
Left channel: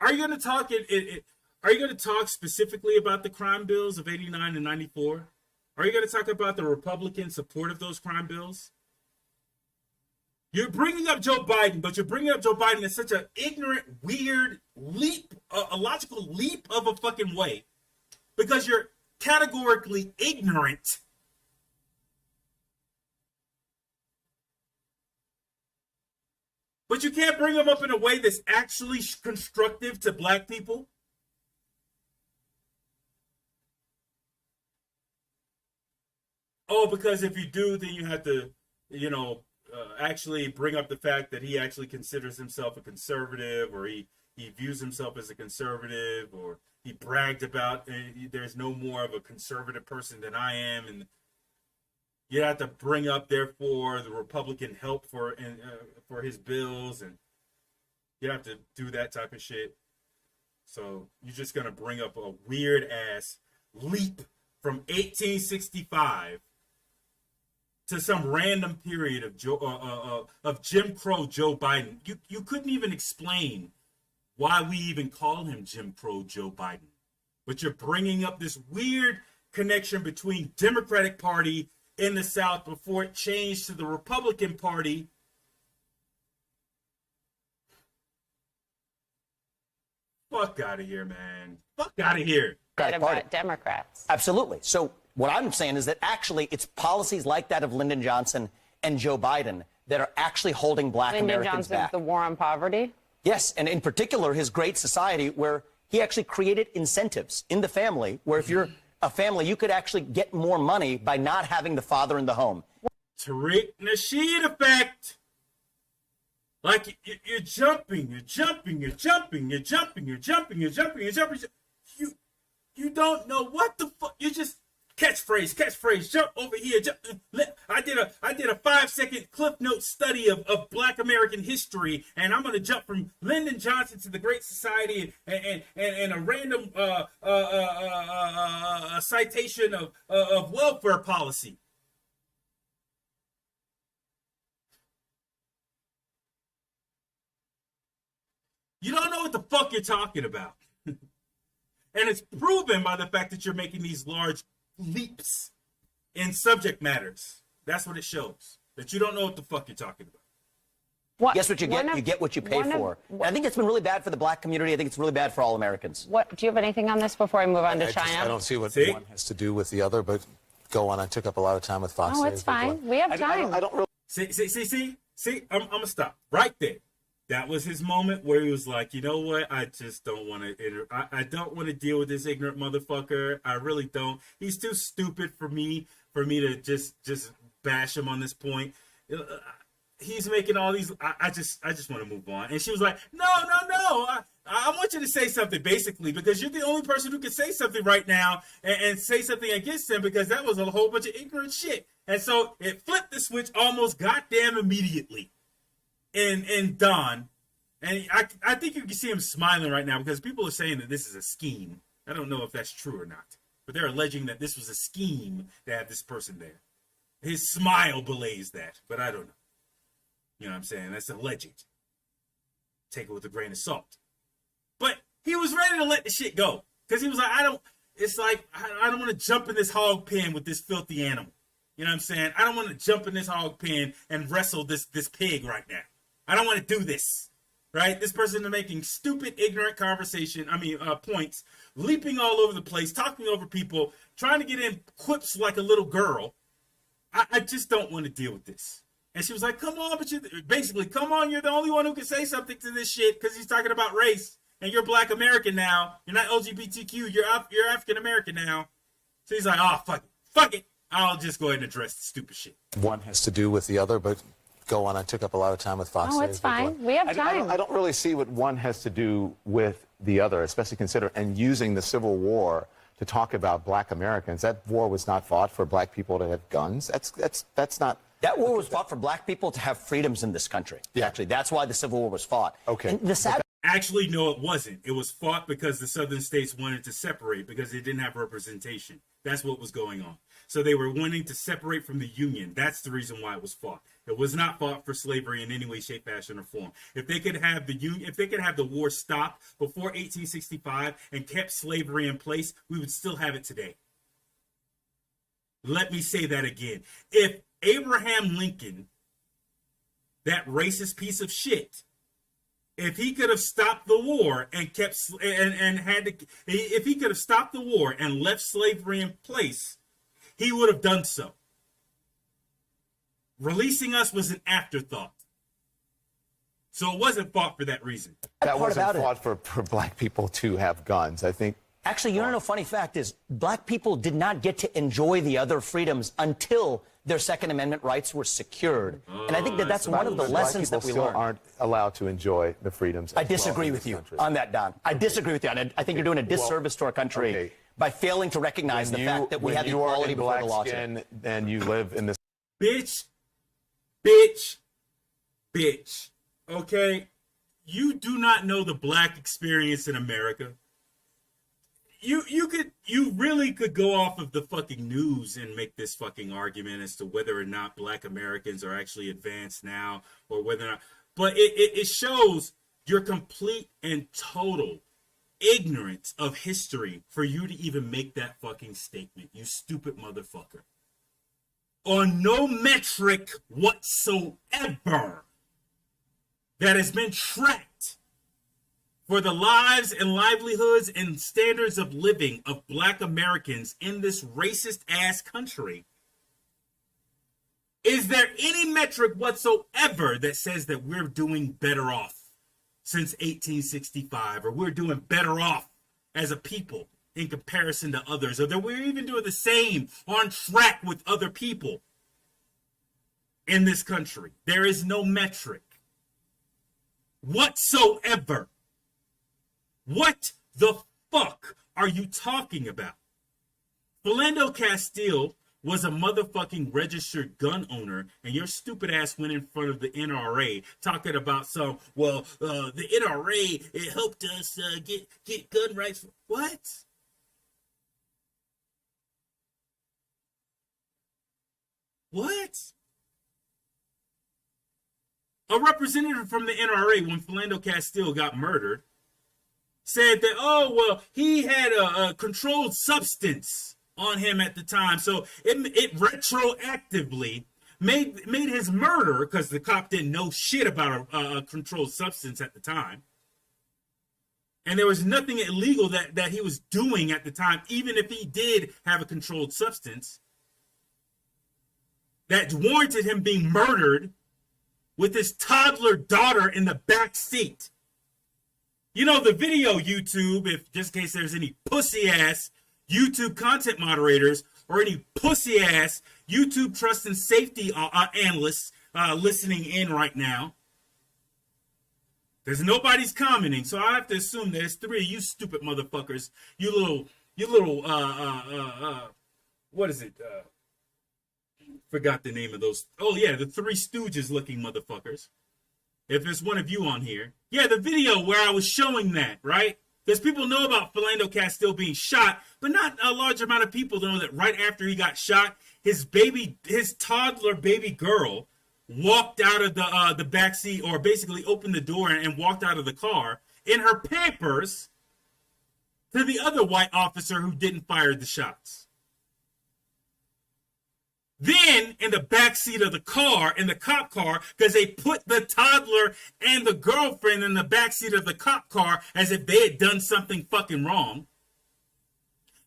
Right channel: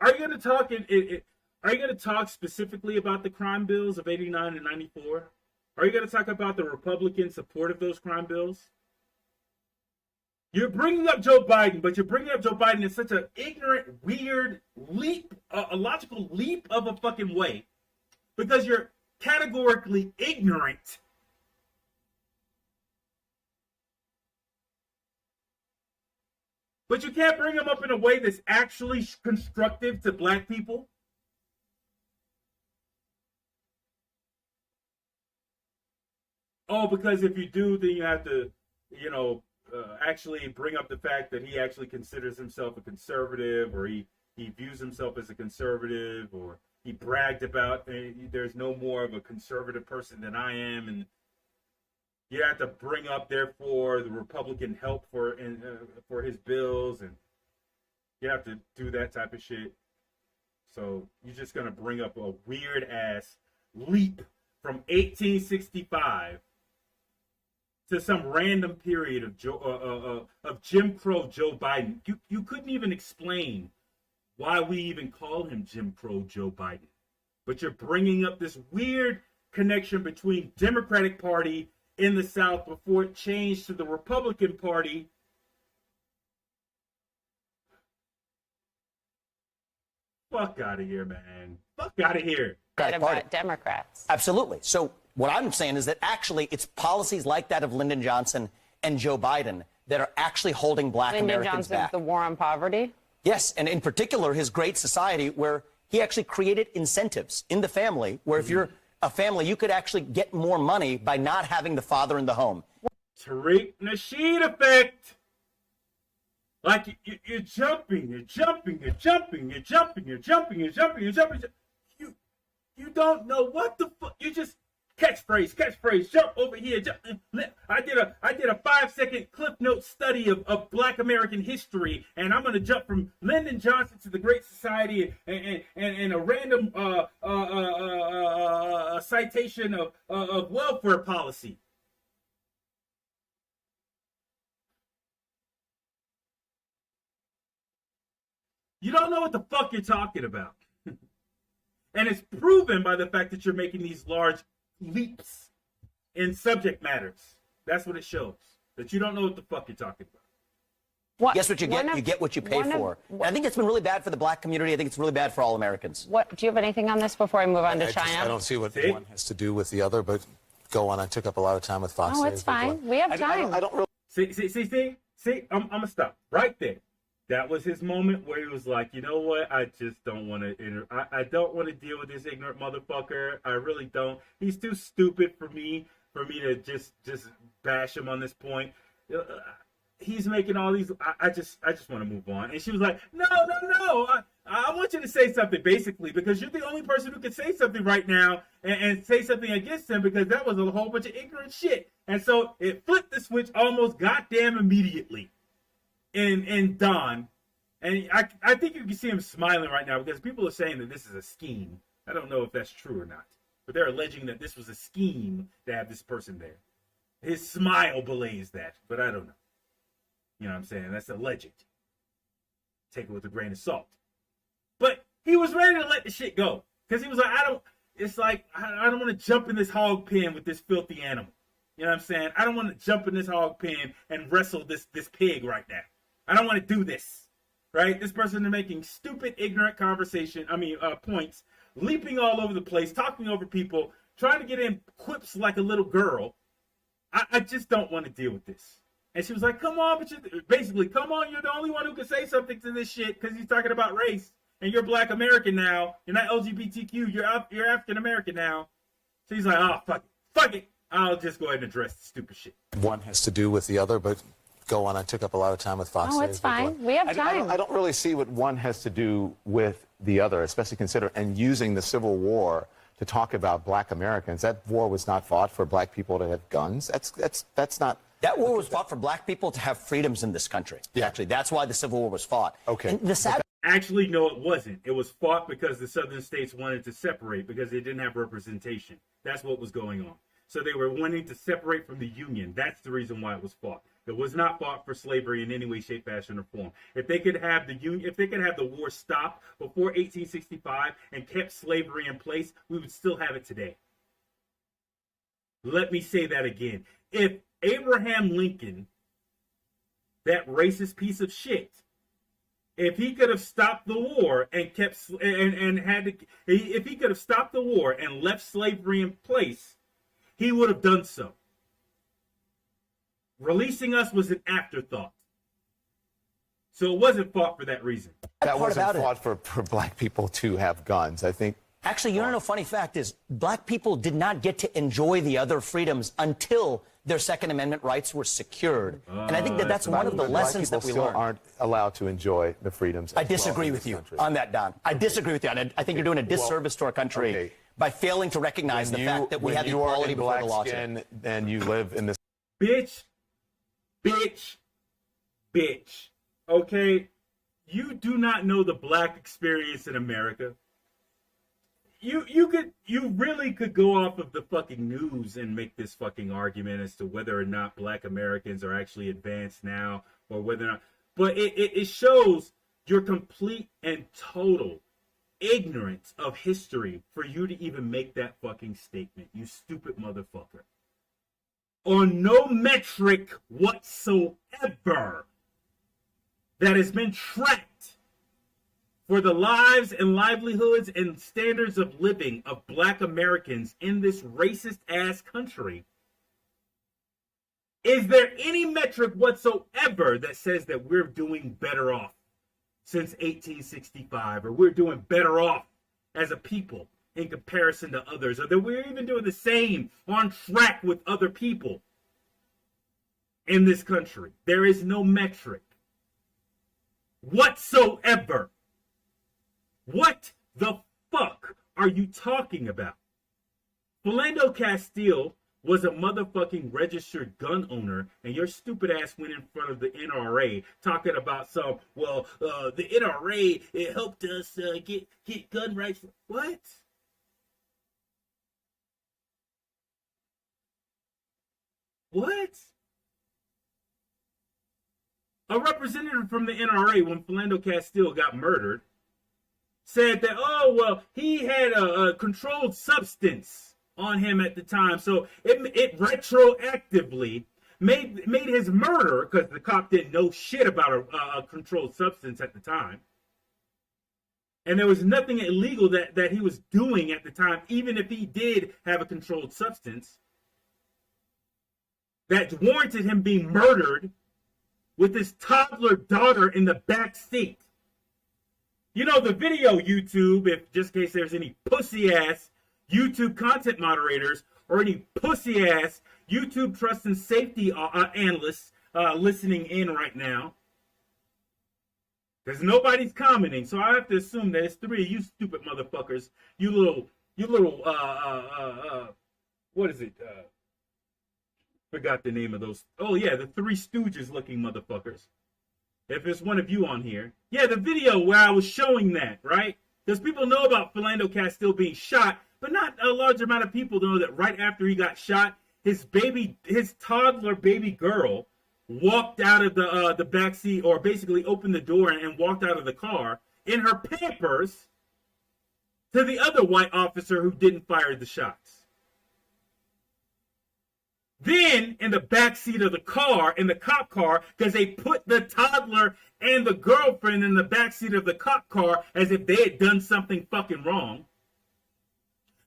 Are you going to talk? Are you going to talk specifically about the crime bills of '89 and '94? Are you going to talk about the Republican support of those crime bills? You're bringing up Joe Biden, but you're bringing up Joe Biden in such an ignorant, weird leap, a logical leap of a fucking way, because you're categorically ignorant. But you can't bring him up in a way that's actually constructive to black people. Oh, because if you do, then you have to, actually bring up the fact that he actually considers himself a conservative, or he views himself as a conservative, or he bragged about there's no more of a conservative person than I am, and you have to bring up therefore the Republican help for his bills, and you have to do that type of shit. So you're just gonna bring up a weird ass leap from 1865 to some random period of Jim Crow Joe Biden. You couldn't even explain why we even call him Jim Crow Joe Biden. But you're bringing up this weird connection between Democratic Party in the South before it changed to the Republican Party. Fuck out of here, man. Fuck out of here. About Democrats. absolutely. So what I'm saying is that actually it's policies like that of Lyndon Johnson and Joe Biden that are actually holding black Lyndon Americans Johnson's back. the war on poverty? Yes, and in particular, his Great Society, where he actually created incentives in the family, where if you're a family, you could actually get more money by not having the father in the home. Tariq Nasheed effect. Like you're jumping. You don't know what the fuck. You just catchphrase, jump over here. I did a 5-second Cliff Notes study of Black American history, and I'm gonna jump from Lyndon Johnson to the Great Society and a random citation of welfare policy. You don't know what the fuck you're talking about. And it's proven by the fact that you're making these large leaps in subject matters. That's what it shows. That you don't know what the fuck you're talking about. Guess what you get? You get what you pay for. And I think it's been really bad for the black community. I think it's really bad for all Americans. What do you have anything on this before I move on to China? I don't see what one has to do with the other, but go on. I took up a lot of time with Fox. Oh, it's fine. We have time. I don't really. See, I'm gonna stop right there. That was his moment where he was like, you know what? I just don't want to. I don't want to deal with this ignorant motherfucker. I really don't. He's too stupid for me to just bash him on this point. He's making all these. I just want to move on. And she was like, no. I want you to say something, basically, because you're the only person who can say something right now and say something against him, because that was a whole bunch of ignorant shit. And so it flipped the switch almost goddamn immediately in Don. And I think you can see him smiling right now, because people are saying that this is a scheme. I don't know if that's true or not, but they're alleging that this was a scheme to have this person there. His smile belays that, but I don't know. You know what I'm saying? That's alleged. Take it with a grain of salt. But he was ready to let the shit go. Because he was like, I don't want to jump in this hog pen with this filthy animal. You know what I'm saying? I don't want to jump in this hog pen and wrestle this pig right now. I don't want to do this. Right? This person is making stupid, ignorant points, leaping all over the place, talking over people, trying to get in quips like a little girl. I just don't want to deal with this. And she was like, come on, you're the only one who can say something to this shit, because he's talking about race, and you're Black American now. You're not LGBTQ, you're African American now. So he's like, oh, fuck it. I'll just go ahead and address the stupid shit. One has to do with the other, but go on. I took up a lot of time with Fox. Oh, it's fine. We have time. I don't really see what one has to do with the other, especially and using the Civil War to talk about Black Americans. That war was not fought for Black people to have guns. That's not. That war was fought for black people to have freedoms in this country. Yeah. Actually, that's why the Civil War was fought. Okay. And the sad Actually, no, it wasn't. It was fought because the southern states wanted to separate because they didn't have representation. That's what was going on. So they were wanting to separate from the Union. That's the reason why it was fought. It was not fought for slavery in any way, shape, fashion, or form. If they could have the war stop before 1865 and kept slavery in place, we would still have it today. Let me say that again. If Abraham Lincoln, that racist piece of shit, if he could have stopped the war and if he could have stopped the war and left slavery in place, he would have done so. Releasing us was an afterthought. So it wasn't fought for that reason. That wasn't fought for Black people to have guns. I think. Actually, you know, funny fact is, black people did not get to enjoy the other freedoms until their Second Amendment rights were secured. And I think that's one of the lessons that we learned. Black people aren't allowed to enjoy the freedoms. I disagree with you on that, Don. I disagree with you. And I think you're doing a disservice to our country by failing to recognize the fact that we have equality before the law. And you live in this. Bitch. Okay? You do not know the black experience in America. You really could go off of the fucking news and make this fucking argument as to whether or not Black Americans are actually advanced now, or whether or not, but it shows your complete and total ignorance of history for you to even make that fucking statement, you stupid motherfucker. On no metric whatsoever that has been tracked for the lives and livelihoods and standards of living of Black Americans in this racist ass country, is there any metric whatsoever that says that we're doing better off since 1865, or we're doing better off as a people in comparison to others, or that we're even doing the same, on track with other people in this country? There is no metric whatsoever. What the fuck are you talking about? Philando Castile was a motherfucking registered gun owner, and your stupid ass went in front of the NRA talking about the NRA, it helped us get gun rights. What? What? A representative from the NRA, when Philando Castile got murdered, said that, oh, well, he had a controlled substance on him at the time. So it retroactively made his murder, because the cop didn't know shit about a controlled substance at the time. And there was nothing illegal that he was doing at the time, even if he did have a controlled substance, that warranted him being murdered with his toddler daughter in the back seat. You know, the video, YouTube, if just in case there's any pussy-ass YouTube content moderators or any pussy-ass YouTube trust and safety analysts listening in right now, because nobody's commenting, so I have to assume that it's three of you stupid motherfuckers. You little, what is it? Forgot the name of those. Oh, yeah, the Three Stooges looking motherfuckers. If it's one of you on here. Yeah, the video where I was showing that, right? Because people know about Philando Castile being shot, but not a large amount of people know that right after he got shot, his toddler baby girl walked out of the backseat, or basically opened the door and walked out of the car in her Pampers to the other white officer who didn't fire the shots. Then, in the backseat of the car, in the cop car, because they put the toddler and the girlfriend in the backseat of the cop car as if they had done something fucking wrong,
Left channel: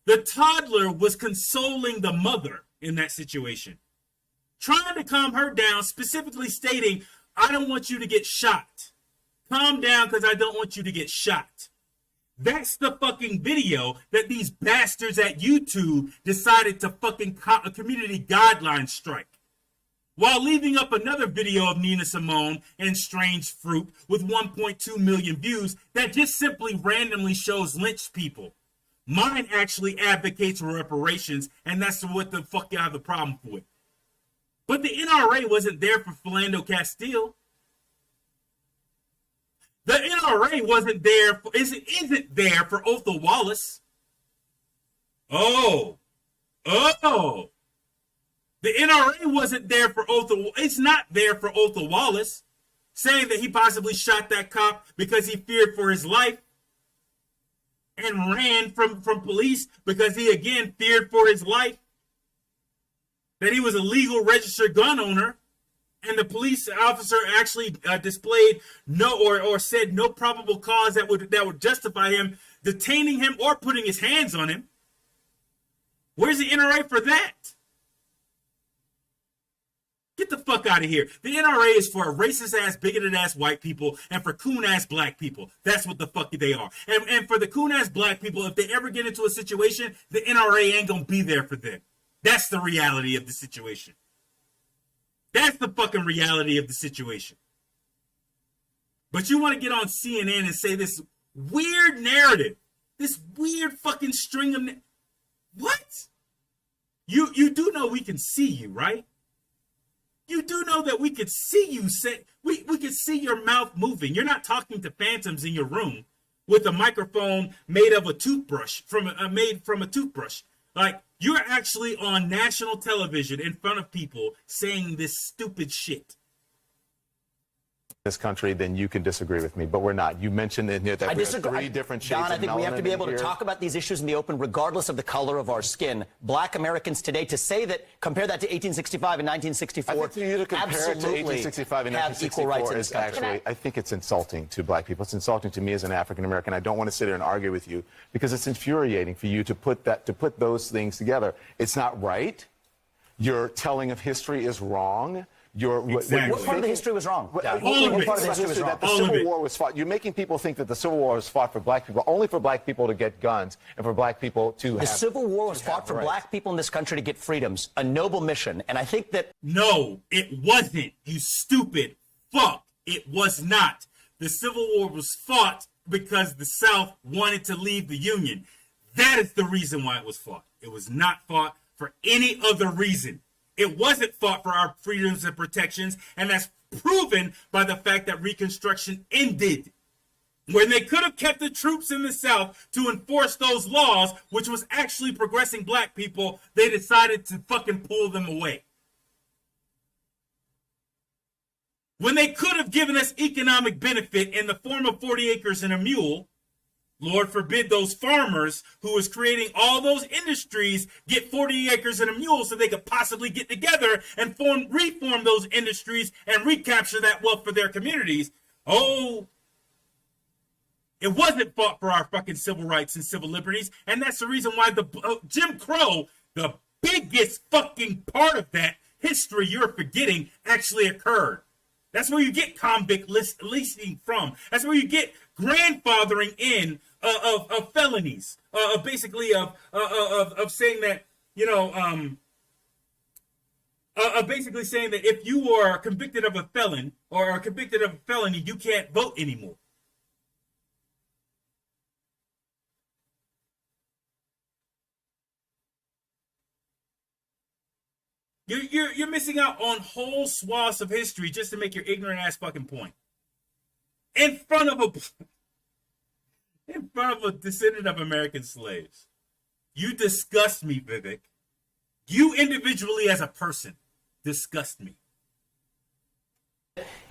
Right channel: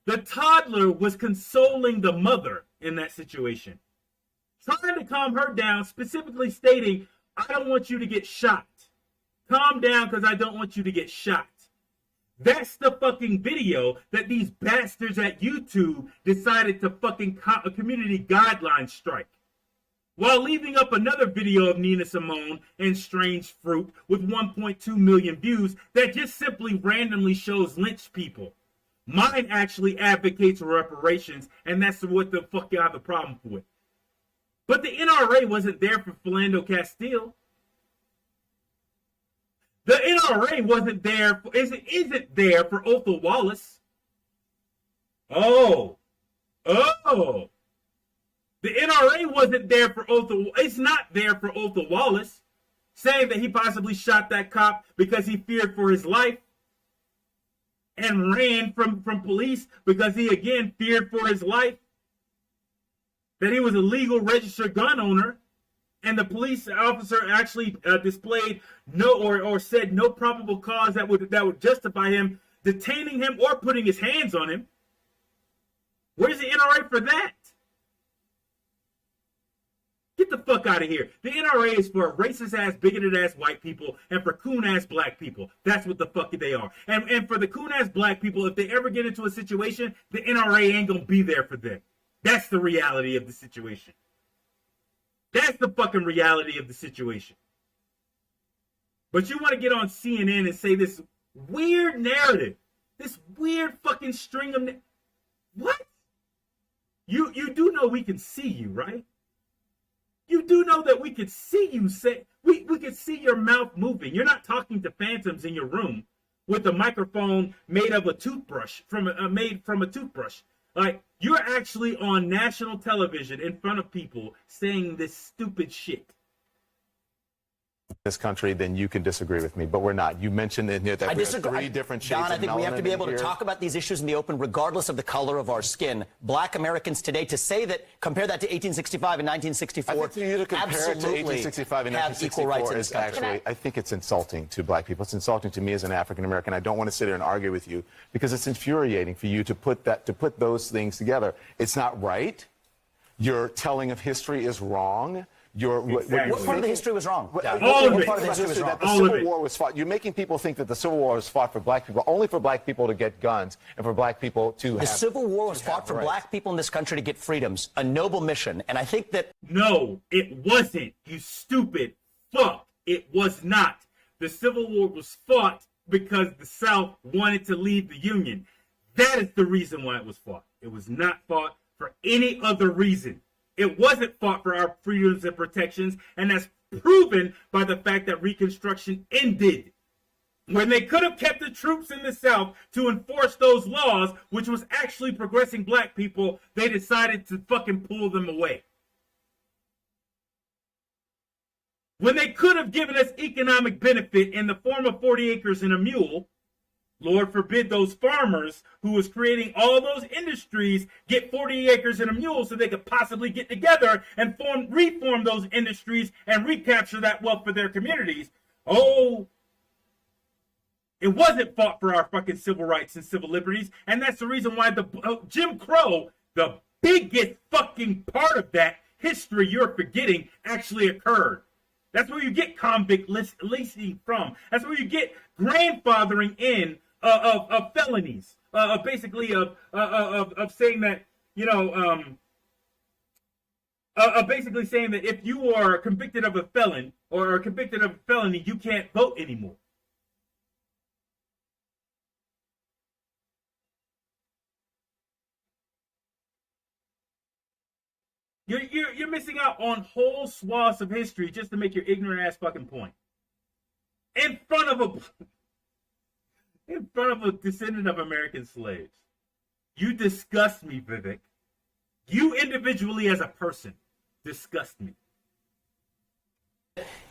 the toddler was consoling the mother in that situation, trying to calm her down, specifically stating, I don't want you to get shot. Calm down, because I don't want you to get shot. That's the fucking video that these bastards at YouTube decided to fucking community guideline strike, while leaving up another video of Nina Simone and Strange Fruit with 1.2 million views that just simply randomly shows lynched people. Mine actually advocates for reparations, and that's what the fuck you have the problem with. But the NRA wasn't there for Philando Castile. The NRA wasn't there, isn't there for Otha Wallace. Oh. The NRA wasn't there for it's not there for Otha Wallace, saying that he possibly shot that cop because he feared for his life and ran from police because he again feared for his life, that he was a legal registered gun owner. And the police officer actually displayed or said no probable cause that would justify him detaining him or putting his hands on him. Where's the NRA for that? Get the fuck out of here. The NRA is for racist ass, bigoted ass white people and for coon ass black people. That's what the fuck they are. And for the coon ass black people, if they ever get into a situation, the NRA ain't gonna be there for them. That's the reality of the situation. That's the fucking reality of the situation. But you want to get on CNN and say this weird narrative, this weird fucking string of... What? You do know we can see you, right? You do know that we could see you say... We could see your mouth moving. You're not talking to phantoms in your room with a microphone made of a toothbrush, made from a toothbrush. Like, you're actually on national television in front of people saying this stupid shit. This country, then you can disagree with me, but we're not. You mentioned in here that I we have disagree. three different shades Don, I of think we have to be able to here. talk about these issues in the open, regardless of the color of our skin. Black Americans today, to say that, compare that to 1865 and 1964, I think for you to compare it to 1865 and have equal rights in 1964 this is country. actually, I think it's insulting to black people. It's insulting to me as an African American. I don't want to sit here and argue with you because it's infuriating for you to put those things together. It's not right. Your telling of history is wrong. Exactly. What part of the history was wrong? What it. part of the history was wrong? That the All of Civil it. War was fought. You're making people think that the Civil War was fought for black people, only for black people to get guns and for black people to have... The Civil War was fought for rights. black people in this country to get freedoms, a noble mission. And I think that... No, it wasn't, you stupid fuck. It was not. The Civil War was fought because the South wanted to leave the Union. That is the reason why it was fought. It was not fought for any other reason. It wasn't fought for our freedoms and protections, and that's proven by the fact that Reconstruction ended. When they could have kept the troops in the South to enforce those laws, which was actually progressing black people, they decided to fucking pull them away. When they could have given us economic benefit in the form of 40 acres and a mule, Lord forbid those farmers who was creating all those industries get 40 acres and a mule so they could possibly get together and reform those industries and recapture that wealth for their communities. Oh, it wasn't fought for our fucking civil rights and civil liberties. And that's the reason why the Jim Crow, the biggest fucking part of that history you're forgetting, actually occurred. That's where you get convict leasing from. That's where you get grandfathering in of felonies, basically of saying that, you know, basically saying that if you are convicted of a felon or convicted of a felony, you can't vote anymore. You're missing out on whole swaths of history just to make your ignorant ass fucking point. In front of a descendant of American slaves. You disgust me, Vivek. You individually as a person disgust me.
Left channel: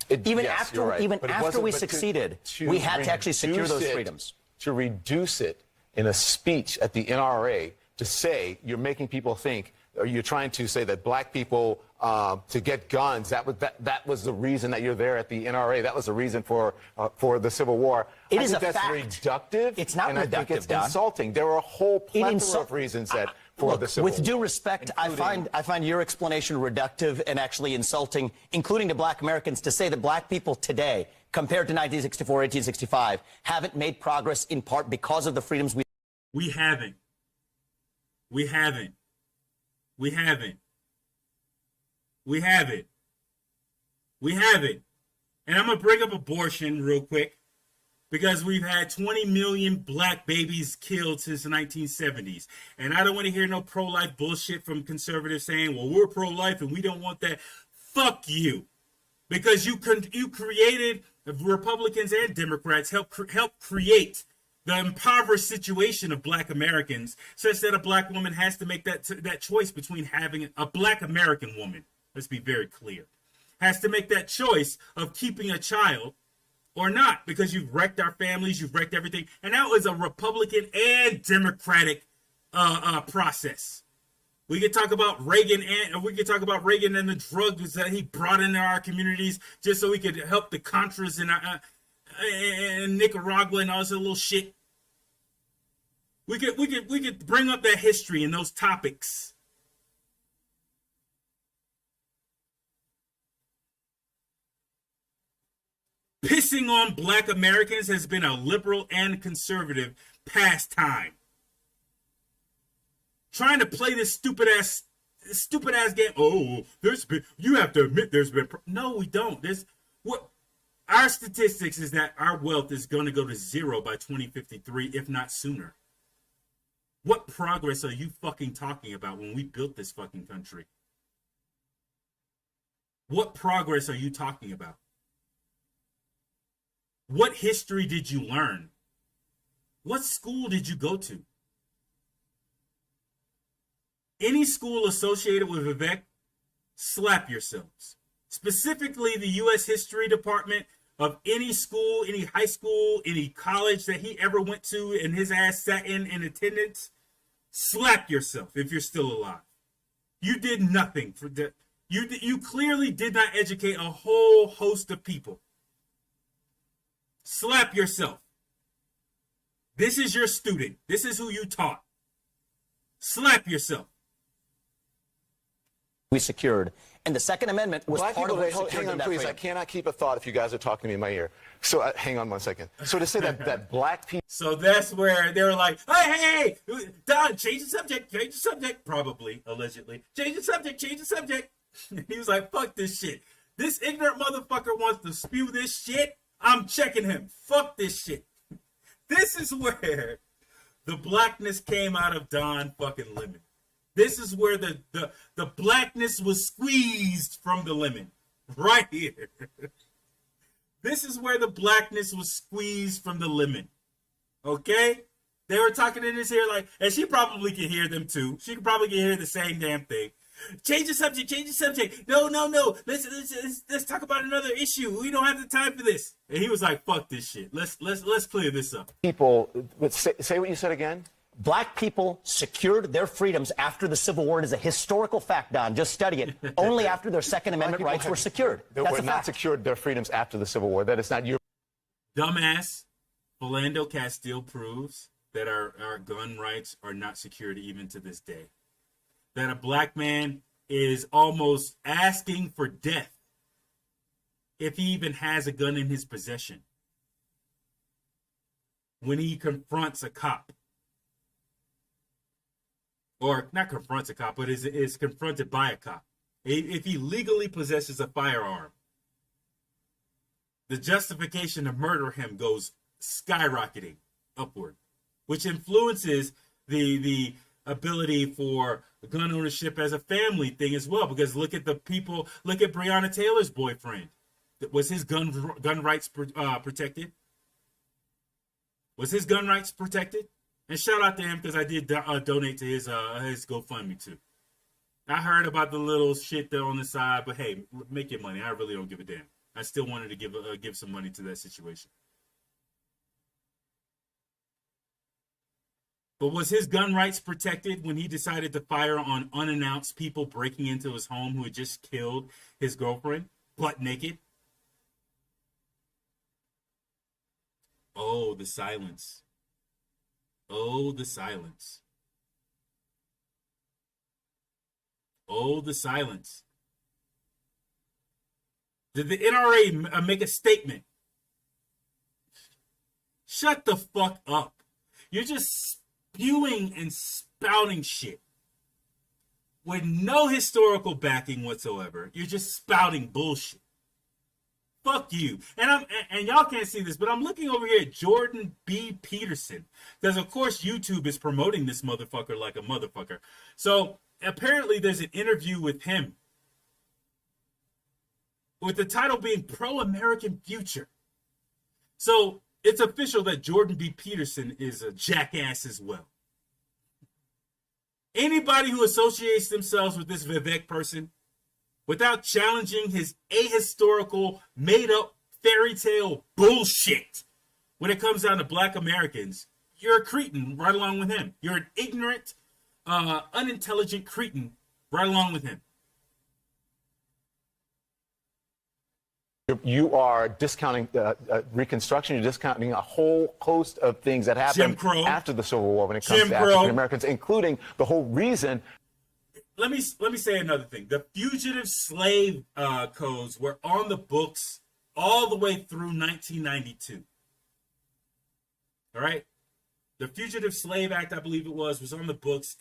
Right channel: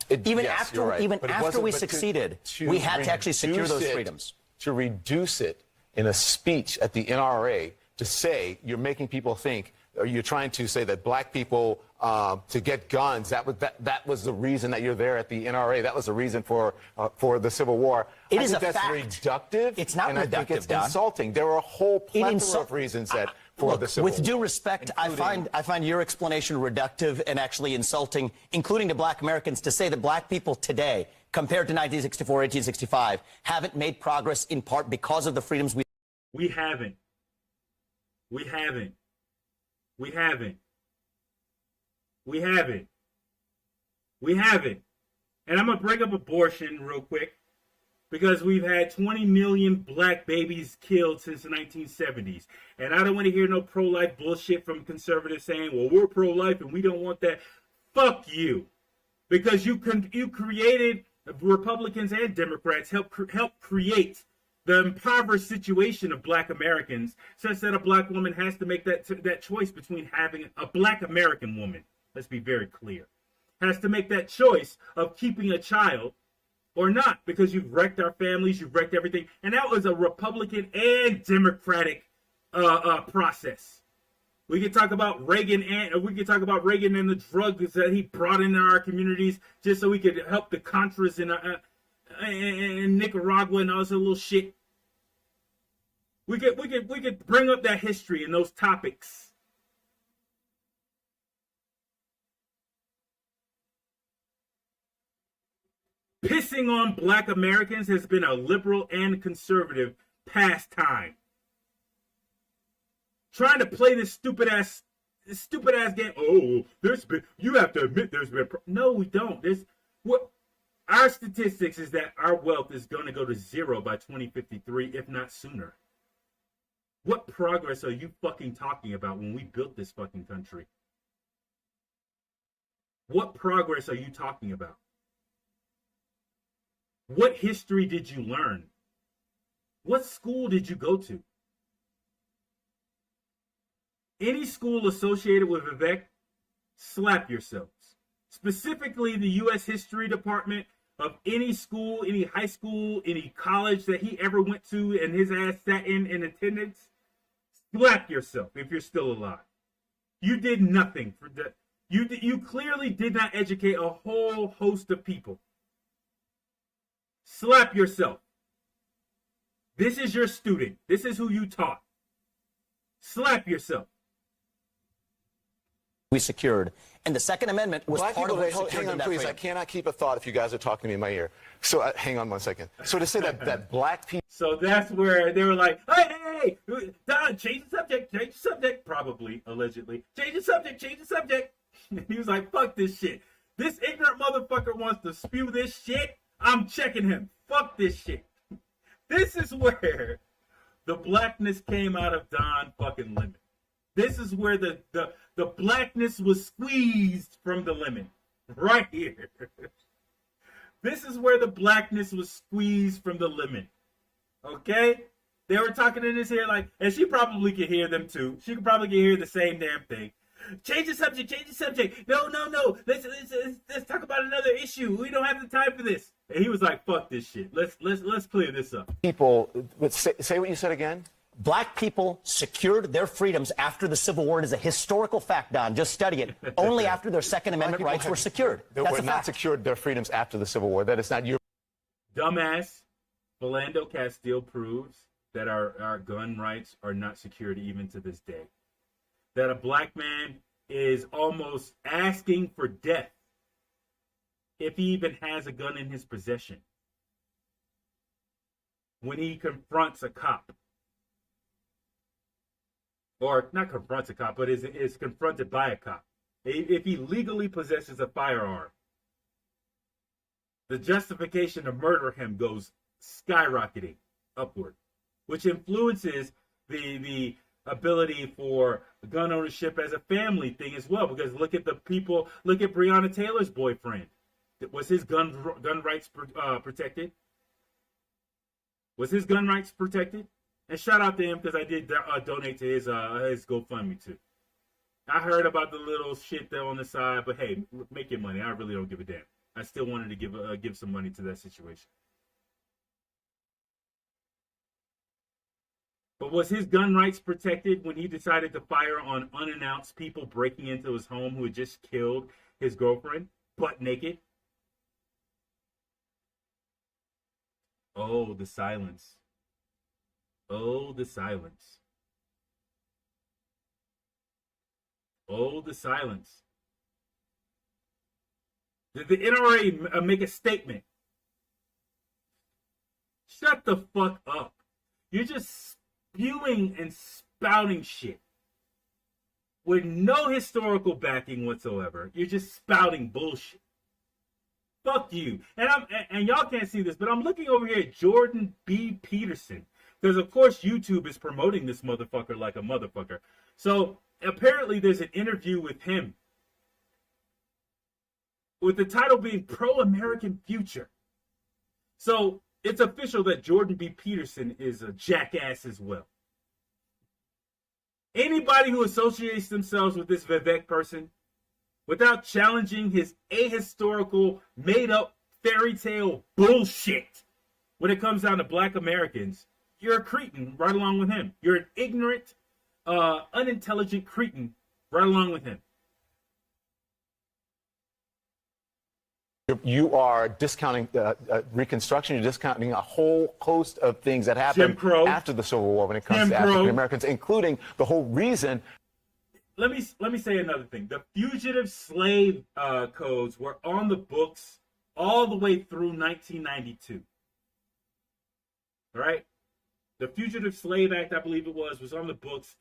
Even after we succeeded, we had to actually secure those freedoms. To reduce it in a speech at the NRA to say you're making people think, or you're trying to say that black people to get guns, that was the reason that you're there at the NRA. That was the reason for the Civil War. It I is think a that's fact. reductive. It's not and reductive, I think it's Don. insulting. There are a whole plethora of reasons that for the Civil War. With due respect, I find your explanation reductive and actually insulting, including to black Americans, to say that black people today, compared to 1964, 1865, haven't made progress in part because of the freedoms We haven't. And I'm going to bring up abortion real quick because we've had 20 million black babies killed since the 1970s. And I don't want to hear no pro-life bullshit from conservatives saying, well, we're pro-life and we don't want that. Fuck you. Because you created, Republicans and Democrats help create the impoverished situation of black Americans, such that a black woman has to make that choice between having a black American woman, let's be very clear, has to make that choice of keeping a child or not, because you've wrecked our families, you've wrecked everything. And that was a Republican and Democratic process. We could talk about Reagan and the drugs that he brought into our communities just so we could help the Contras in Nicaragua and all this little shit. We could bring up that history and those topics. Pissing on black Americans has been a liberal and conservative pastime. Trying to play this stupid ass game. Oh, you have to admit there's been. No, we don't. Our statistics is that our wealth is going to go to zero by 2053, if not sooner. What progress are you fucking talking about when we built this fucking country? What progress are you talking about? What history did you learn? What school did you go to? Any school associated with Vivek, slap yourselves. Specifically, the U.S. History Department of any school, any high school, any college that he ever went to and his ass sat in attendance, slap yourself if you're still alive. You did nothing for that. You clearly did not educate a whole host of people. Slap yourself. This is your student. This is who you taught. Slap yourself. we secured. And the Second Amendment was Black part people, of what secured hang on, that please. freedom. I cannot keep a thought if you guys are talking to me in my ear. So hang on one second. So to say that black people. So that's where they were like, hey, Don, change the subject. Probably, allegedly. Change the subject. And he was like, fuck this shit. This ignorant motherfucker wants to spew this shit. I'm checking him. Fuck this shit. This is where the blackness came out of Don fucking Lemon. This is where the blackness was squeezed from the lemon. Right here. This is where the blackness was squeezed from the lemon. Okay? They were talking in his ear like, and she probably could hear them too. She could probably hear the same damn thing. Change the subject. Change the subject. No. Let's talk about another issue. We don't have the time for this. And he was like, "Fuck this shit. Let's clear this up." People, say what you said again. Black people secured their freedoms after the Civil War. It is a historical fact, Don. Just study it. Only after their Second Amendment rights were secured. They That's were a not fact. secured their freedoms after the Civil War. That is not your. Dumbass Philando Castile proves that our gun rights are not secured even to this day. That a black man is almost asking for death if he even has a gun in his possession when he confronts a cop. Or not confronts a cop, but is confronted by a cop. If he legally possesses a firearm, the justification to murder him goes skyrocketing upward, which influences the ability for gun ownership as a family thing as well. Because look at Breonna Taylor's boyfriend. Was his gun rights protected? Was his gun rights protected? And shout out to him because I did donate to his GoFundMe too. I heard about the little shit there on the side, but hey, make your money. I really don't give a damn. I still wanted to give some money to that situation. But was his gun rights protected when he decided to fire on unannounced people breaking into his home who had just killed his girlfriend, butt naked? Oh, the silence. Oh, the silence. Oh, the silence. Did the NRA make a statement? Shut the fuck up. You're just spewing and spouting shit with no historical backing whatsoever. You're just spouting bullshit. Fuck you. And y'all can't see this, but I'm looking over here at Jordan B. Peterson. Because, of course, YouTube is promoting this motherfucker like a motherfucker. So, apparently, there's an interview with him. With the title being Pro-American Future. So, it's official that Jordan B. Peterson is a jackass as well. Anybody who associates themselves with this Vivek person without challenging his ahistorical, made-up fairy tale bullshit when it comes down to black Americans, you're a cretin right along with him. You're an ignorant, unintelligent cretin right along with him. You are discounting Reconstruction. You're discounting a whole host of things that happened after the Civil War when it comes to African Americans, including the whole reason. Let me say another thing. The fugitive slave codes were on the books all the way through 1992. All right, the Fugitive Slave Act, I believe it was on the books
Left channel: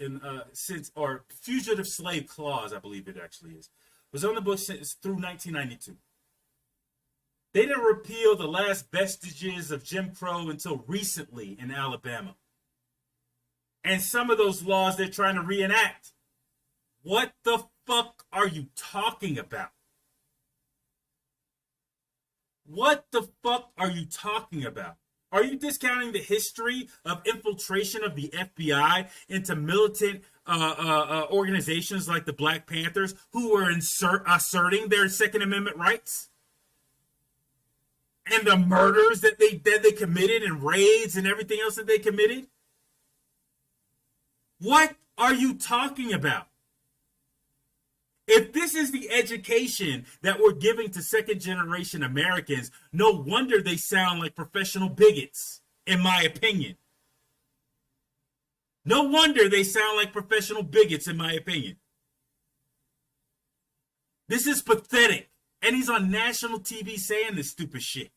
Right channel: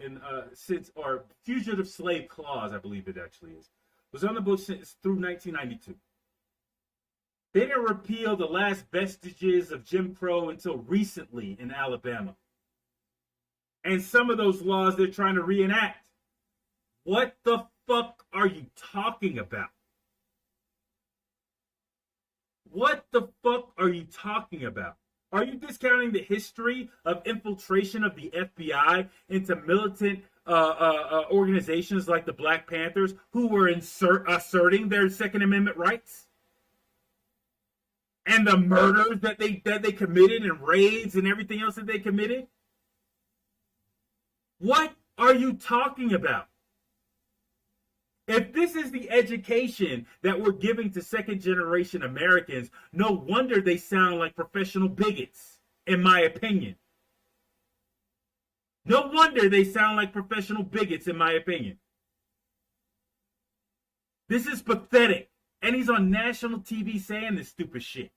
or Fugitive Slave Clause, I believe it actually was on the books through 1992. They didn't repeal the last vestiges of Jim Crow until recently in Alabama. And some of those laws they're trying to reenact. What the fuck are you talking about? What the fuck are you talking about? Are you discounting the history of infiltration of the FBI into militant organizations like the Black Panthers who were asserting their Second Amendment rights? And the murders that they committed and raids and everything else that they committed? What are you talking about? If this is the education that we're giving to second-generation Americans, no wonder they sound like professional bigots, in my opinion. No wonder they sound like professional bigots, in my opinion. This is pathetic. And he's on national TV saying this stupid shit.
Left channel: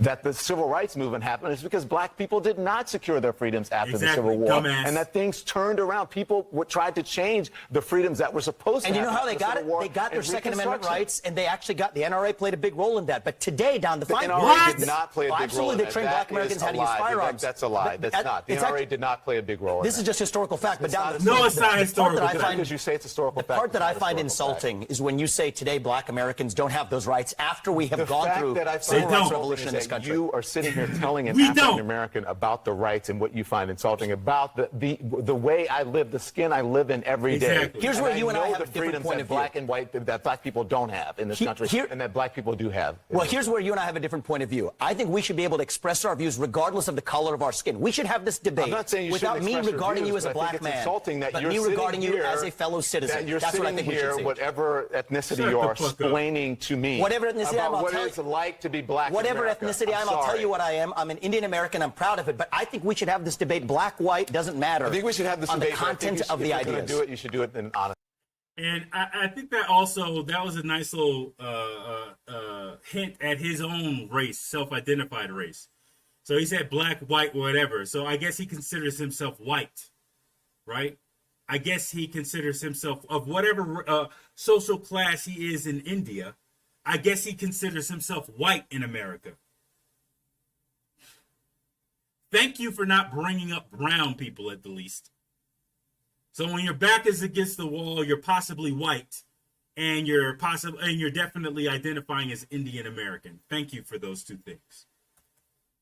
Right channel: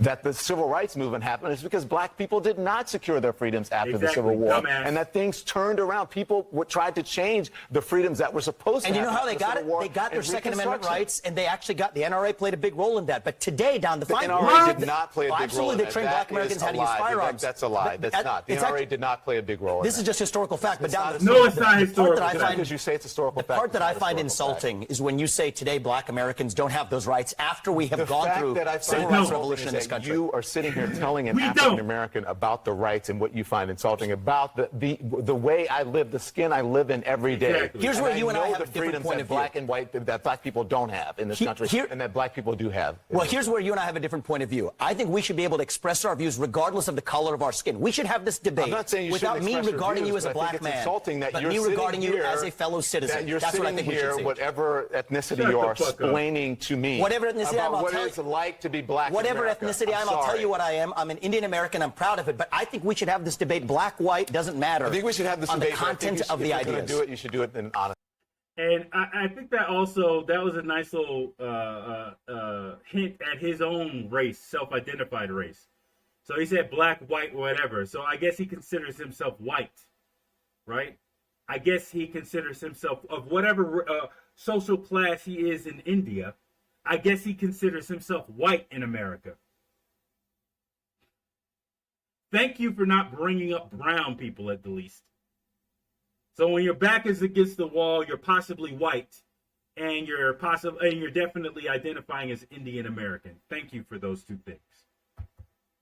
That the civil rights movement happened is because black people did not secure their freedoms after the Civil War. Dumbass. And that things turned around. People tried to change the freedoms that were supposed to happen. And you know how they got it? They got their Second Amendment rights, and they actually got the NRA played a big role in that. But today, down the line, NRA did not play a big role in that. Absolutely, they trained black Americans how to use firearms. That's a lie. That's not. The NRA did not play a big role in that. This is just historical fact. But down no, it's not historical. Because you say it's historical fact. The part that I find insulting is when you say today black Americans don't have those rights after we have gone through civil rights revolution in this that country. you are sitting here telling an We don't. African American about the rights and what you find insulting about the way I live, the skin I live in every day. Exactly. Here's where you and I know have the a different freedoms point that of view. black and white that black people don't have in this country, and that black people do have. Well, here's where you and I have a different point of view. I think we should be able to express our views regardless of the color of our skin. We should have this debate I'm not saying you without shouldn't me express your regarding views, you as a but I think black it's man, insulting that but you're me sitting regarding you here, as a fellow citizen. that you're That's what I sitting think we should here, see. whatever ethnicity Shut you the are, fuck up. explaining to me Whatever ethnicity I am, about I'll what tell it's like to be black in Whatever America. ethnicity I am, I'll tell you what I am. I'm an Indian American. I'm proud of it. But I think we should have this debate. Black, white, doesn't matter. I think we should have this on debate. the content of the If you're ideas. going to do it, you should do it in honest. And I think that also, that was a nice little hint at his own race, self-identified race. So he said black, white, whatever. So I guess he considers himself white, right? I guess he considers himself of whatever social class he is in India. I guess he considers himself white in America. Thank you for not bringing up brown people at the least. So when your back is against the wall, you're possibly white, and you're definitely identifying as Indian American. Thank you for those two things.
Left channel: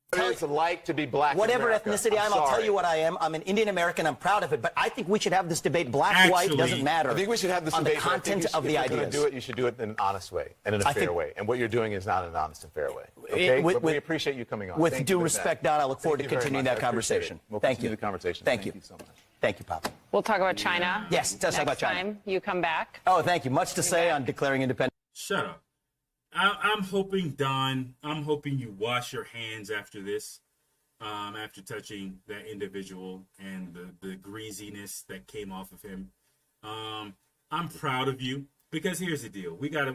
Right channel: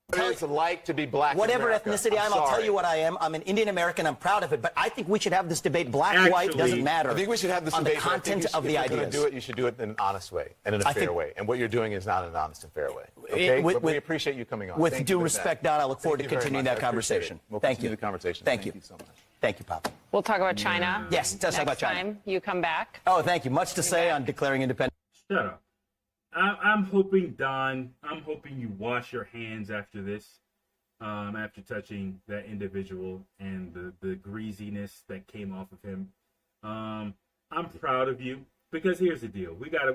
What it's like to be black Whatever in America. ethnicity I am, I'll tell sorry. you what I am. I'm an Indian American. I'm proud of it. But I think we should have this debate. Black, white, Actually, doesn't matter. I think we should have this on the debate. but I think content you should- of the if you're going ideas. to do it, you should do it in an honest way and in a I fair think- way. And what you're doing is not an honest and fair way. Okay? with- But we appreciate you coming on. With Thank due you for respect, that. Don, I look forward Thank to you very continuing much. that I appreciate conversation. it. We'll Thank continue you. the conversation. Thank you so much. Thank you, Papa. We'll talk about China. Yes, let's talk about next China. time you come back. Oh, thank you. Much to say on declaring independence. Shut up. I'm hoping, Don, I'm hoping you wash your hands after this, after touching that individual and the greasiness that came off of him. I'm proud of you, because here's the deal. We gotta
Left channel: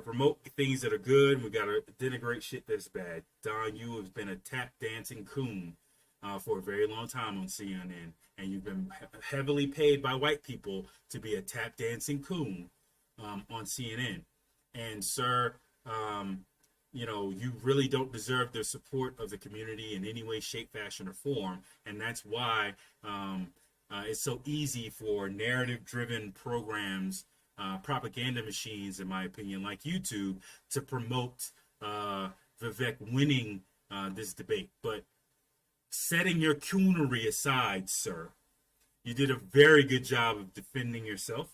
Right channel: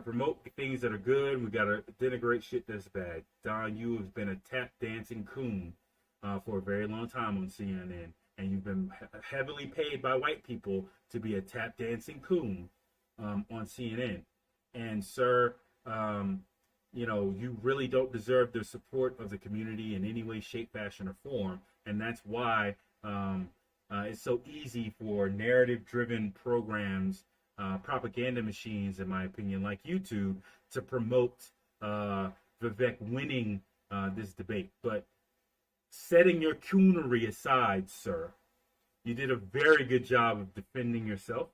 promote things that are good. We gotta denigrate shit that's bad. Don, you have been a tap dancing coon for a very long time on CNN, and you've been heavily paid by white people to be a tap dancing coon on CNN. And sir, you know, you really don't deserve the support of the community in any way, shape, fashion, or form. And that's why it's so easy for narrative-driven programs, propaganda machines, in my opinion, like YouTube, to promote Vivek winning this debate. But setting your coonery aside, sir, you did a very good job of defending yourself.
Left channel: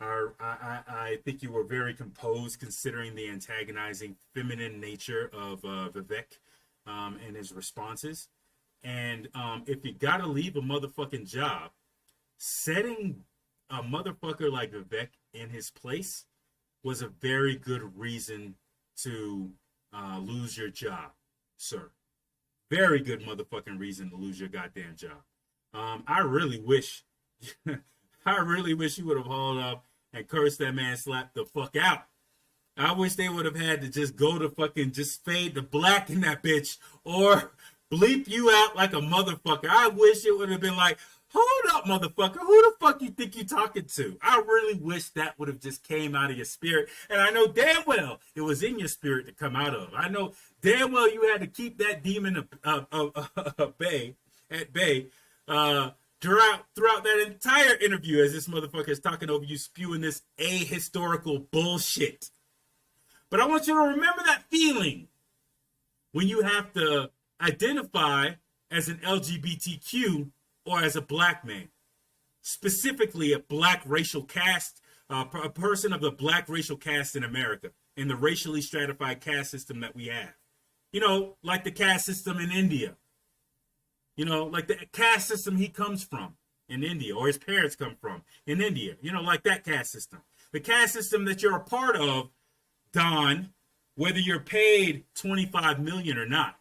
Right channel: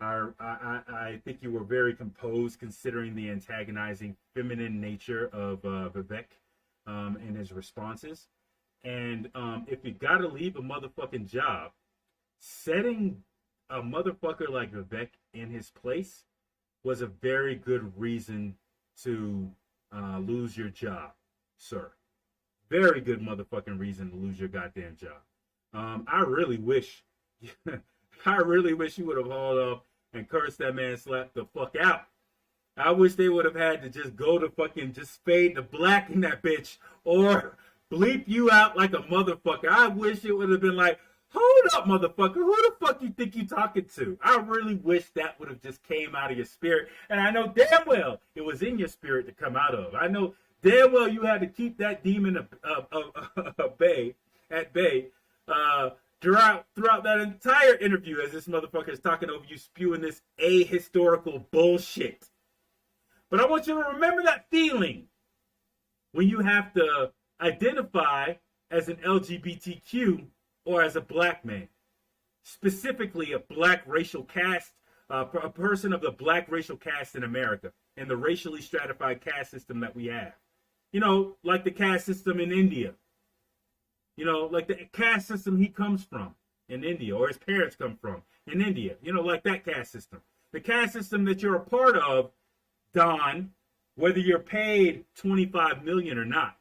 I think you were very composed, considering the antagonizing feminine nature of Vivek and his responses. And if you gotta leave a motherfucking job, setting a motherfucker like Vivek in his place was a very good reason to lose your job, sir. Very good motherfucking reason to lose your goddamn job. I really wish you would have hauled up and cursed that man, slapped the fuck out. I wish they would have had to just go to fucking just fade the black in that bitch, or bleep you out like a motherfucker. I wish it would have been like, hold up, motherfucker, who the fuck you think you talking to? I really wish that would have just came out of your spirit. And I know damn well it was in your spirit to come out of. I know damn well you had to keep that demon at bay throughout that entire interview, as this motherfucker is talking over you, spewing this ahistorical bullshit. But I want you to remember that feeling when you have to identify as an LGBTQ or as a black man, specifically a black racial caste, a person of the black racial caste in America, in the racially stratified caste system that we have. You know, like the caste system in India. You know, like the caste system he comes from in India, or his parents come from in India. You know, like that caste system. The caste system that you're a part of, Don, whether you're paid $25 million or not.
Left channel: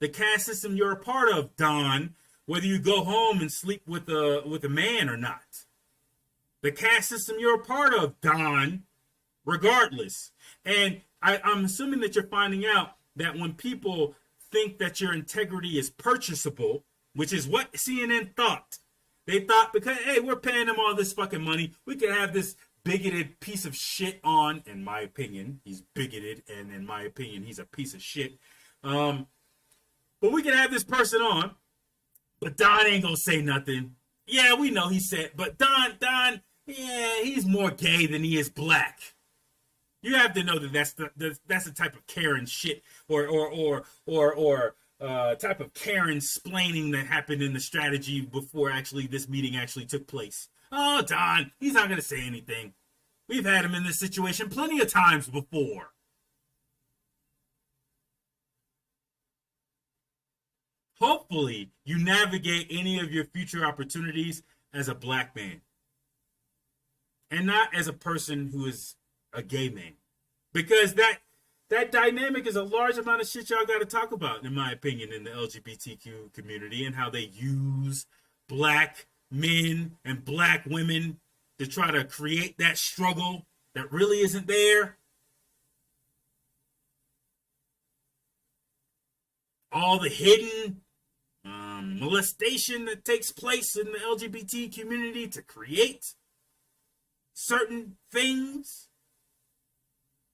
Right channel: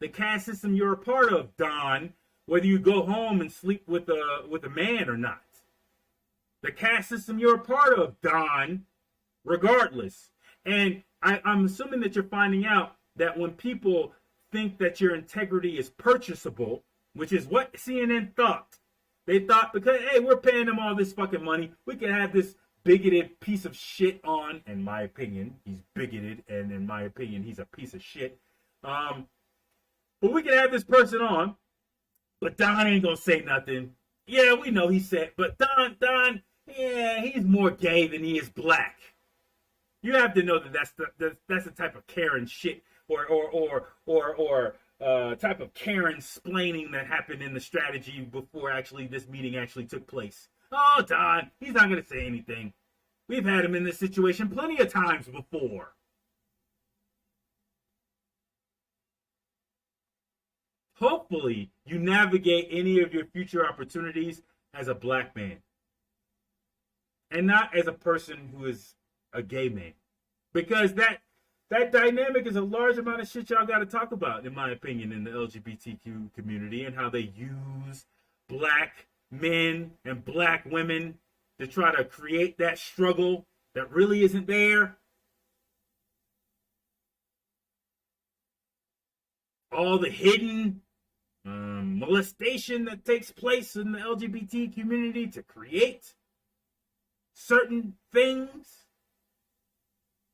The caste system you're a part of, Don, whether you go home and sleep with a man or not. The caste system you're a part of, Don, regardless. And I'm assuming that you're finding out that when people think that your integrity is purchasable, which is what CNN thought. They thought, because, hey, we're paying them all this fucking money, we can have this bigoted piece of shit on. In my opinion, he's bigoted, and in my opinion, he's a piece of shit. But we can have this person on, but Don ain't gonna say nothing. Yeah, we know he said, but Don, yeah, he's more gay than he is black. You have to know that that's the type of Karen shit or type of Karen splaining that happened in the strategy before actually this meeting actually took place. Oh, Don, he's not going to say anything. We've had him in this situation plenty of times before. Hopefully, you navigate any of your future opportunities as a black man and not as a person who is a gay man, because that dynamic is a large amount of shit y'all got to talk about, in my opinion, in the LGBTQ community, and how they use black men and black women to try to create that struggle that really isn't there. All the hidden molestation that takes place in the LGBT community to create certain things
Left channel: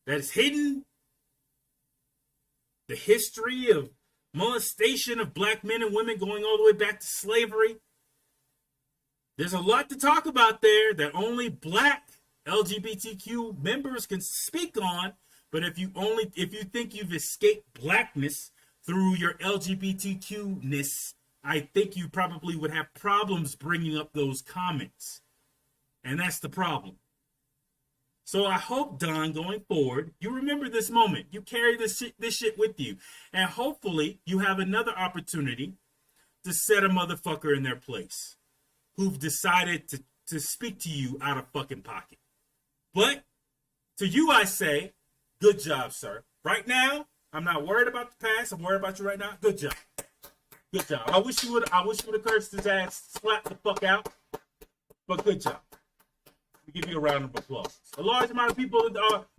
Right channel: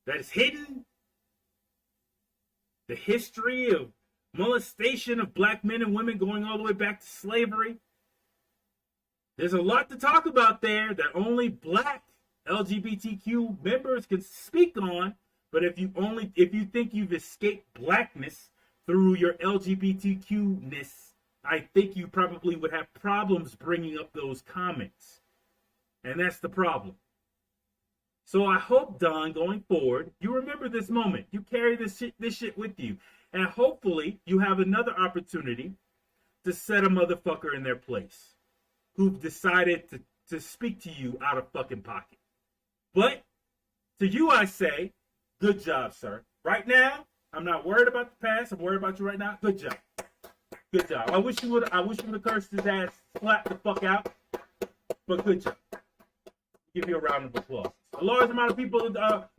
that is hidden. The history of molestation of black men and women going all the way back to slavery. There's a lot to talk about there that only black LGBTQ members can speak on. But if you think you've escaped blackness through your LGBTQ-ness, I think you probably would have problems bringing up those comments. And that's the problem. So I hope, Don, going forward, you remember this moment. You carry this shit with you. And hopefully you have another opportunity to set a motherfucker in their place who've decided to speak to you out of fucking pocket. But to you, I say, good job, sir. Right now, I'm not worried about the past. I'm worried about you right now. Good job. Good job. I wish you would have cursed his ass, slapped the fuck out. But good job. Give you a round of applause. A large amount of people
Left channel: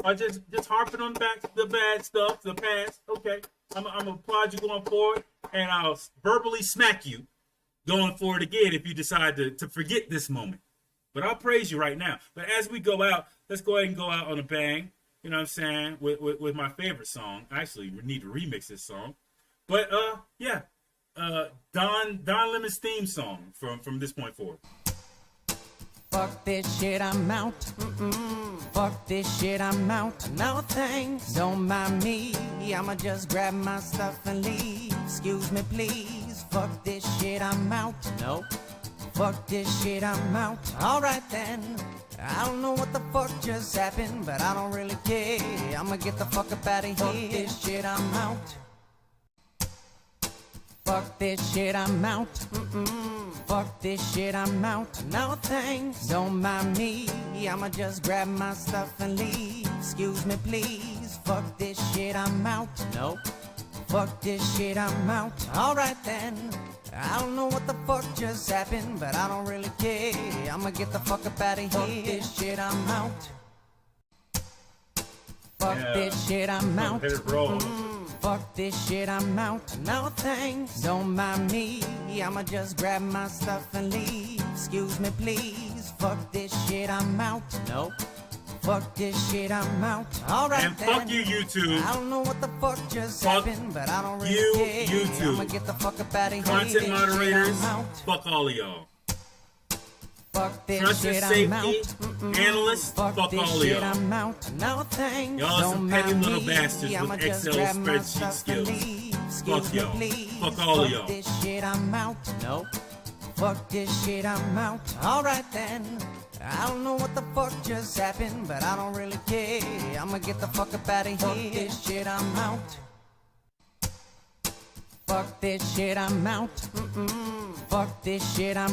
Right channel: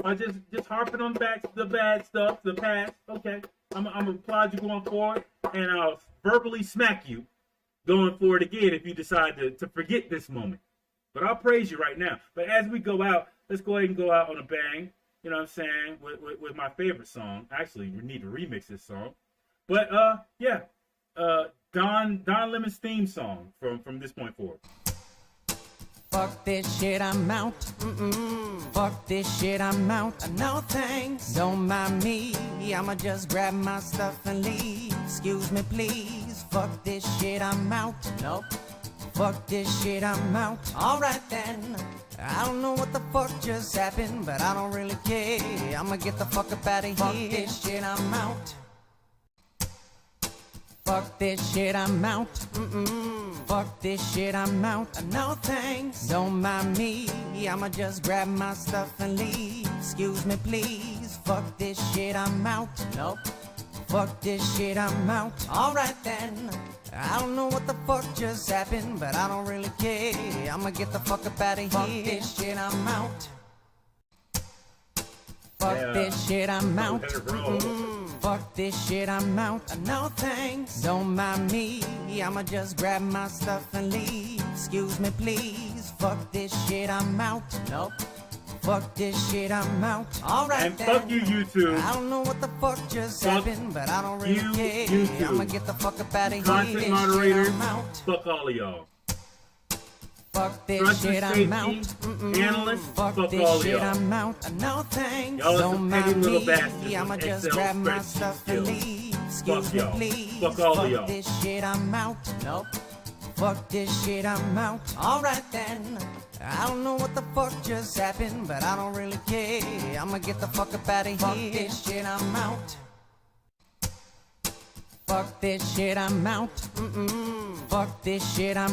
are just harping on the bad stuff, the past. Okay, I'm gonna applaud you going forward, and I'll verbally smack you going forward again if you decide to forget this moment. But I'll praise you right now. But as we go out, let's go ahead and go out on a bang. You know what I'm saying? With my favorite song. Actually, we need to remix this song. But yeah, Don Lemon's theme song from this point forward. Fuck this shit, I'm out. Fuck this shit, I'm out. No thanks. Don't mind me. I'ma just grab my stuff and leave. Excuse me, please. Fuck this shit, I'm out. Nope. Fuck this shit, I'm out. Alright then. I don't know what the fuck just happened, but I don't really care. I'ma get the fuck up out of here. Fuck this shit, I'm out. Fuck this shit, I'm out. Fuck this shit, I'm out. No thanks. Don't mind me. I'ma just grab my stuff and leave. Excuse me, please. Fuck this shit, I'm out. Nope. Fuck this shit, I'm out. Alright then. I don't know what the fuck just happened, but I don't really care. I'ma get the fuck up out of here. Fuck this shit, I'm out. Fuck this shit, I'm out. Fuck this shit, I'm out. No thanks. Don't mind me. I'ma just grab my stuff and leave. Excuse me, please. Fuck this shit, I'm out. Nope. Fuck this shit, I'm out. Alright and then. Fuck you, YouTube. I don't know what the fuck just happened, but I don't really care. YouTube. I'ma get the fuck up out of here. Content moderators, I'm out. fuck all of y'all. Fuck this Trust shit, safety, I'm out. analysts, Fuck fuck this all of shit, y'all. I'm out. No thanks. Y'all are Don't some petty mind little me. bastards I'ma with just Excel grab my spreadsheet stuff and skills. leave. Excuse Fuck me, y'all. please. Fuck all of y'all. This shit, I'm out. Nope. Fuck this shit, I'm out. Alright then. I don't know what the fuck just happened, but I don't really care. I'ma get the fuck up out of here. Fuck this shit, I'm out. Fuck this shit, I'm out. Fuck this shit, I'm